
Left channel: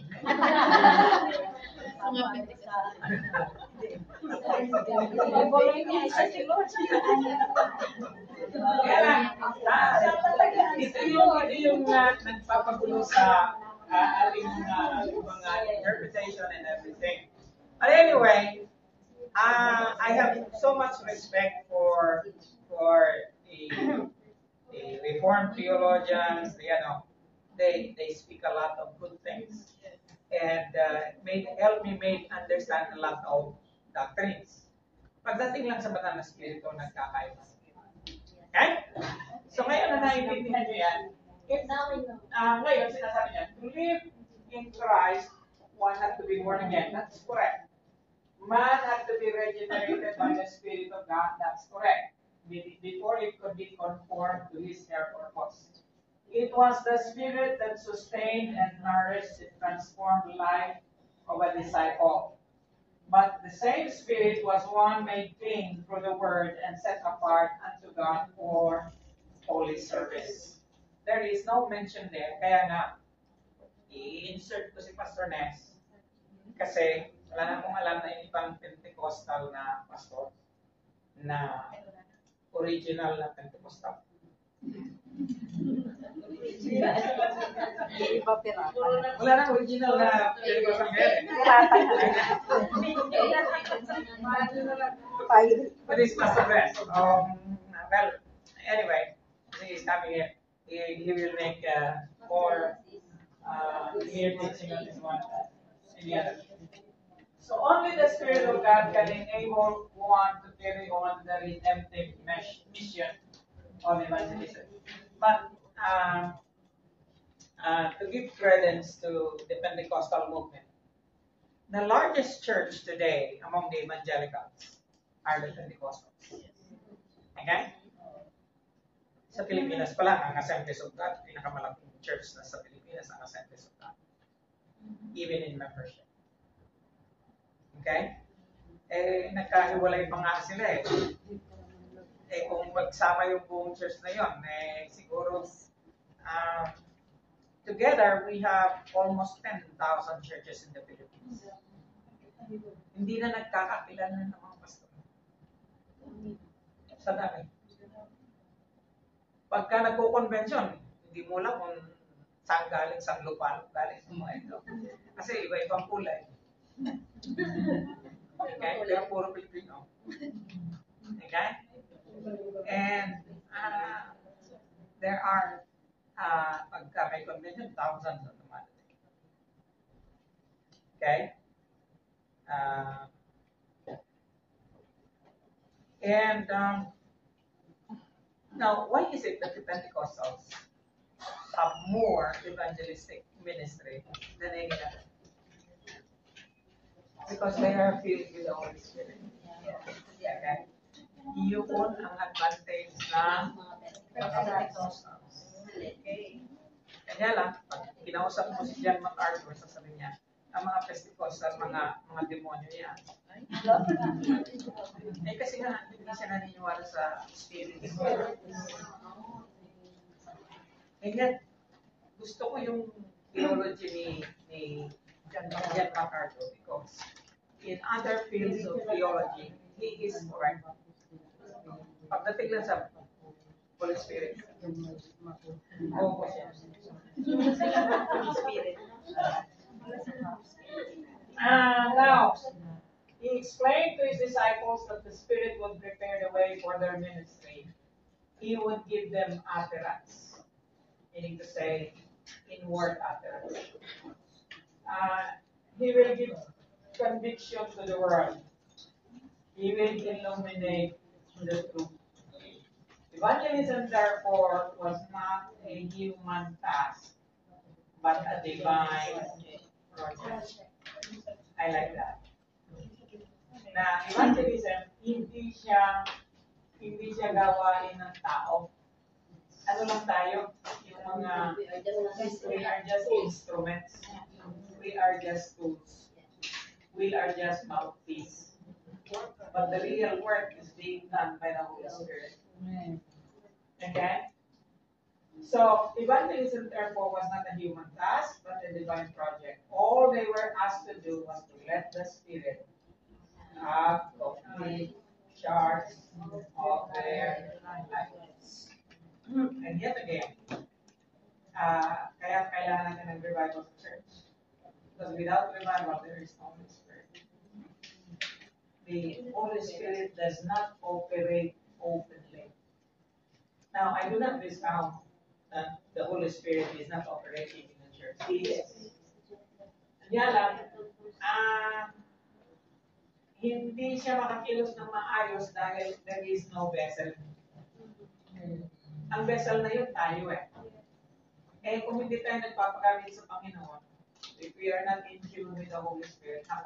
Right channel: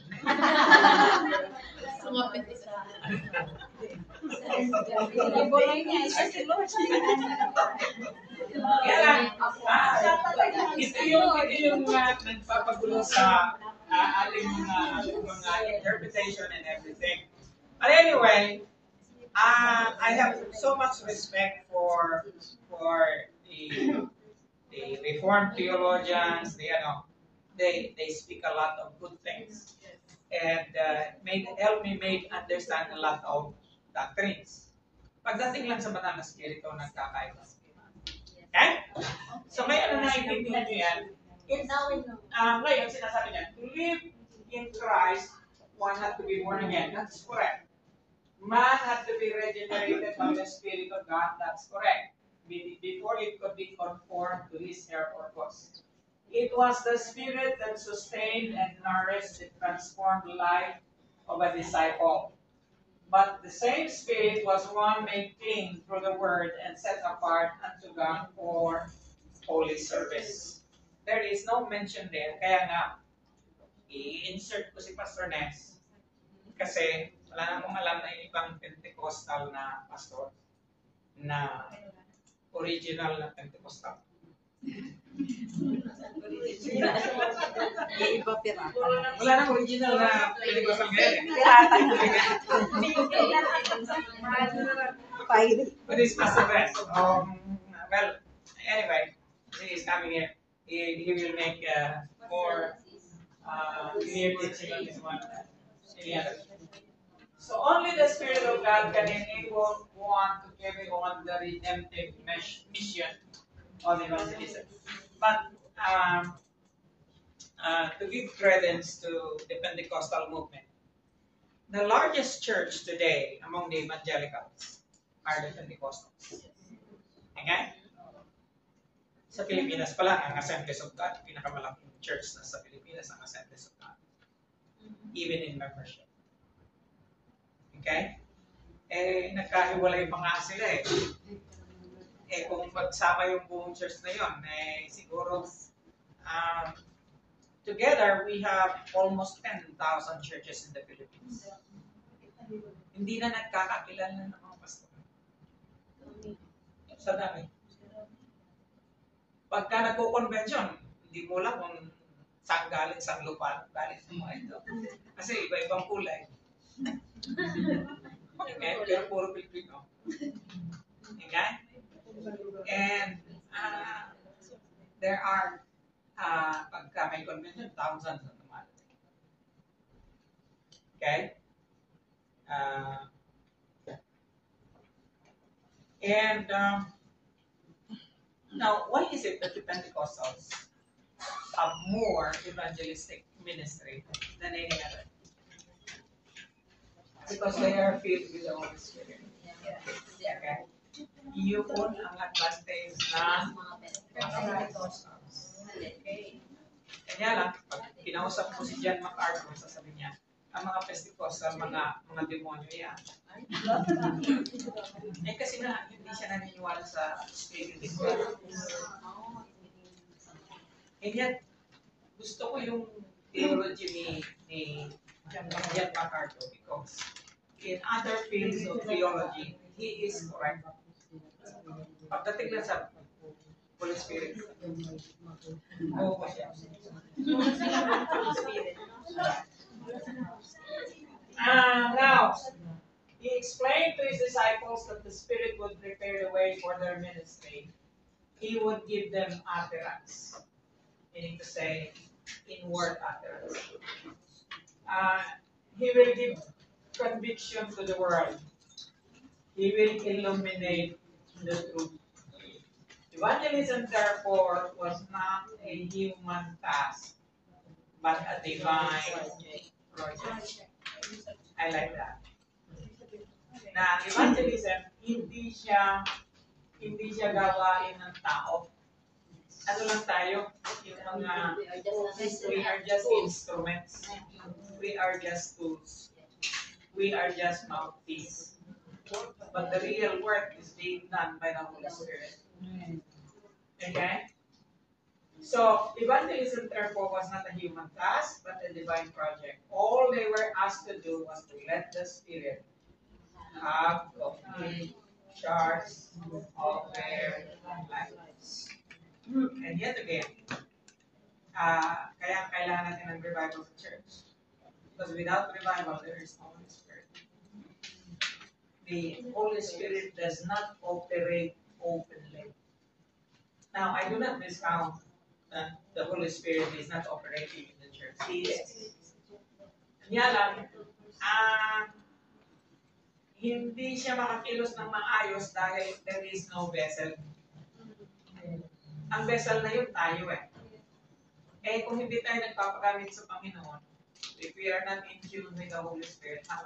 Ito yung nagpapagulo sa ating mga interpretation and everything. But anyway, I have so much respect for the Reformed theologians. They speak a lot of good things and help me understand a lot of doctrines. Pagdating lang sa banal na spirito, nagkakaiba. Okay? So ngayon na naiintindihan nyo yan, ngayon sinasabi niya, to live in Christ, one had to be born again. That's correct. Man had to be regenerated by the Spirit of God. That's correct. Before it could be conformed to His purpose. It was the Spirit that sustained and nourished the transformed life of a disciple. But the same Spirit was one made clean through the Word and set apart unto God for holy service. There is no mention there. Kaya nga, i-insert ko si Pastor Ness. Kasi wala na akong alam na yung ibang Pentecostal na pastor na original na Pentecostal. Wala nang original na Pentecostal ngayon. But it's Pastor Ness. Well, anyway, he is coming here. He will make more clear teaching on this one than any other. So only the Spirit of God can enable one to carry on the redemptive mission of evangelism. But to give credence to the Pentecostal movement, the largest church today among the evangelicals are the Pentecostals. Okay? Sa Pilipinas pala, ang Assemblies of God, pinakamalaking church na sa Pilipinas, ang Assemblies of God. Even in membership. Okay? Nagkahiwalay pa nga sila eh. Kung magsama yung buong church na yun, siguro, together, we have almost 10,000 churches in the Philippines. Hindi na nagkakakilala ng mga pastor. Sa dami. Pagka nagko-convention, hindi mo lang kung saan galing, saan lupa galing ng mga ito. Kasi iba-ibang kulay. Okay? Pero puro Pilipino. Okay? And there are, pagka may convention, thousands of them. Okay? Now, why is it that the Pentecostals have more evangelistic ministry than any other? Because they are filled with the Holy Spirit. Okay? Yun ang advantage ng mga Pentecostals. Kanya lang, pag kinausap mo si John MacArthur, sasabihin niya, ang mga Pentecostal, mga demonyo yan. Kasi nga, hindi siya naniniwala sa Spirit of God. And yet, gusto ko yung theology ni John MacArthur because in other fields of theology, he is correct. Pagdating lang sa Holy Spirit, oo ko siya. Now, he explained to his disciples that the Spirit would prepare the way for their ministry. He would give them utterance, meaning to say, inward utterance. He will give conviction to the world. He will illuminate the truth. Evangelism, therefore, was not a human task, but a divine project. I like that. Na evangelism, hindi siya gawain ng tao. Ano lang tayo? Yung mga, we are just instruments. We are just tools. We are just mouthpiece. But the real work is being done by the Holy Spirit. Okay? So, evangelism therefore was not a human task, but a divine project. All they were asked to do was to let the Spirit have complete charge of their lives. And yet again, kaya kailangan natin ng revival sa church. Because without revival, there is no Holy Spirit. The Holy Spirit does not operate openly. Now, I do not discount that the Holy Spirit is not operating in the church. He is. Kaya lang, hindi siya makakilos ng maayos dahil there is no vessel. Ang vessel na yun tayo eh. Eh kung hindi tayo nagpapagamit sa Panginoon, if we are not in tune with the Holy Spirit, how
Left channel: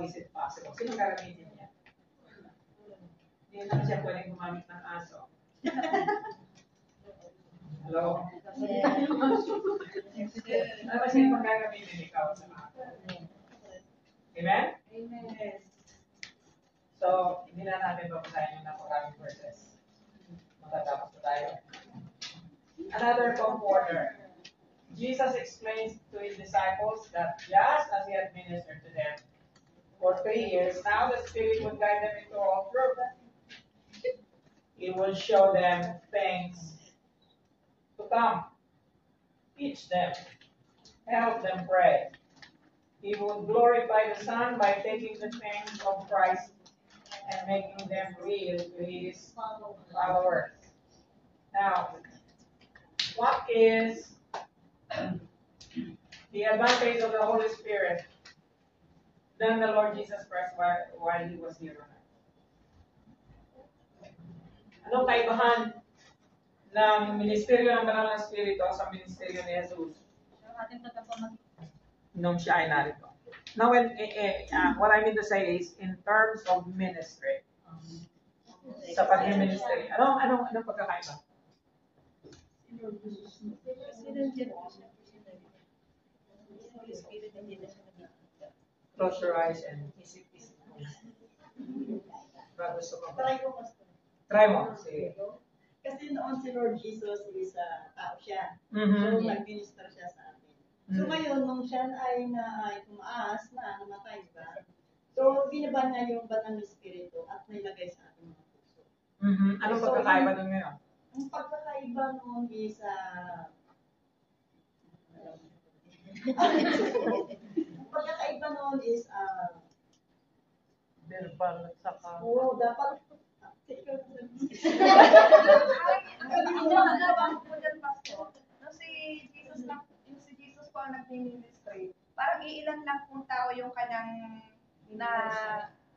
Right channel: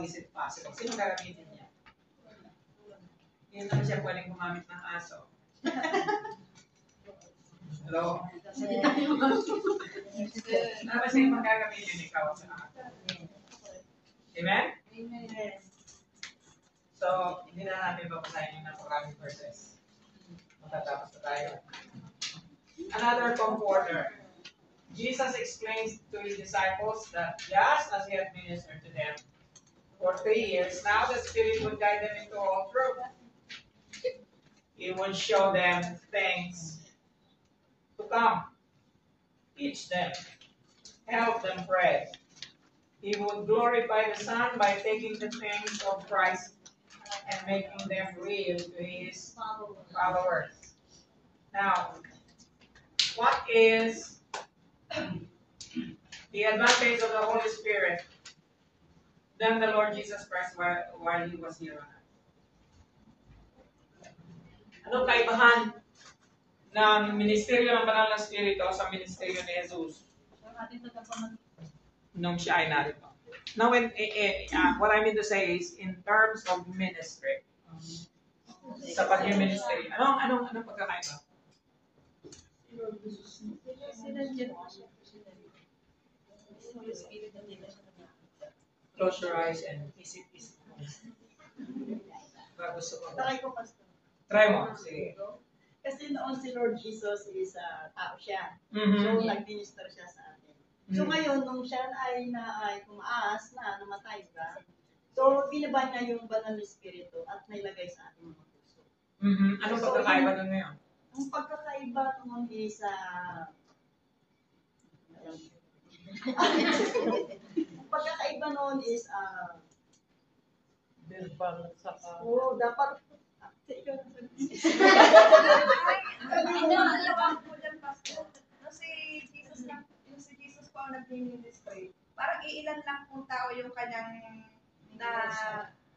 is it possible? Sino gagamitin niya? Hindi naman siya pwedeng gumamit ng aso. Hello? Ano ba siya yung gagamitin ikaw sa aso? Amen? Amen. So, hindi na natin babasahin yung napakaraming verses. Matatapos na tayo. Another comforter. Jesus explains to his disciples that just as he had ministered to them for 3 years, now the Spirit would guide them into all truth. He would show them things to come, teach them, help them pray. He would glorify the Son by taking the things of Christ and making them real to his followers. Now, what is the advantage of the Holy Spirit than the Lord Jesus Christ while he was here on earth? Anong kaibahan ng ministeryo ng Banal na Espiritu sa ministeryo ni Jesus nung siya ay narito? Now, what I mean to say is, in terms of ministry, sa pag-ministry, anong pagkakaiba? Close your eyes and isip. Gusto ko. Try ko, Pastor. Try mo. Sige. Kasi noon si Lord Jesus is tao siya. Mhm. So, nag-minister siya sa atin. So, ngayon, nung siya ay tumaas na, namatay ba? So, binaba niya yung banal na espiritu at nailagay sa ating mga puso. Mhm. Anong pagkakaiba doon ngayon? Ang pagkakaiba noon is, ang pagkakaiba noon is, dapat, Nung si Jesus po ang nag-ministry, parang iilan lang pong tao yung kanyang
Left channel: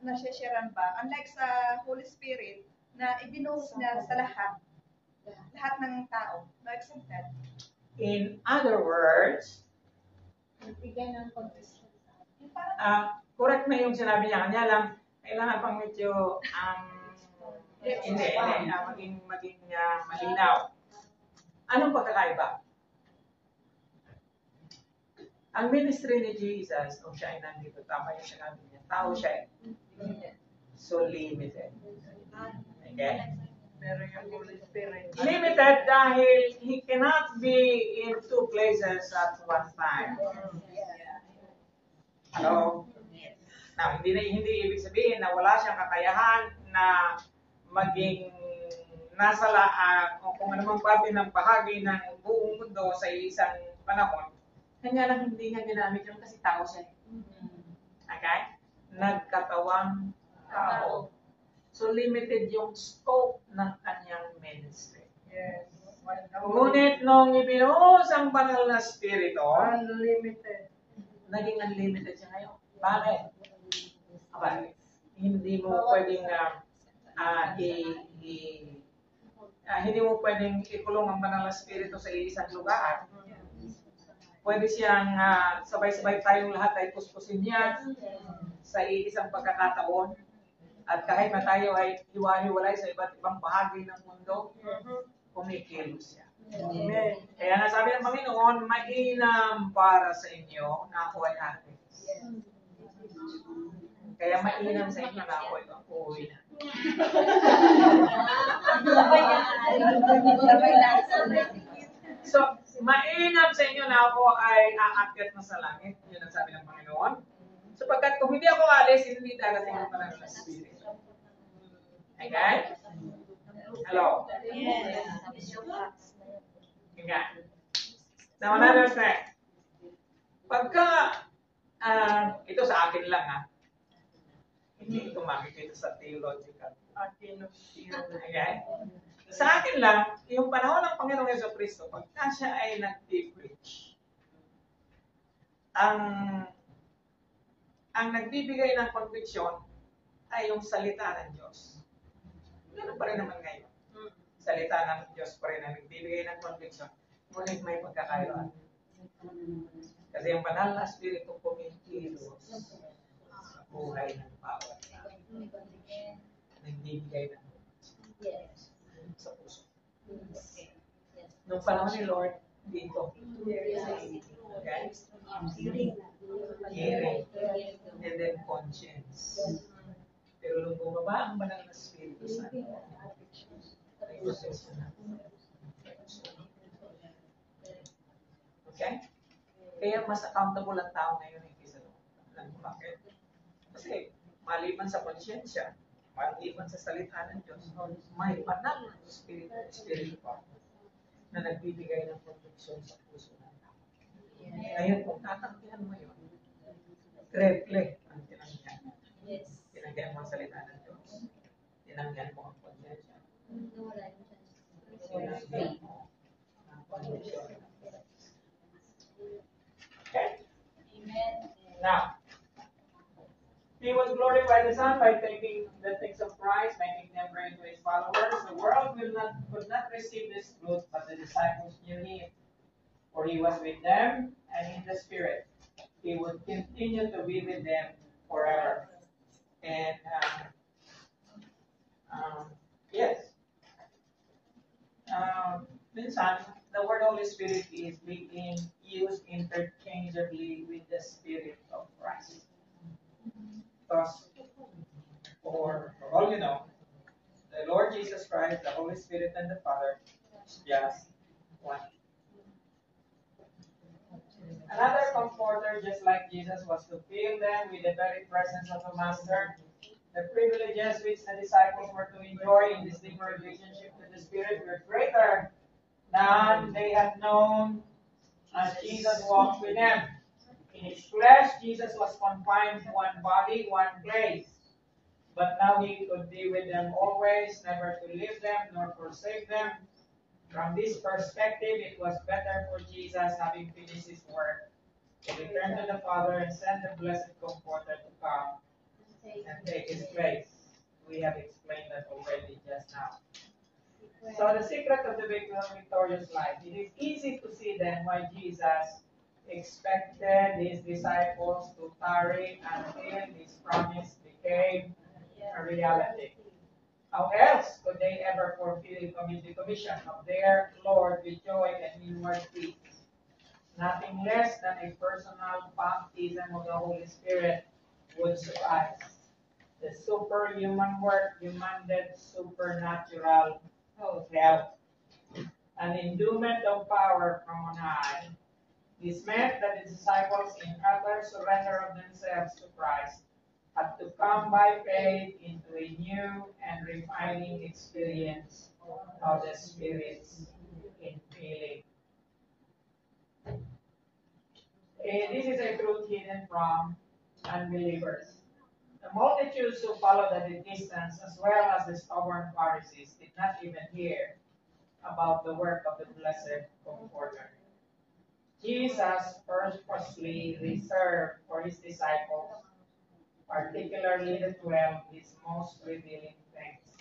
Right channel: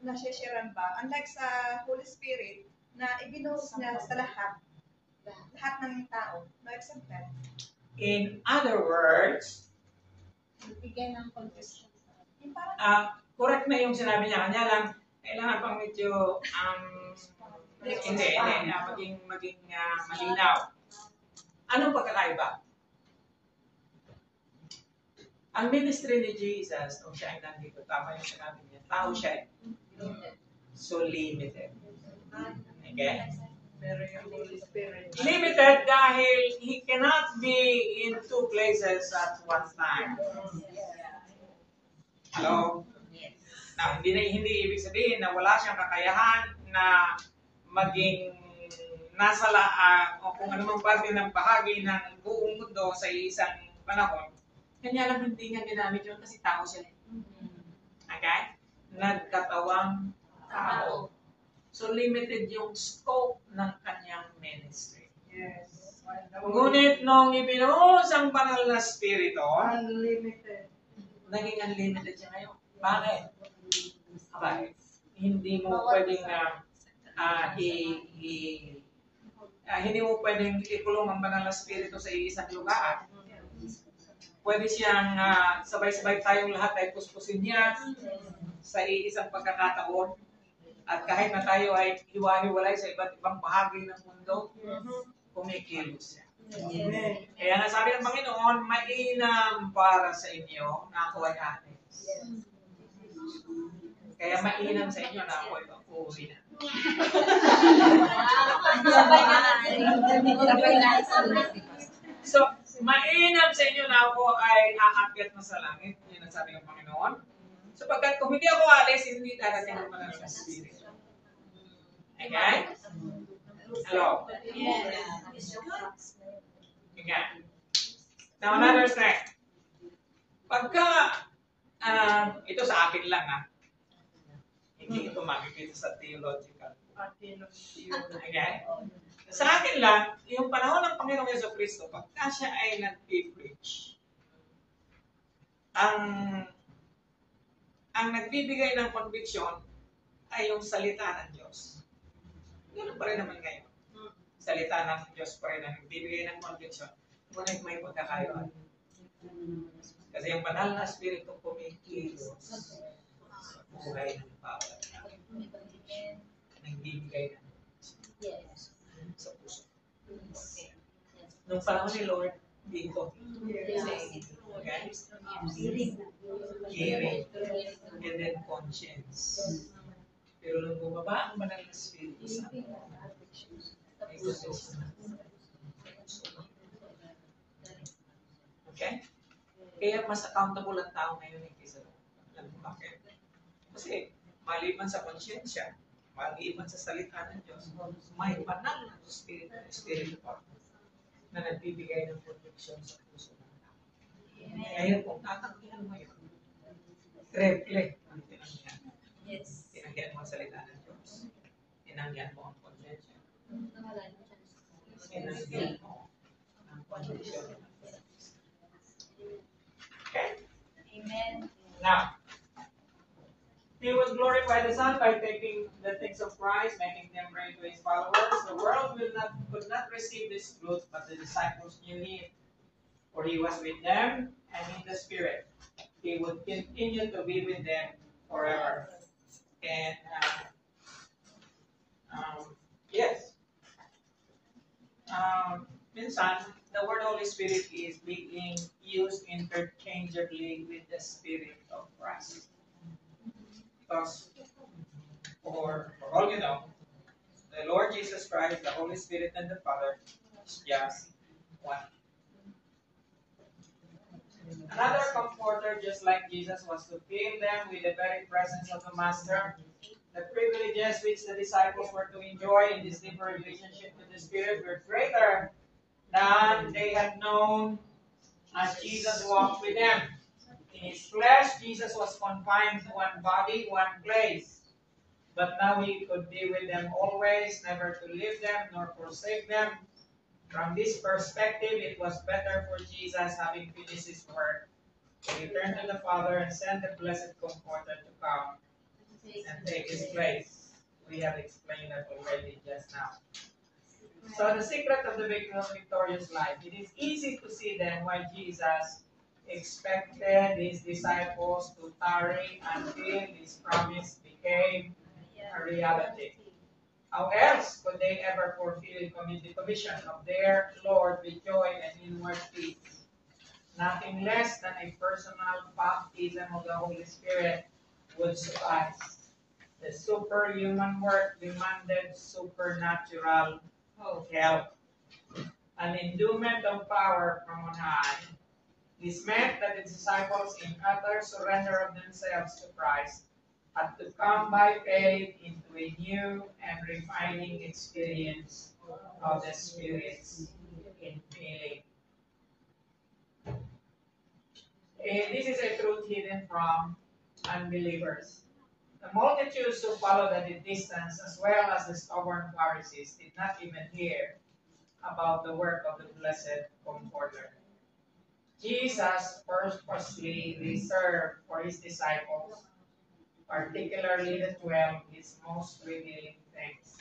na-sharean ba? Unlike sa Holy Spirit, na ibinuhos niya sa lahat ng tao. No, except that. In other words, Bigyan ng conviction sa atin. correct na yung sinabi niya. Kanya lang, kailangan pang medyo, maging malinaw. Anong pagkakaiba? Ang ministry ni Jesus, nung siya ay nandito, tama yung sinabi niya, tao siya. So limited. Okay? Pero yung Holy Spirit. Limited dahil he cannot be in two places at one time. Hello? Now, hindi ibig sabihin na wala siyang kakayahan na maging nasa o kung anumang parte ng bahagi ng buong mundo sa isang panahon. Kanya lang hindi niya ginamit yun kasi tao siya. Okay? Nagkatawang tao. So limited yung scope ng kanyang ministry. Yes. Ngunit nung ibinuhos ang banal na spirito, Unlimited. naging unlimited siya ngayon. Bakit? Bakit? Hindi mo pwedeng hindi mo pwedeng ikulong ang banal na spirito sa isang lugar. Pwede siyang sabay-sabay tayong lahat ay puspusin niya sa isang pagkakataon. At kahit na tayo ay hiwa-hiwalay sa iba't ibang bahagi ng mundo, kumikilos siya. Amen. Kaya nga sabi ng Panginoon, mainam para sa inyo na ako ay atis. Kaya mainam sa inyo na ako ay uuwi na. So, mainam sa inyo na ako ay aakyat na sa langit. Yun ang sabi ng Panginoon. Sapagkat kung hindi ako alis, hindi darating ang banal na Espiritu. Okay? Hello? Okay. Now, another thing. Pagka, ito sa akin lang hindi ito makikita sa theological. Okay? Sa akin lang, yung panahon ng Panginoong Jesucristo, pagka siya ay nag-preach, ang nagbibigay ng conviction ay yung salita ng Diyos. Ganun pa rin naman ngayon. salita ng Diyos pa rin na nagbibigay ng conviction, ngunit may pagkakaiba. Kasi yung banal na Espiritu kumikilos sa buhay ng bawat tao. Nagbibigay ng sa puso. Nung panahon ni Lord, dito. Okay? Hearing. And then conscience. Pero nung bumaba ang banal na Espiritu Santo, may gusto na. Okay? Kaya mas accountable ang tao ngayon kaysa noon. Bakit? Kasi maliban sa konsyensya, maliban sa salita ng Diyos, may banal na Espiritu pa na nagbibigay ng protection sa puso ng tao. Ngayon, kung tatanggihan mo yun, triple ang tinanggihan. Tinanggihan mo ang salita ng Diyos. Tinanggihan mo ang konsyensya. Tinanggihan mo ang condition. Okay? Amen. Now, He would glorify the Son by taking the things of Christ, making them bring to His followers. The world could not receive this truth, but the disciples knew Him. For He was with them, and in the Spirit, He would continue to be with them forever. And, yes. Minsan, the word Holy Spirit is being used interchangeably with the Spirit of Christ. Because, for all you know, the Lord Jesus Christ, the Holy Spirit, and the Father is just one. Another comforter, just like Jesus, was to fill them with the very presence of the Master. The privileges which the disciples were to enjoy in this deeper relationship with the Spirit were greater than they had known as Jesus walked with them. In His flesh, Jesus was confined to one body, one place. But now He could be with them always, never to leave them nor forsake them. From this perspective, it was better for Jesus, having finished His work, to return to the Father and send the Blessed Comforter to come and take His place. We have explained that already just now. So the secret of the victorious life, it is easy to see then why Jesus expected His disciples to tarry until His promise became a reality. How else could they ever fulfill the commission of their Lord with joy and inward peace? Nothing less than a personal baptism of the Holy Spirit would suffice. The superhuman work demanded supernatural help, an endowment of power from on high. This meant that the disciples, in utter surrender of themselves to Christ, had to come by faith into a new and refining experience of the Spirit's infilling. This is a truth hidden from unbelievers. The multitudes who followed at a distance, as well as the stubborn Pharisees, did not even hear about the work of the Blessed Comforter. Jesus purposely reserved for His disciples, particularly the 12, His most revealing things.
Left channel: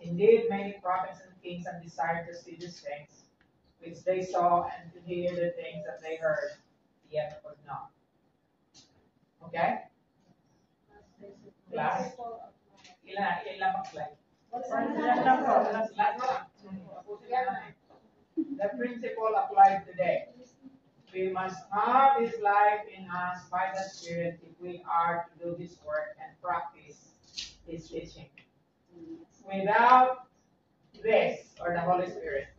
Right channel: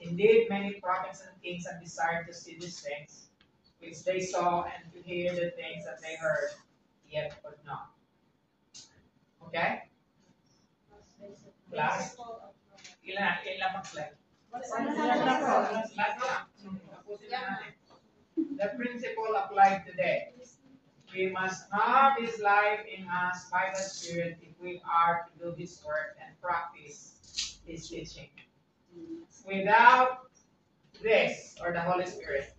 Indeed, many prophets and kings have desired to see these things, which they saw, and to hear the things that they heard, yet could not. Okay? Last. Ilang slide? The principle applied today. We must have His life in us by the Spirit if we are to do His work and practice His teaching. Without this, or the Holy Spirit,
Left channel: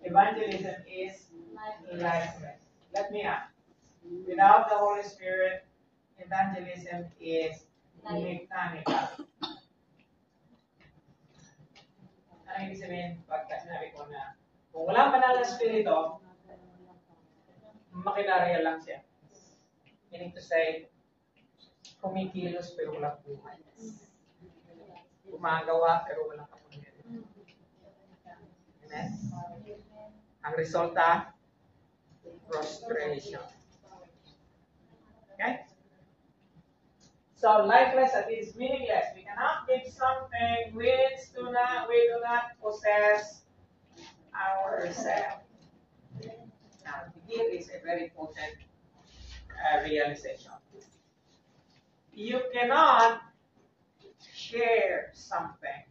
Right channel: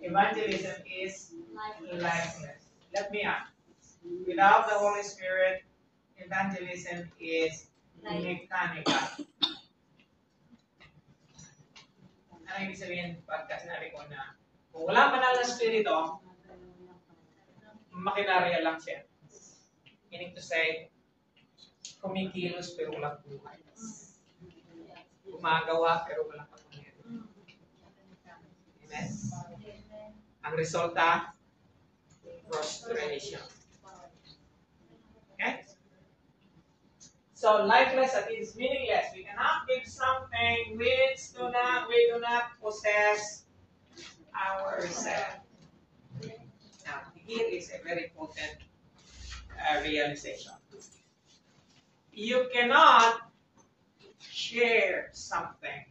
evangelism is lifeless. Let me ask. Without the Holy Spirit, evangelism is mechanical. Ano ibig sabihin pagka sinabi ko na kung walang banal na Espiritu, makinarya lang siya. Meaning to say, kumikilos pero walang buhay. Gumagawa pero walang kapangyarihan. Amen? Ang resulta, frustration. Okay? So, So lifeless, that is meaningless. We cannot give something which we do not possess ourselves. Now, here is a very important realization. You cannot share something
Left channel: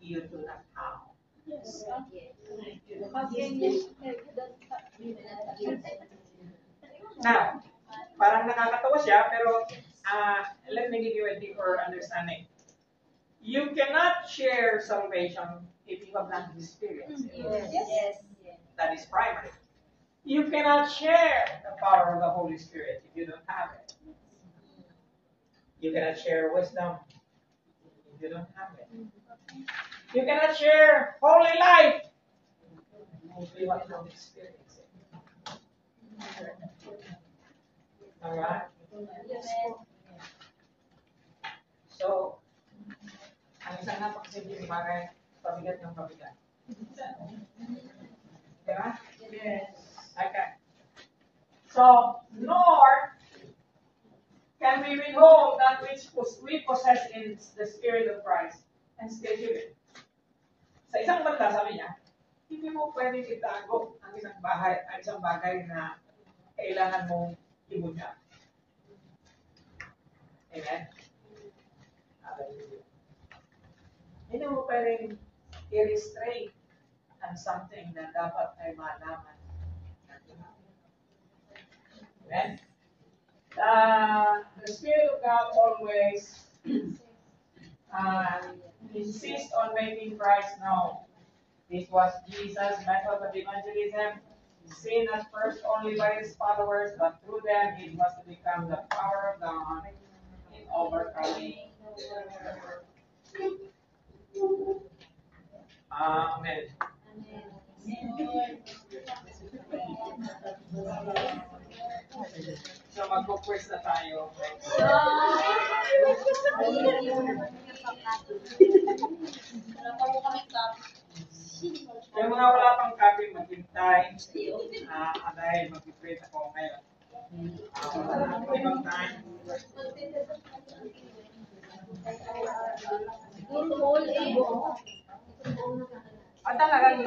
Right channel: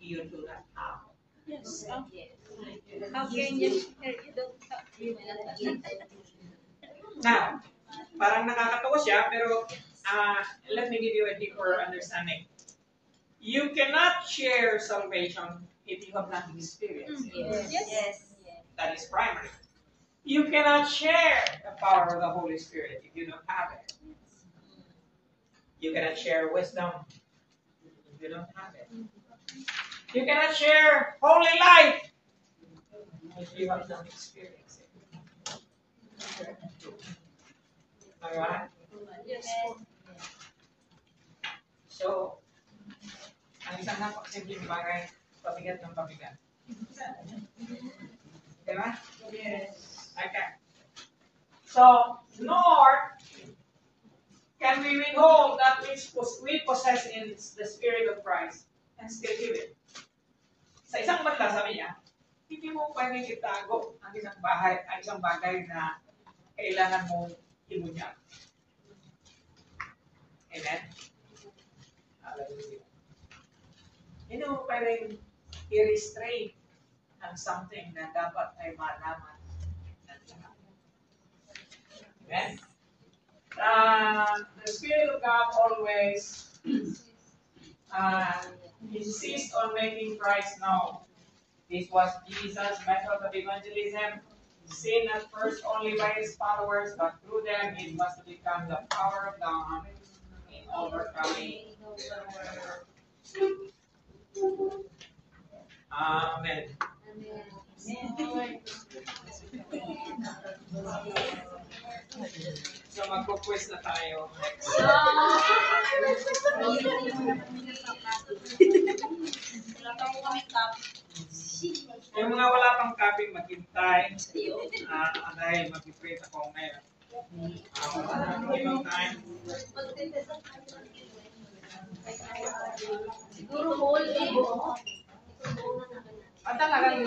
you do not have. Yes. How can you share? You don't have. Now, parang nakakatawa siya, pero let me give you a deeper understanding. You cannot share salvation if you have not experienced it. Yes. That is primary. You cannot share the power of the Holy Spirit if you don't have it. You cannot share wisdom if you don't have it. You cannot share holy life if you have not experienced it. Alright? Yes. So, ang isang napakasimpleng bagay, pabigat ng pabigat. Diba? Yes. Okay. So, nor can we withhold that which we possess in the Spirit of Christ and still give it. Sa isang banda, sabi niya, hindi mo pwedeng itago ang isang bagay na kailangan mong ibunyag. Amen? Hallelujah. Hindi mo pwedeng i-restrain ang something na dapat ay malaman ng lahat. Amen? The Spirit of God always insists on making Christ known. This was Jesus' method of evangelism. Seen at first only by his followers, but through them it must become the power of God in overcoming the world. Amen. So magpo-quiz na tayo next. Yung mga wala pang copy, maghintay. Dahil mag-pray ako ngayon. Wala na ibang time. Siguro whole eh. Talagang